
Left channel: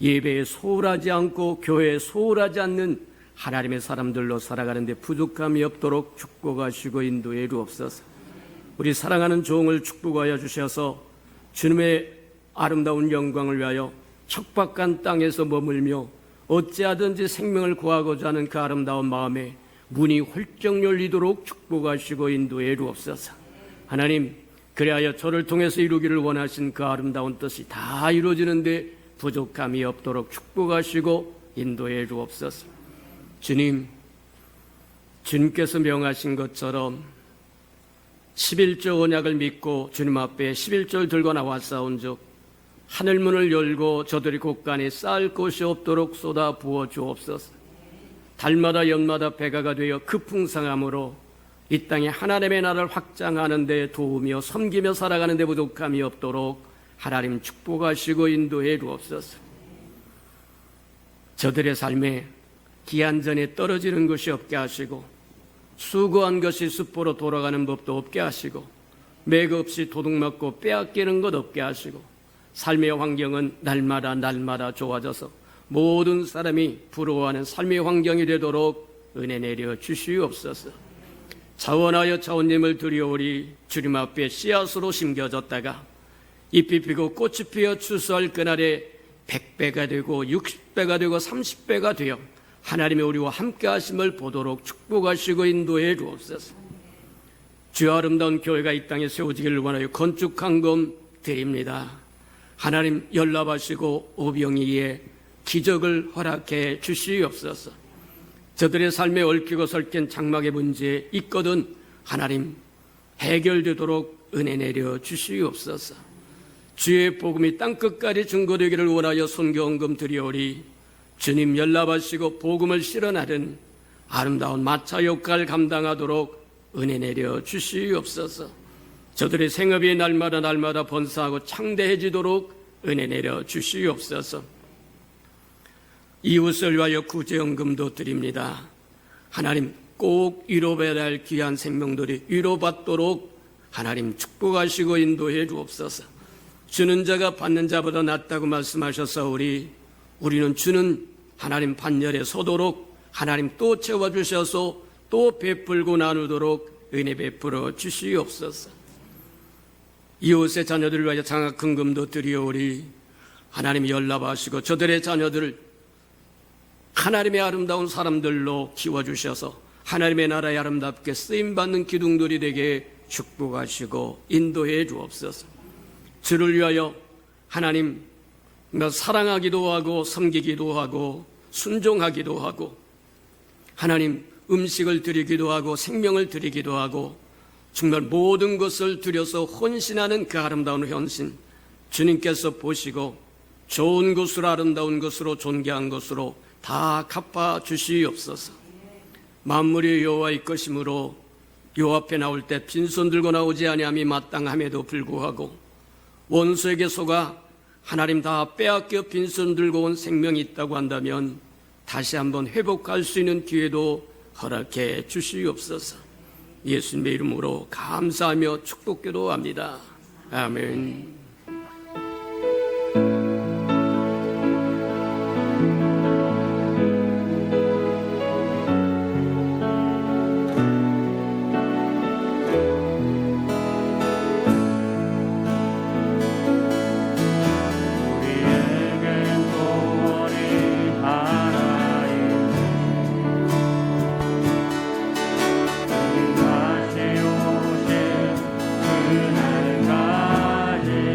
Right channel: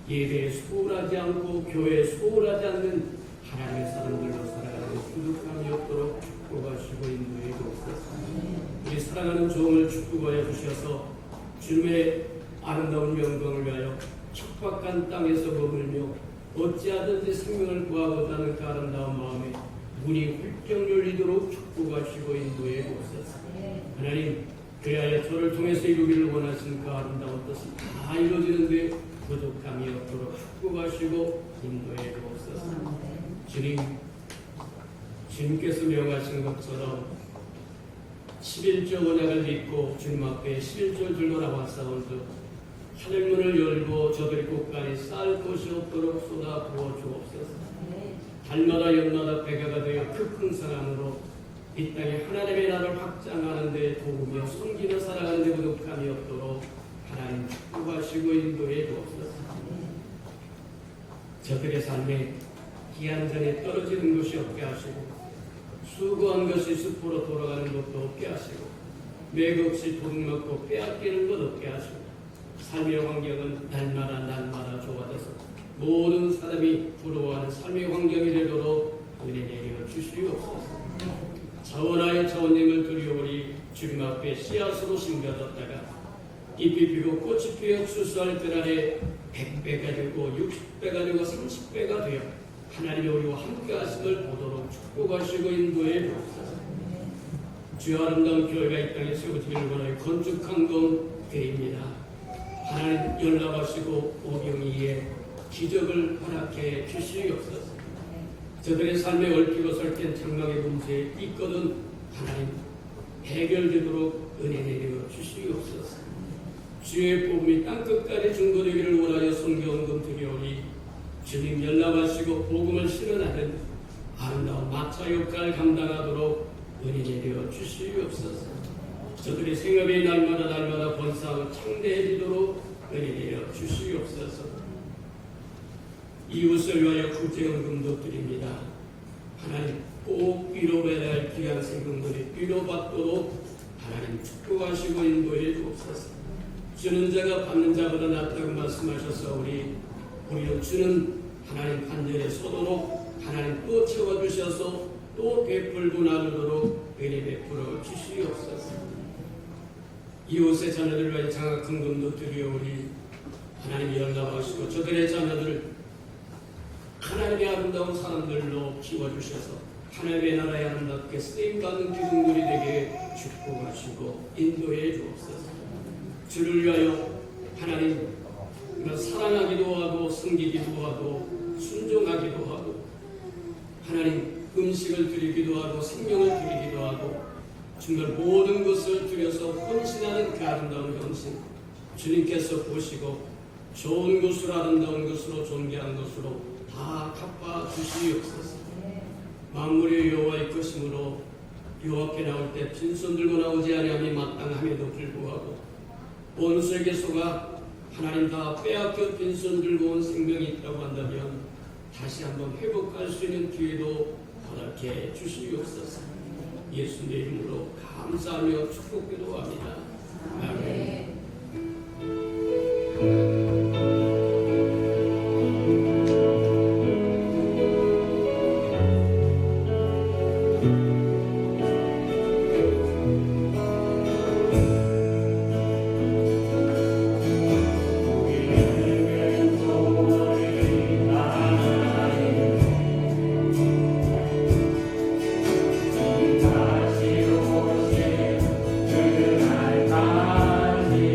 예배에 소홀하지 않고 교회에 소홀하지 않는 하나님의 사람들로 살아가는데 부족함이 없도록 축복하시고 인도해 주옵소서. 우리 사랑하는 종을 축복하여 주셔서 주님의 아름다운 영광을 위하여 척박한 땅에서 머물며 어찌하든지 생명을 구하고자 하는 그 아름다운 마음에 문이 훌쩍 열리도록 축복하시고 인도해 주옵소서. 하나님, 그리하여 저를 통해서 이루기를 원하신 그 아름다운 뜻이 다 이루어지는데 부족함이 없도록 축복하시고 인도해 주옵소서. 주님, 주님께서 명하신 것처럼 11조 언약을 믿고 주님 앞에 11조를 들고 나왔사온즉 하늘문을 열고 저들이 곳간에 쌓을 곳이 없도록 쏟아 부어 주옵소서. 달마다 연마다 배가가 되어 그 풍성함으로 이 땅에 하나님의 나라를 확장하는 데 도우며 섬기며 살아가는 데 부족함이 없도록 하나님 축복하시고 인도해 주옵소서. 저들의 삶에 기한전에 떨어지는 것이 없게 하시고 수고한 것이 습보로 돌아가는 법도 없게 하시고 맥없이 도둑맞고 빼앗기는 것 없게 하시고 삶의 환경은 날마다 좋아져서 모든 사람이 부러워하는 삶의 환경이 되도록 은혜 내려 주시옵소서. 자원하여 자원님을 드려오리. 주님 앞에 씨앗으로 심겨졌다가 잎이 피고 꽃이 피어 추수할 그날에 100배가 되고 60배가 되고 30배가 되어 하나님이 우리와 함께 하심을 보도록 축복하시고 인도해 주옵소서. 주의 아름다운 교회가 이 땅에 세워지기를 원하여 건축한금 드립니다. 하나님 연락하시고 오병이의 기적을 허락해 주시옵소서. 저들의 삶에 얽히고 설킨 장막의 문제 있거든 하나님 해결되도록 은혜 내려 주시옵소서. 주의 복음이 땅끝까지 증거되기를 원하여 손경금 드리오리. 주님 연락하시고 복음을 실현하는 아름다운 마차 역할 감당하도록 은혜 내려 주시옵소서. 저들의 생업이 날마다 번성하고 창대해지도록 은혜 내려 주시옵소서. 이웃을 위하여 구제연금도 드립니다. 하나님 꼭 위로받아야 할 귀한 생명들이 위로받도록 하나님 축복하시고 인도해 주옵소서. 주는 자가 받는 자보다 낫다고 말씀하셨사오니 우리는 주는 하나님 반열에 서도록 하나님 또 채워주셔서 또 베풀고 나누도록 은혜 베풀어 주시옵소서. 이웃의 자녀들을 위하여 장학금도 드리오리. 하나님 연락하시고 저들의 자녀들을 하나님의 아름다운 사람들로 키워주셔서 하나님의 나라에 아름답게 쓰임받는 기둥들이 되게 축복하시고 인도해 주옵소서. 주를 위하여 하나님 사랑하기도 하고 섬기기도 하고 순종하기도 하고 하나님 음식을 드리기도 하고 생명을 드리기도 하고 정말 모든 것을 드려서 헌신하는 그 아름다운 헌신 주님께서 보시고 좋은 것으로 아름다운 것으로 존귀한 것으로 다 갚아 주시옵소서. 만물이 여호와의 것이므로 여호와 앞에 나올 때 빈손 들고 나오지 아니함이 마땅함에도 불구하고 원수에게 속아 하나님 다 빼앗겨 빈손 들고 온 생명이 있다고 한다면 다시 한번 회복할 수 있는 기회도 허락해 주시옵소서. 예수님의 이름으로 감사하며 축복기도합니다. 아멘. 그날까지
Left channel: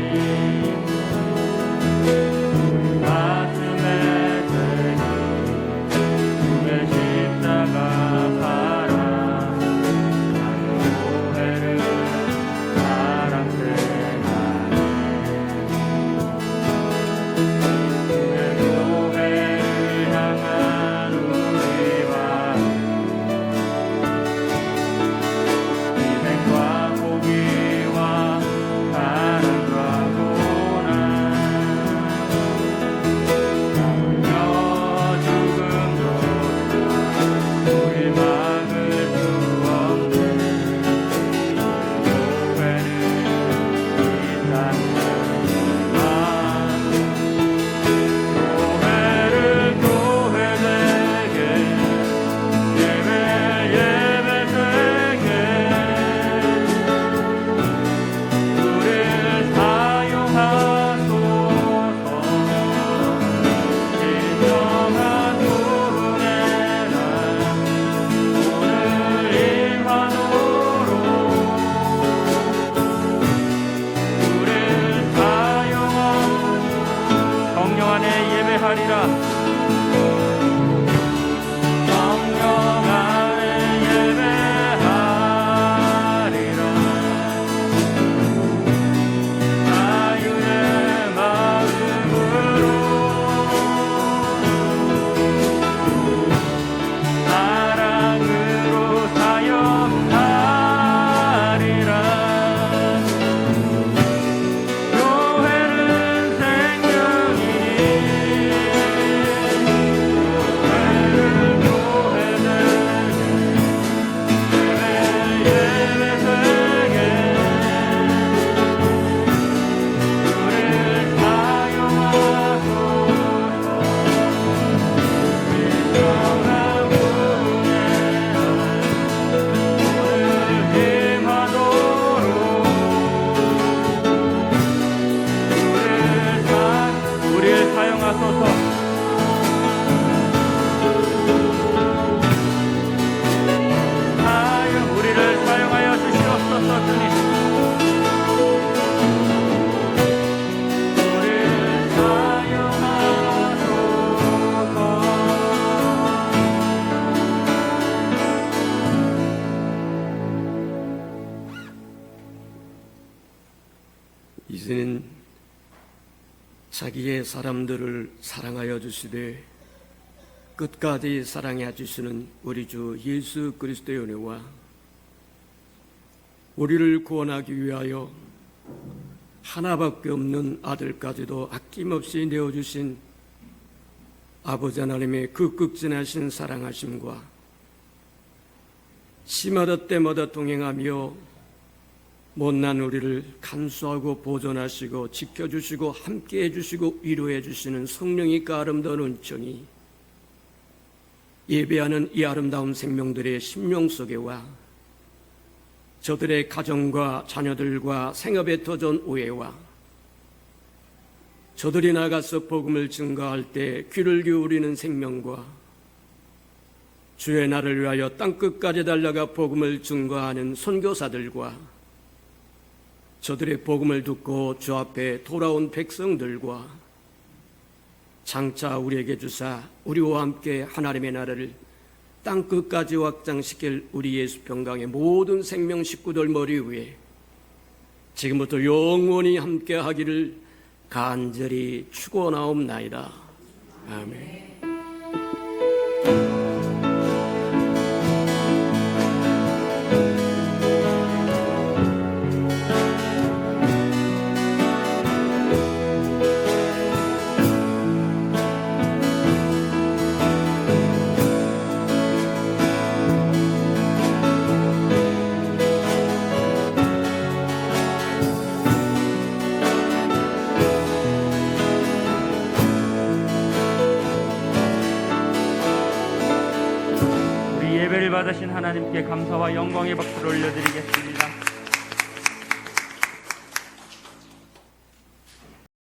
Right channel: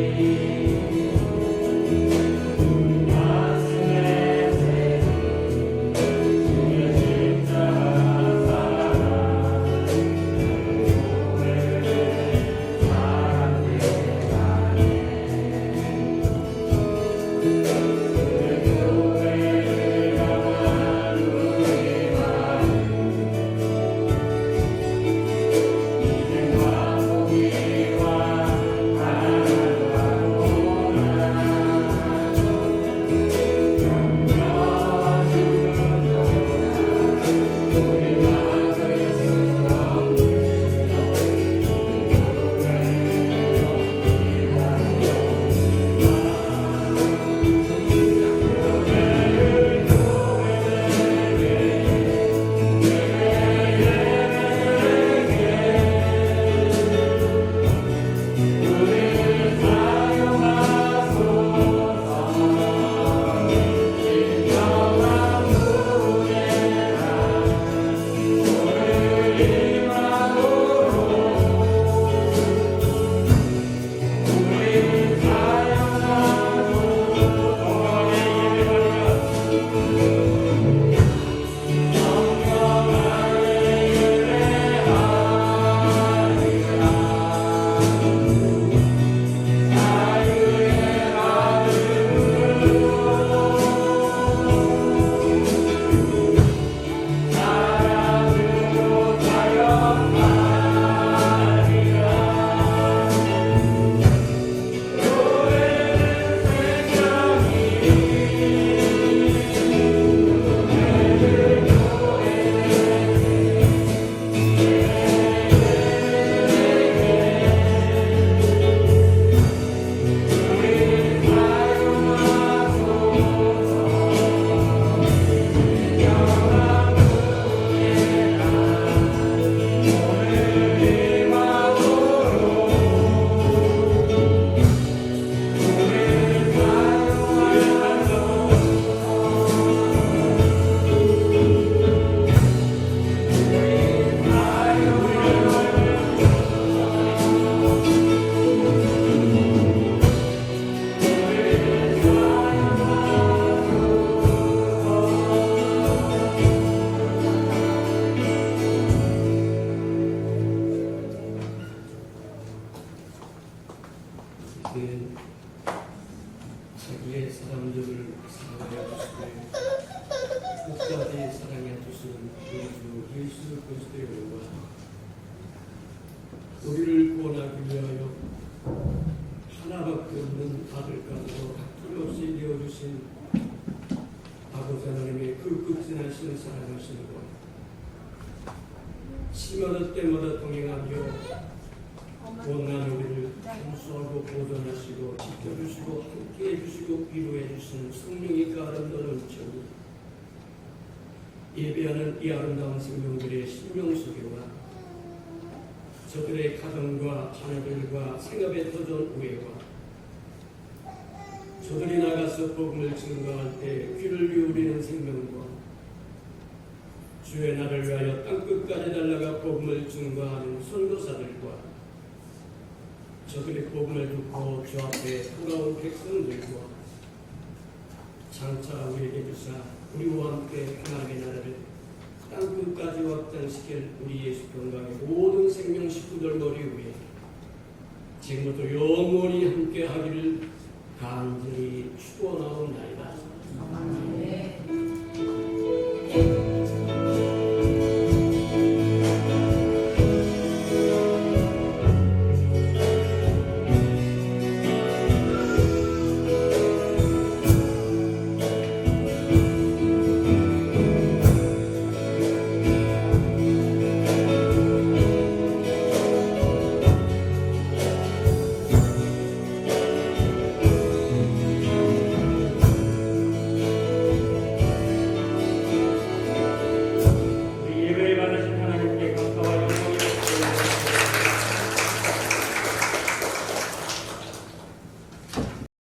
이는 자기의 사람들을 사랑하여 주시되 끝까지 사랑해 주시는 우리 주 예수 그리스도의 은혜와 우리를 구원하기 위하여 하나밖에 없는 아들까지도 아낌없이 내어주신 아버지 하나님의 그 극진하신 사랑하심과 시마다 때마다 동행하며 못난 우리를 감수하고 보존하시고 지켜주시고 함께해 주시고 위로해 주시는 성령의 그 아름다운 은총이 예배하는 이 아름다운 생명들의 심령 속에와 저들의 가정과 자녀들과 생업에 터전 우애와 저들이 나가서 복음을 증거할 때 귀를 기울이는 생명과 주의 날을 위하여 땅끝까지 달려가 복음을 증거하는 선교사들과 저들의 복음을 듣고 주 앞에 돌아온 백성들과 장차 우리에게 주사 우리와 함께 하나님의 나라를 땅끝까지 확장시킬 우리 예수 평강의 모든 생명 식구들 머리 위에 지금부터 영원히 함께 하기를 간절히 축원하옵나이다. 아멘. 우리 예배를 받으신 하나님께